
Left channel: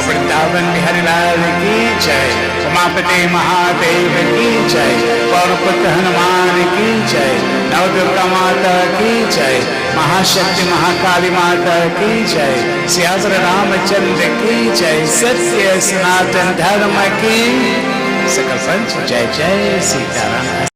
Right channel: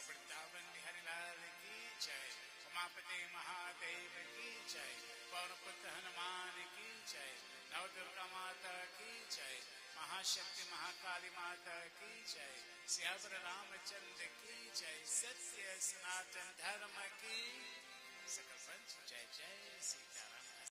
वृंदावन बिहारी लाल की जय, उमापति महादेव की जय, पौरपुत्र हनुमान की जय, नवदुर्गा माता की जय, महाशक्ति महाकाली माता की जय, सियावर रामचंद्र की जय, सत्य सनातन धर्म की सकल पंच जय जय सीताराम।